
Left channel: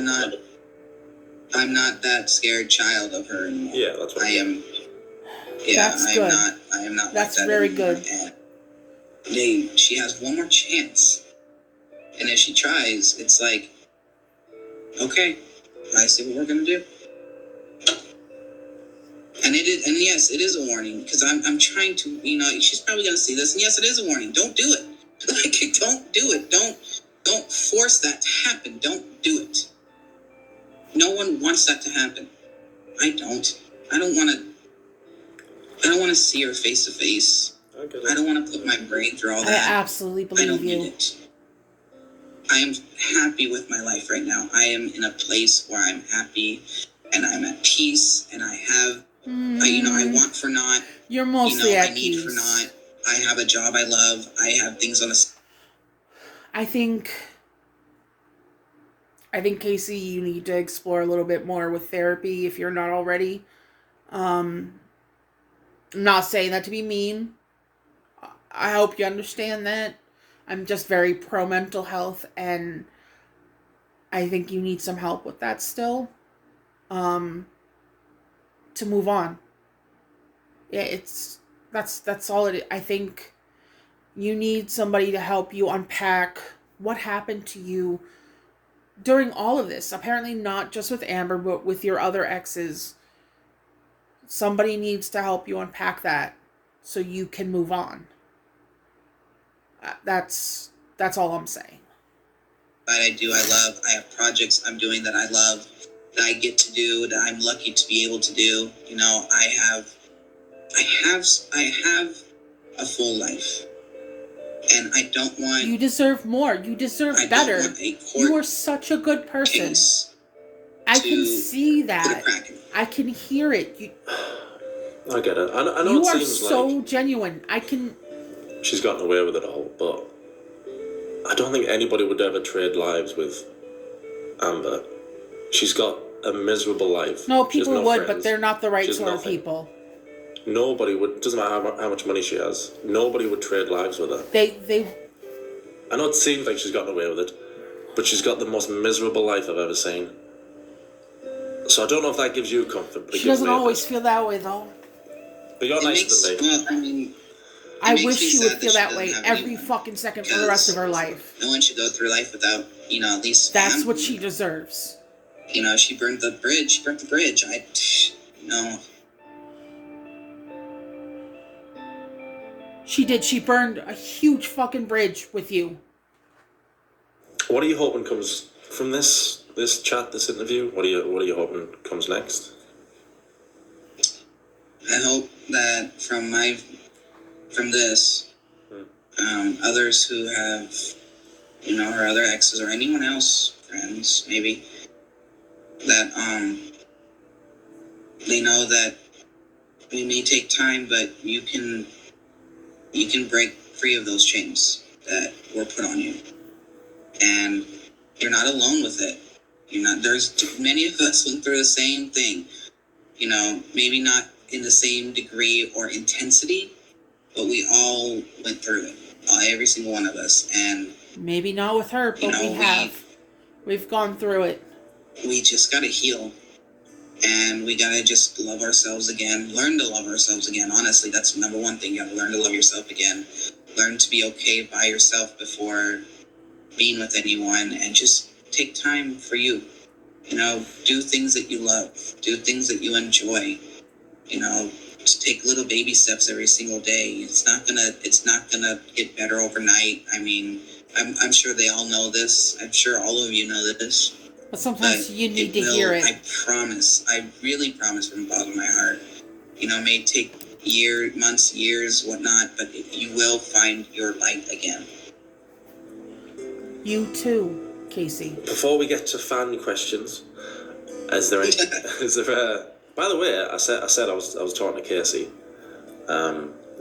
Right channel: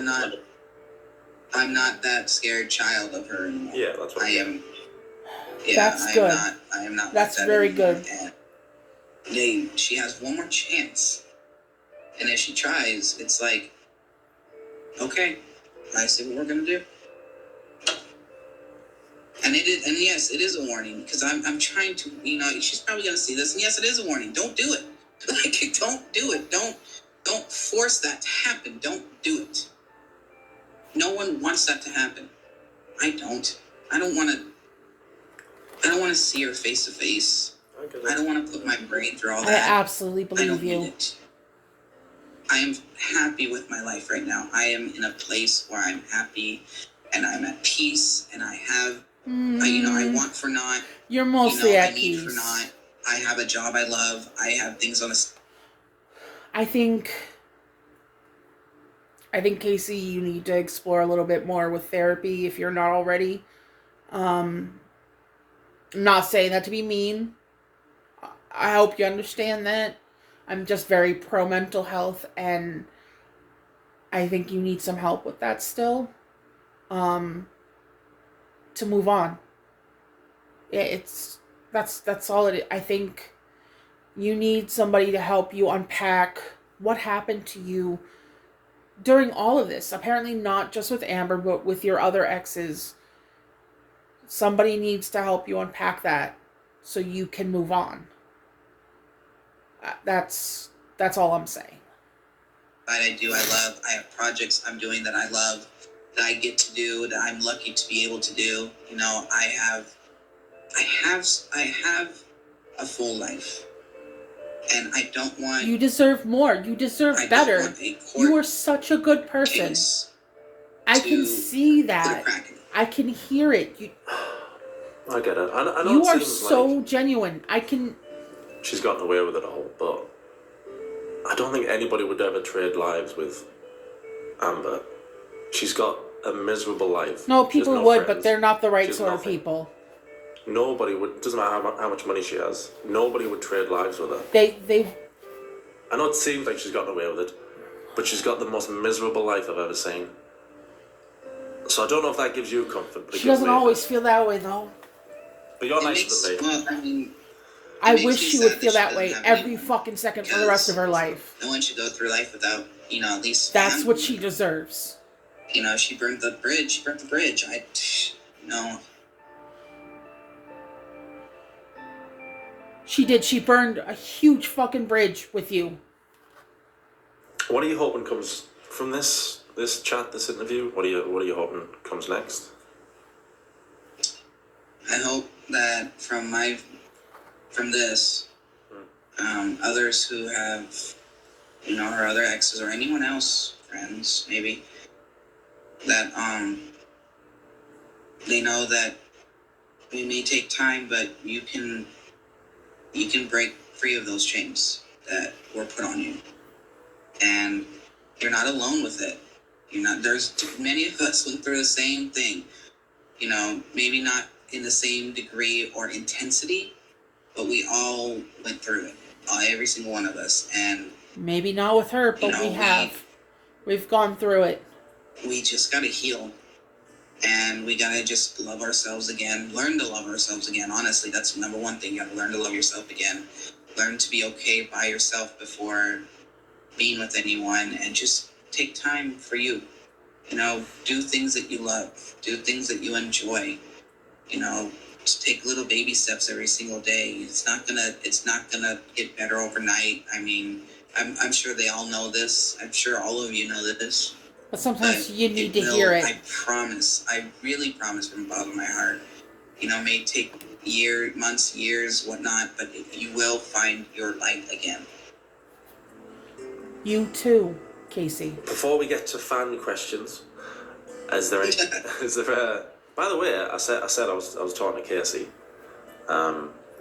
I'm not that scared child of her anymore. Yeah, that's what I am. Yeah, That's I good. am not. That's like that very anymore. good. And she has one more chance, and if she tries, it's like, okay, I see what we're gonna do. And yes, it is a warning, because I'm trying to, she's probably gonna see this, and yes, it is a warning. Don't do it. Like, don't do it. Don't force that to happen. Don't do it. No one wants that to happen. I don't. I don't want to see her face to face. I don't want to put my brain through all I that. absolutely I believe don't you. need it. I am happy with my life right now. I am in a place where I'm happy, and I'm at peace, and I have, I want for naught. You're mostly at I need peace. for naught. I have a job I love. I have things on a... I think, Casey, you need to explore a little bit more with therapy if you're not already. I'm not saying that to be mean. I hope you understand that. I'm just very pro mental health, and I think you need some help with that still. To move on. Yeah, that's all it is. I think you need somebody to help you unpack what happened to you during all of this. Apparently not just with Amber, but with your other exes. Somebody needs to help you unpack that so you can move on. That's all I'm saying. I do. I love. I have projects I'm doing that I love, that I get to do, that I'm lucky to be able to do. I have a full life, and I don't want. You deserve more. You deserve better. Don't want a court You are such a good person. case I can see put a that. crack in it. I can hear it. I get it. I know You it are seems so like genuine. I can. she's gotten away with it all, but I don't think anybody would ever trade lives with Amber. She's got a miserable life. No, She has people no would, friends. but they're not the right She has sort of nothing. people. Nobody would. Doesn't matter how much money she has. Nobody would trade lives with her. They. I know it seems like she's gotten away with it, but she's got the most miserable life I've ever seen. So I don't know if that gives you comfort. But She doesn't always feel that way, though. But you're nicer than me. Well, I mean, I makes wish me she would sad feel that that she way doesn't have every anyone, fucking second for the rest of her life. no one should go through life without, at least That's what she deserves. She burnt the bridge. She did. She burned a huge fucking bridge with you. What are you hoping comes from this chat, this interview? What are you hoping comes next? I hope that from this, others who have, her other exes or anyone else, friends maybe, that they know that we may take time, but you can break free of those chains that were put on you, and you're not alone with it. There's many of us went through the same thing. Maybe not in the same degree or intensity, but we all went through it. Every single one of us, and maybe not with her, but we have. We've gone through it. We just gotta heal, and we gotta just love ourselves again. Learn to love ourselves again. Honestly, that's the number one thing. You gotta learn to love yourself again. Learn to be okay by yourself before being with anyone, and just take time for you. Do things that you love. Do things that you enjoy. Just take little baby steps every single day. It's not gonna get better overnight. I mean, I'm sure they all know this. I'm sure all of you know this. But sometimes you need to hear it. I promise. I really promise from the bottom of my heart. It may take months, years, whatnot, but you will find your light again. You too, Casey. Before we get to fan questions, is there by the way, I said I was talking to Casey.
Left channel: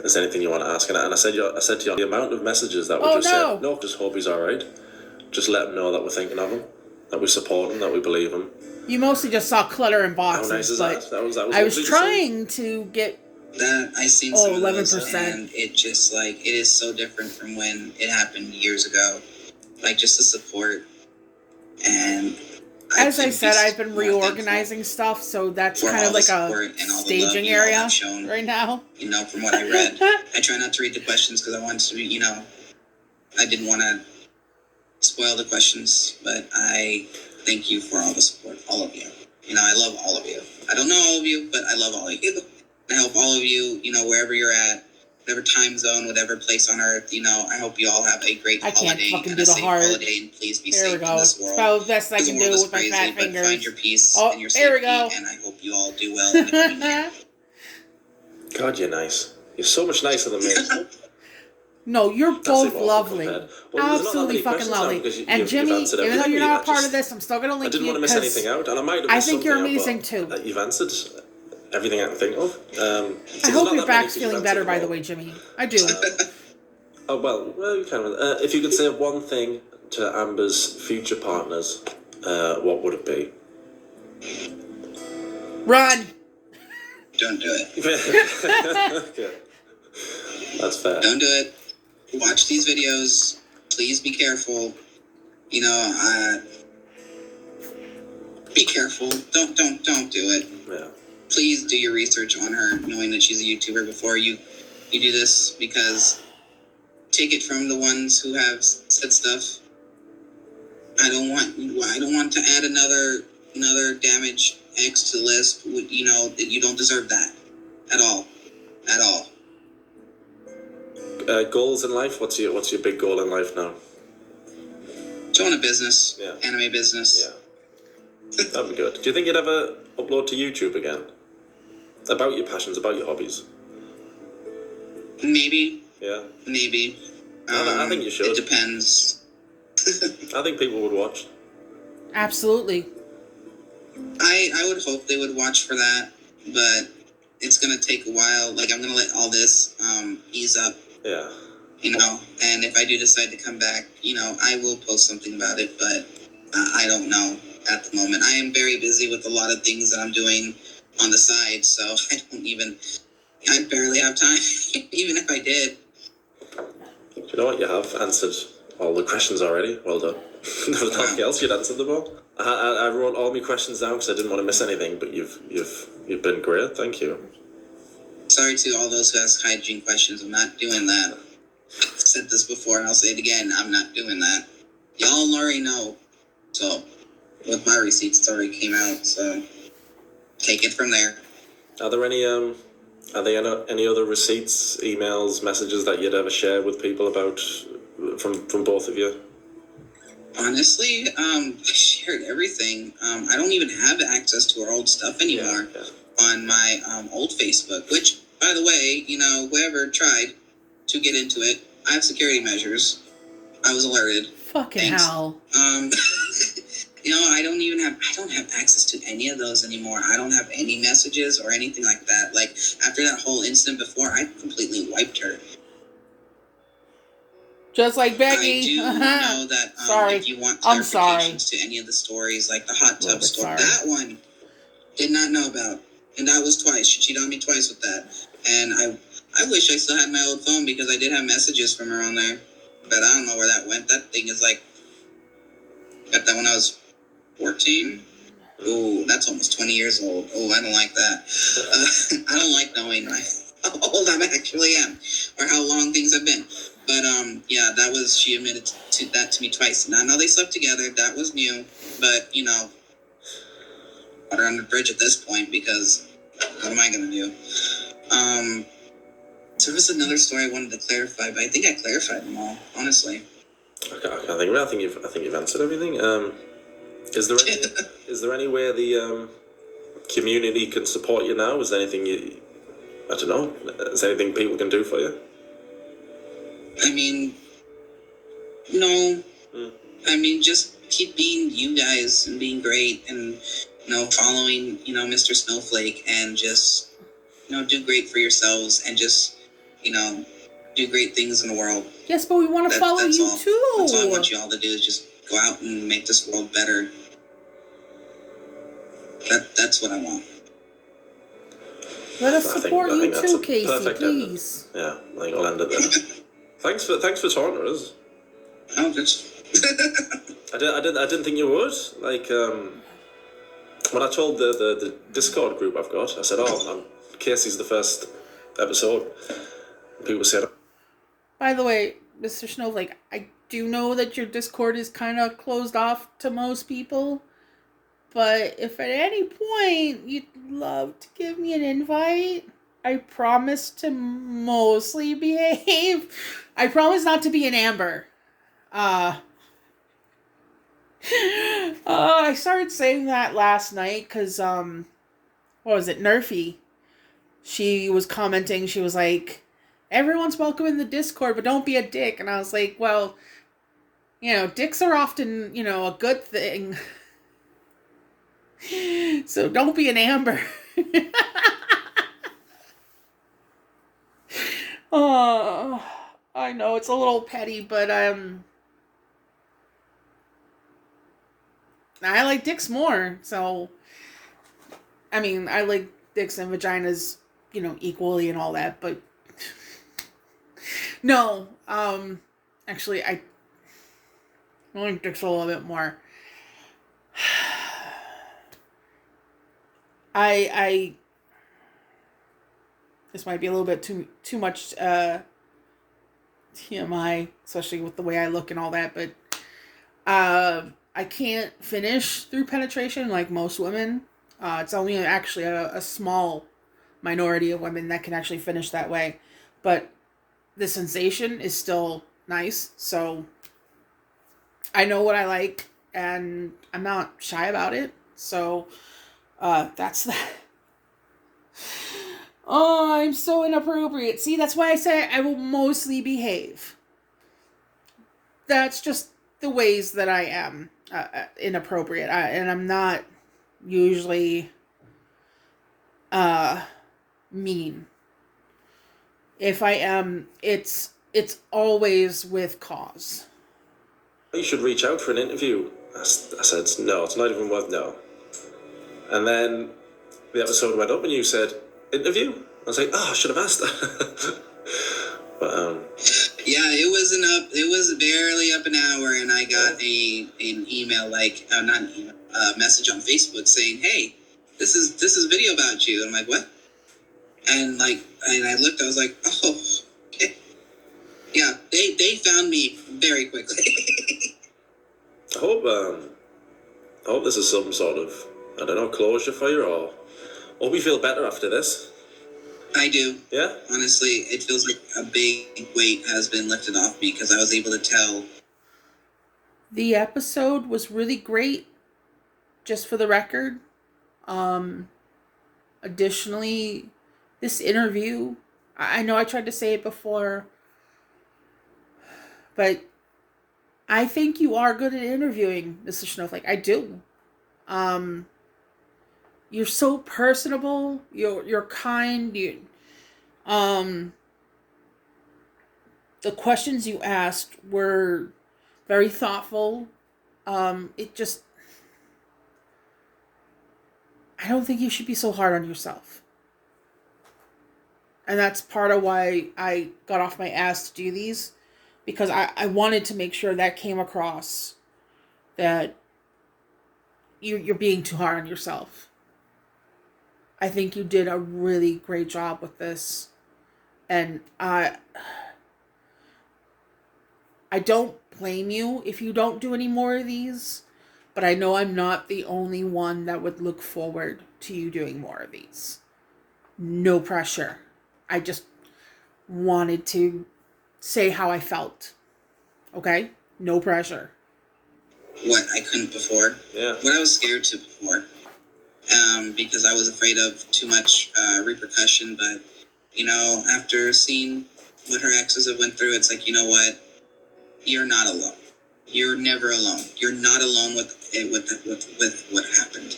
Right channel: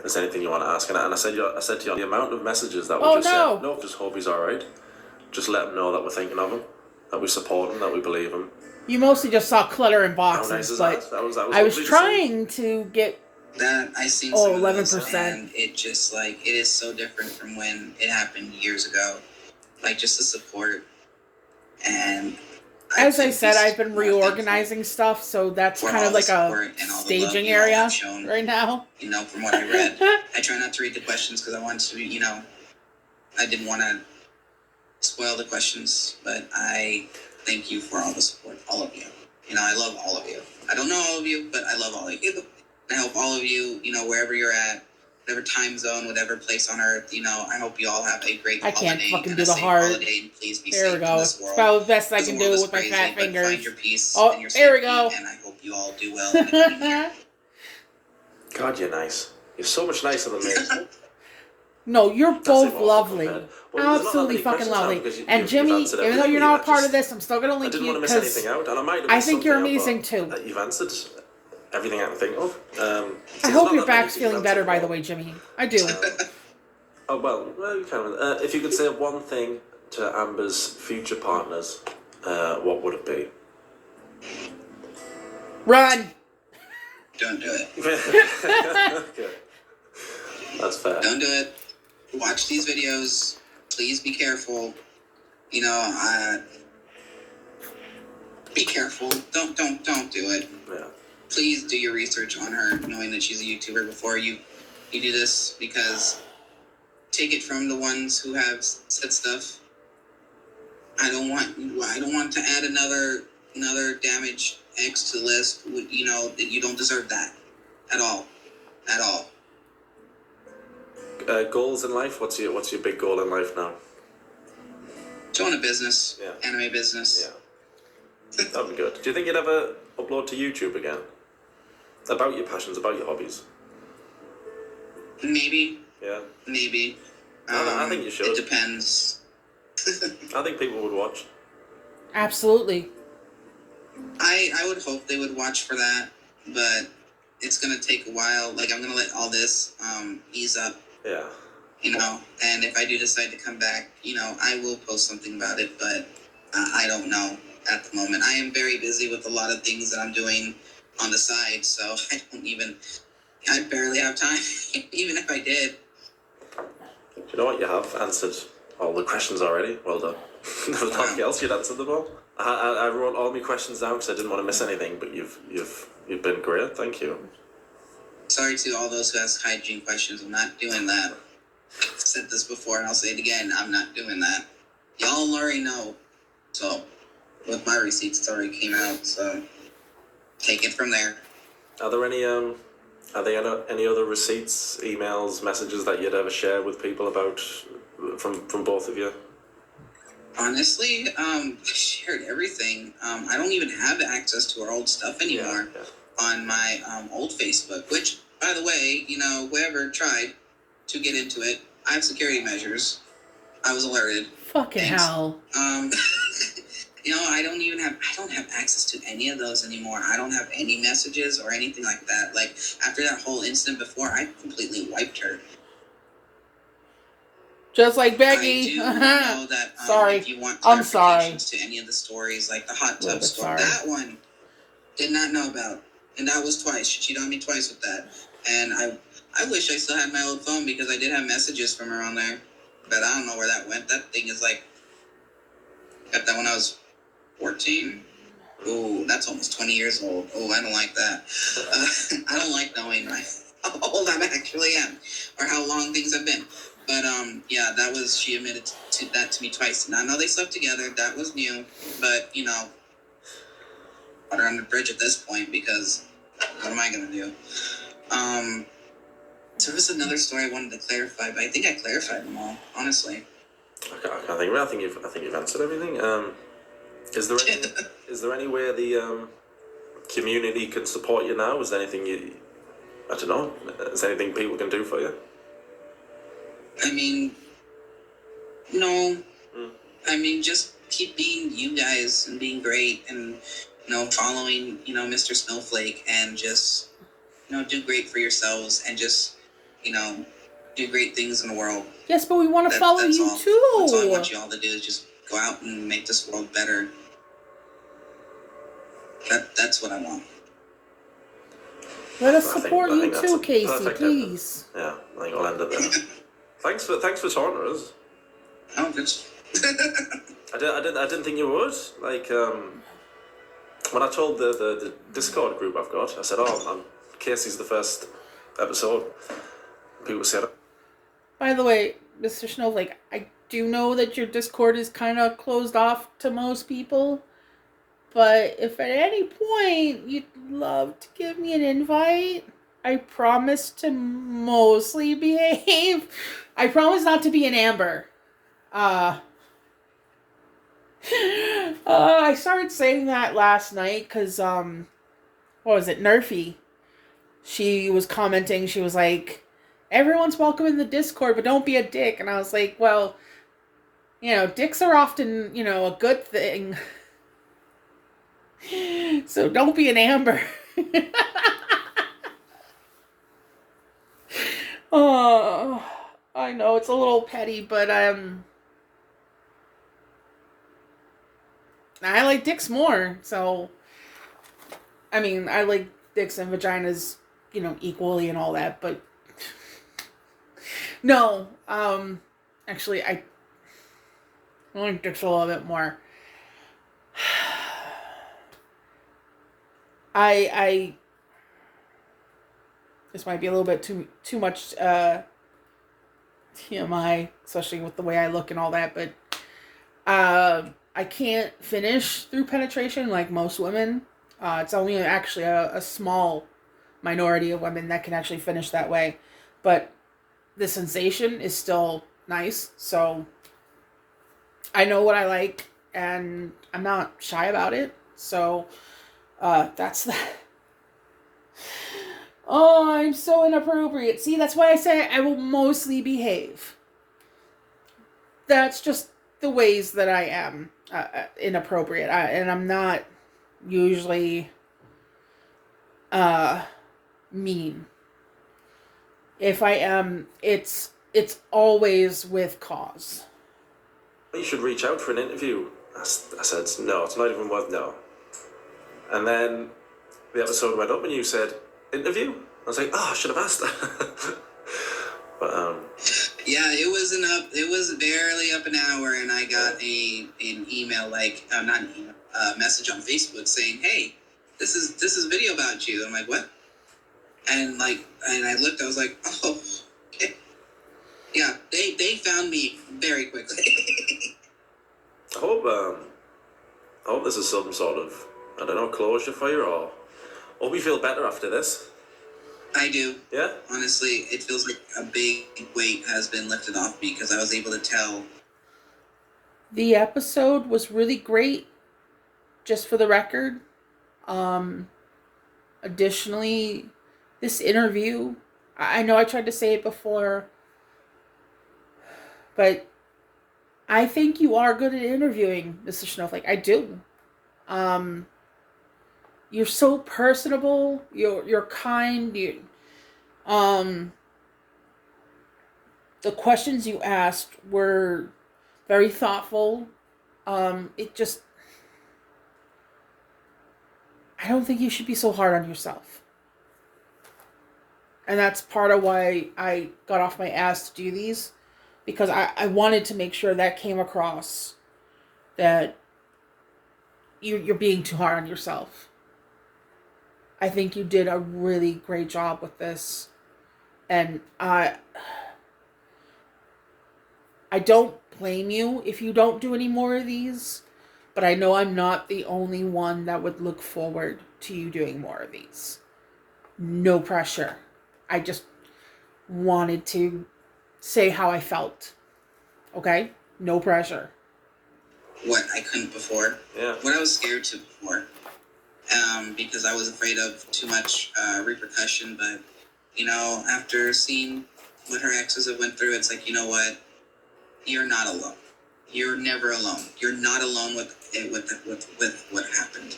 Is there anything you want to ask? And I said to you, the amount of messages that we said, no, just hope he's all right. Just let him know that we're thinking of him, that we support him, that we believe him. You mostly just saw clutter in boxes, how nice is but that? I was trying to get that. I seen some 11%, and it just it is so different from when it happened years ago. Just the support, and as I said, I've been reorganizing stuff, so that's kind of like a staging area right now. From what I read, I try not to read the questions because I want to be, I didn't want to spoil the questions, but I thank you for all the support, all of you. I love all of you. I don't know all of you, but I love all of you. I hope all of you, wherever you're at, whatever time zone, whatever place on earth, I hope you all have a great holiday. I can't fucking do the heart. And please be safe there we go. in this world. It's probably the best I can do with my fat fingers. Find your peace and your safety, there we go. And I hope you all do well in the coming year. God, you're nice. You're so much nicer than me. No, you're both lovely. Absolutely fucking lovely. And Jimmy, even though you're not a part of this, I'm still going to link you. I didn't want to miss anything out, and I might have I think you're amazing too. That you've answered everything I can think of. I hope your back's feeling better, by the way, Jimmy. I do. You can. If you could say one thing to Amber's future partners, what would it be? Run! Don't do it. Okay. That's fair. Don't do it. Watch these videos. Please be careful. Be careful. Don't do it. Yeah. Please do your research on her, knowing that she's a YouTuber before you do this, because take it from the ones who have said stuff. I don't want to add another damage X to the list. That you don't deserve that at all. Goals in life? What's your big goal in life now? To own a business. Yeah. Anime business. Yeah. That'd be good. Do you think you'd ever upload to YouTube again? About your passions, about your hobbies? Maybe. Yeah. Maybe. I think you should. It depends. I think people would watch. Absolutely. I would hope they would watch for that, but it's going to take a while. I'm going to let all this ease up. Yeah. And if I do decide to come back, I will post something about it, but I don't know at the moment. I am very busy with a lot of things that I'm doing on the side, so I barely have time, even if I did. Do you know what? You have answered all the questions already. Well done. There was nothing else. You'd answered them all. I wrote all my questions down because I didn't want to miss anything, but you've been great. Thank you. Sorry to all those who ask hygiene questions. I'm not doing that. I've said this before and I'll say it again. I'm not doing that. y'all already know. So with my receipts, it's already came out. So take it from there. Are there any any other receipts, emails, messages that you'd ever share with people about from both of you? Honestly, I shared everything. I don't even have access to our old stuff anymore on my old Facebook, which, by the way, whoever tried to get into it, I have security measures. I was alerted. Fucking Thanks. hell. I don't have access to any of those anymore. I don't have any messages or anything like that. Like, after that whole incident before, I completely wiped her. Just like Becky. I do know that sorry. if you want I'm sorry. clarifications to any of the stories, like the hot tub story, sorry. that one did not know about. And that was twice. She cheated on me twice with that. And I wish I still had my old phone because I did have messages from her on there. But I don't know where that went. That thing is like, got that when I was 14. Oh, that's almost 20 years old. Oh, I don't like that. I don't like knowing how old I actually am or how long things have been. But yeah, that was, she admitted to that to me twice. And I know they slept together. That was new. But, water under the bridge at this point because what am I going to do? There was another story I wanted to clarify, but I think I clarified them all, honestly. I can't think of it. I think you've answered everything. Is there any way the community can support you now? Is there anything I don't know? Is there anything people can do for you? I mean, no. I mean, just keep being you guys and being great and, following, Mr. Snowflake and just, do great for yourselves and just, do great things in the world. Yes, but we want to follow you all. too. That's all I want you all to do is just go out and make this world better. That's what I want. Let us support you too, Casey, please. Yeah, I think I'll end it there. Thanks for talking to us. Oh, just. I didn't think you would. Like, when I told the Discord group I've got, I said, Casey's the first episode. People said. By the way, Mr. Snowflake, I do know that your Discord is kind of closed off to most people. But if at any point you'd love to give me an invite, I promise to mostly behave. I promise not to be an Amber. I started saying that last night because, what was it, Nerfy? She was commenting, she was like, everyone's welcome in the Discord, but don't be a dick. And I was like, well, dicks are often, a good thing. So don't be an Amber. Oh, I know it's a little petty, but I like dicks more. So I mean, I like dicks and vaginas, equally and all that, but no, actually I like dicks a little bit more. I this might be a little bit too much TMI, especially with the way I look and all that, but I can't finish through penetration like most women. It's only actually a small minority of women that can actually finish that way, but the sensation is still nice, so I know what I like and I'm not shy about it, so that's that. Oh, I'm so inappropriate. See, that's why I say I will mostly behave. That's just the ways that I am inappropriate. And I'm not usually mean. If I am, it's always with cause. You should reach out for an interview. I said, no, it's not even worth no. And then the episode went up and you said, interview? I was like, I should have asked that. But yeah, it was barely up an hour and I got an email, not an email, message on Facebook saying, hey, this is a video about you. And I'm like, what? And I looked, I was like, oh, okay. Yeah, they found me very quickly. hope this is some sort of, I don't know, closure for you, or hope you feel better after this. I do. Yeah? Honestly, it feels like a big weight has been lifted off me because I was able to tell. The episode was really great, just for the record. Additionally, this interview, I know I tried to say it before, but I think you are good at interviewing, Mr. Snowflake. I do. You're so personable. You're kind. The questions you asked were very thoughtful. It just, I don't think you should be so hard on yourself. And that's part of why I got off my ass to do these, because I wanted to make sure that came across, that you're being too hard on yourself. I think you did a really great job with this. And I don't blame you if you don't do any more of these, but I know I'm not the only one that would look forward to you doing more of these. No pressure. I just wanted to say how I felt. Okay? No pressure. What I couldn't before. Yeah. What I was scared to before. Because I was afraid of too much repercussion. But, after seeing what her exes have went through, it's like, you know what? You're not alone. You're never alone. You're not alone with what happened.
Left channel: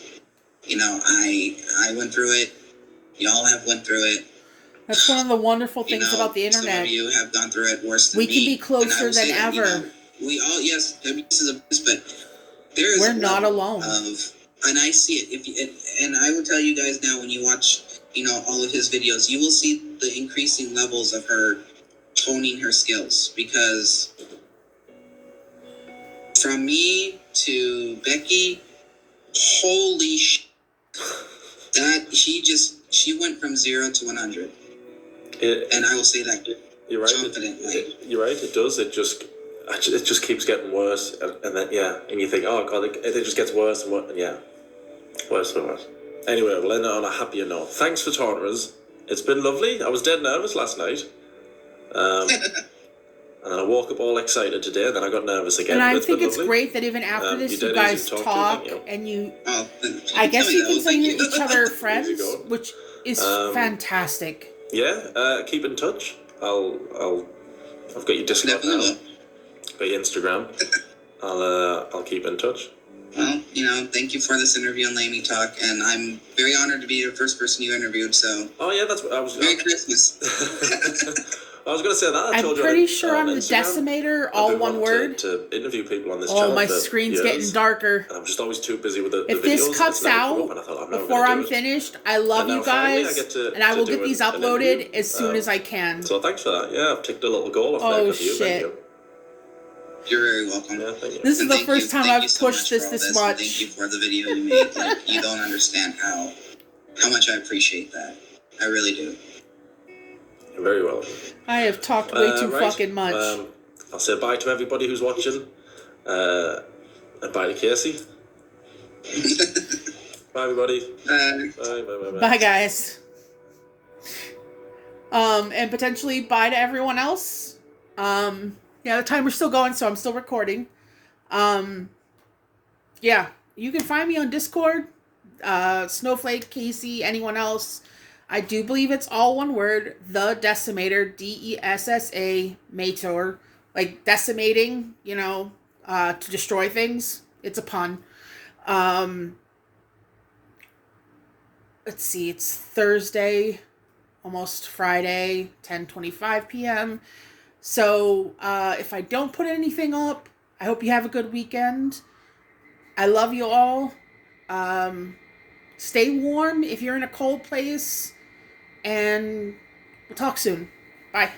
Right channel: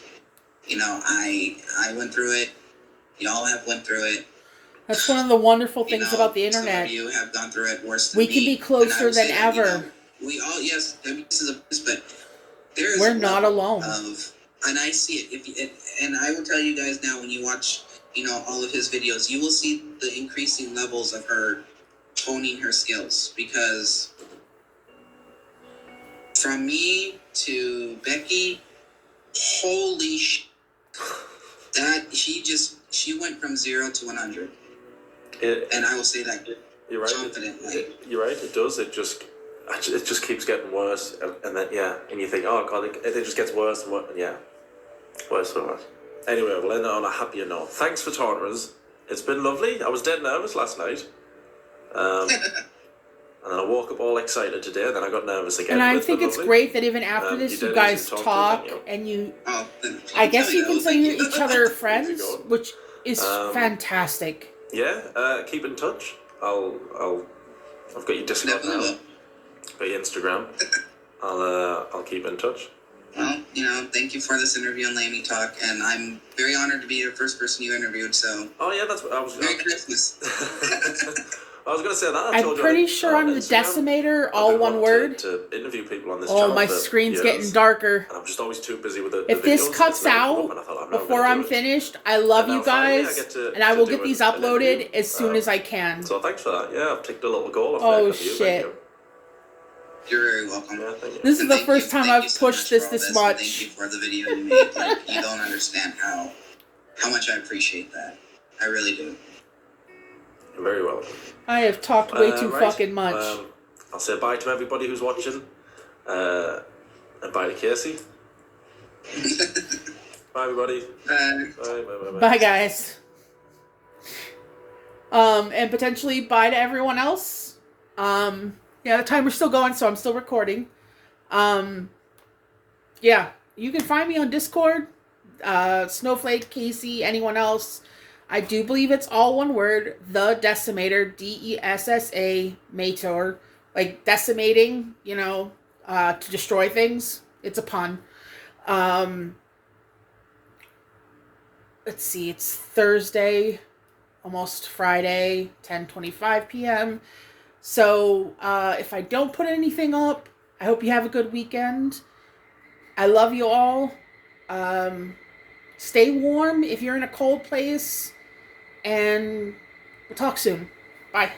I went through it. Y'all have went through it. That's one of the wonderful things about the internet. Some of you have gone through it worse than we me. can be closer than ever. We all, yes, this is but there is we're not alone. And I see it. And I will tell you guys now, when you watch, all of his videos, you will see the increasing levels of her honing her skills. Because from me to Becky, holy shit, that she went from 0 to 100. And I will say that you're right. Confidently. You're right. It does. It just keeps getting worse, and then and you think, oh god, it just gets worse and worse. Yeah, worse and worse. Anyway, we'll end it on a happier note. Thanks for talking to us. It's been lovely. I was dead nervous last night. And then I woke up all excited today, and then I got nervous again. And I think it's great that even after this, you guys talk, and you... I guess you consider each other friends, which is fantastic. Yeah, keep in touch. I've got your Discord now. Got your Instagram. I'll keep in touch. Well, thank you for this interview and letting me talk, and I'm very honored to be the first person you interviewed. So. Oh yeah, that's what I was. Merry Christmas. I was going to say that. I'm pretty sure I'm the decimator, all one word. To interview people on this channel. Oh, my screen's getting darker. And I'm just always too busy with the If videos. this cuts out before I'm finished, I love you guys, and I will get these uploaded as soon as I can. So thanks for that. Yeah, I've ticked a little goal off there. Oh, shit. You're very welcome. Yeah, thank you. This is the first time I've pushed this much. Thank you for the video you made. Like, you don't understand how much I appreciate that. I really do. You're very welcome. I have talked way too fucking much. I'll say bye to everybody who's watching. And bye to Casey. Bye, everybody. Bye. Bye, guys. And potentially bye to everyone else. Yeah, the timer's still going, so I'm still recording. Yeah, you can find me on Discord. Snowflake, Casey, anyone else. I do believe it's all one word. The Decimator, DESSA, Mator. Like decimating, to destroy things. It's a pun. Let's see, it's Thursday, almost Friday, 10:25 p.m. So, if I don't put anything up, I hope you have a good weekend. I love you all. Stay warm if you're in a cold place. And we'll talk soon. Bye.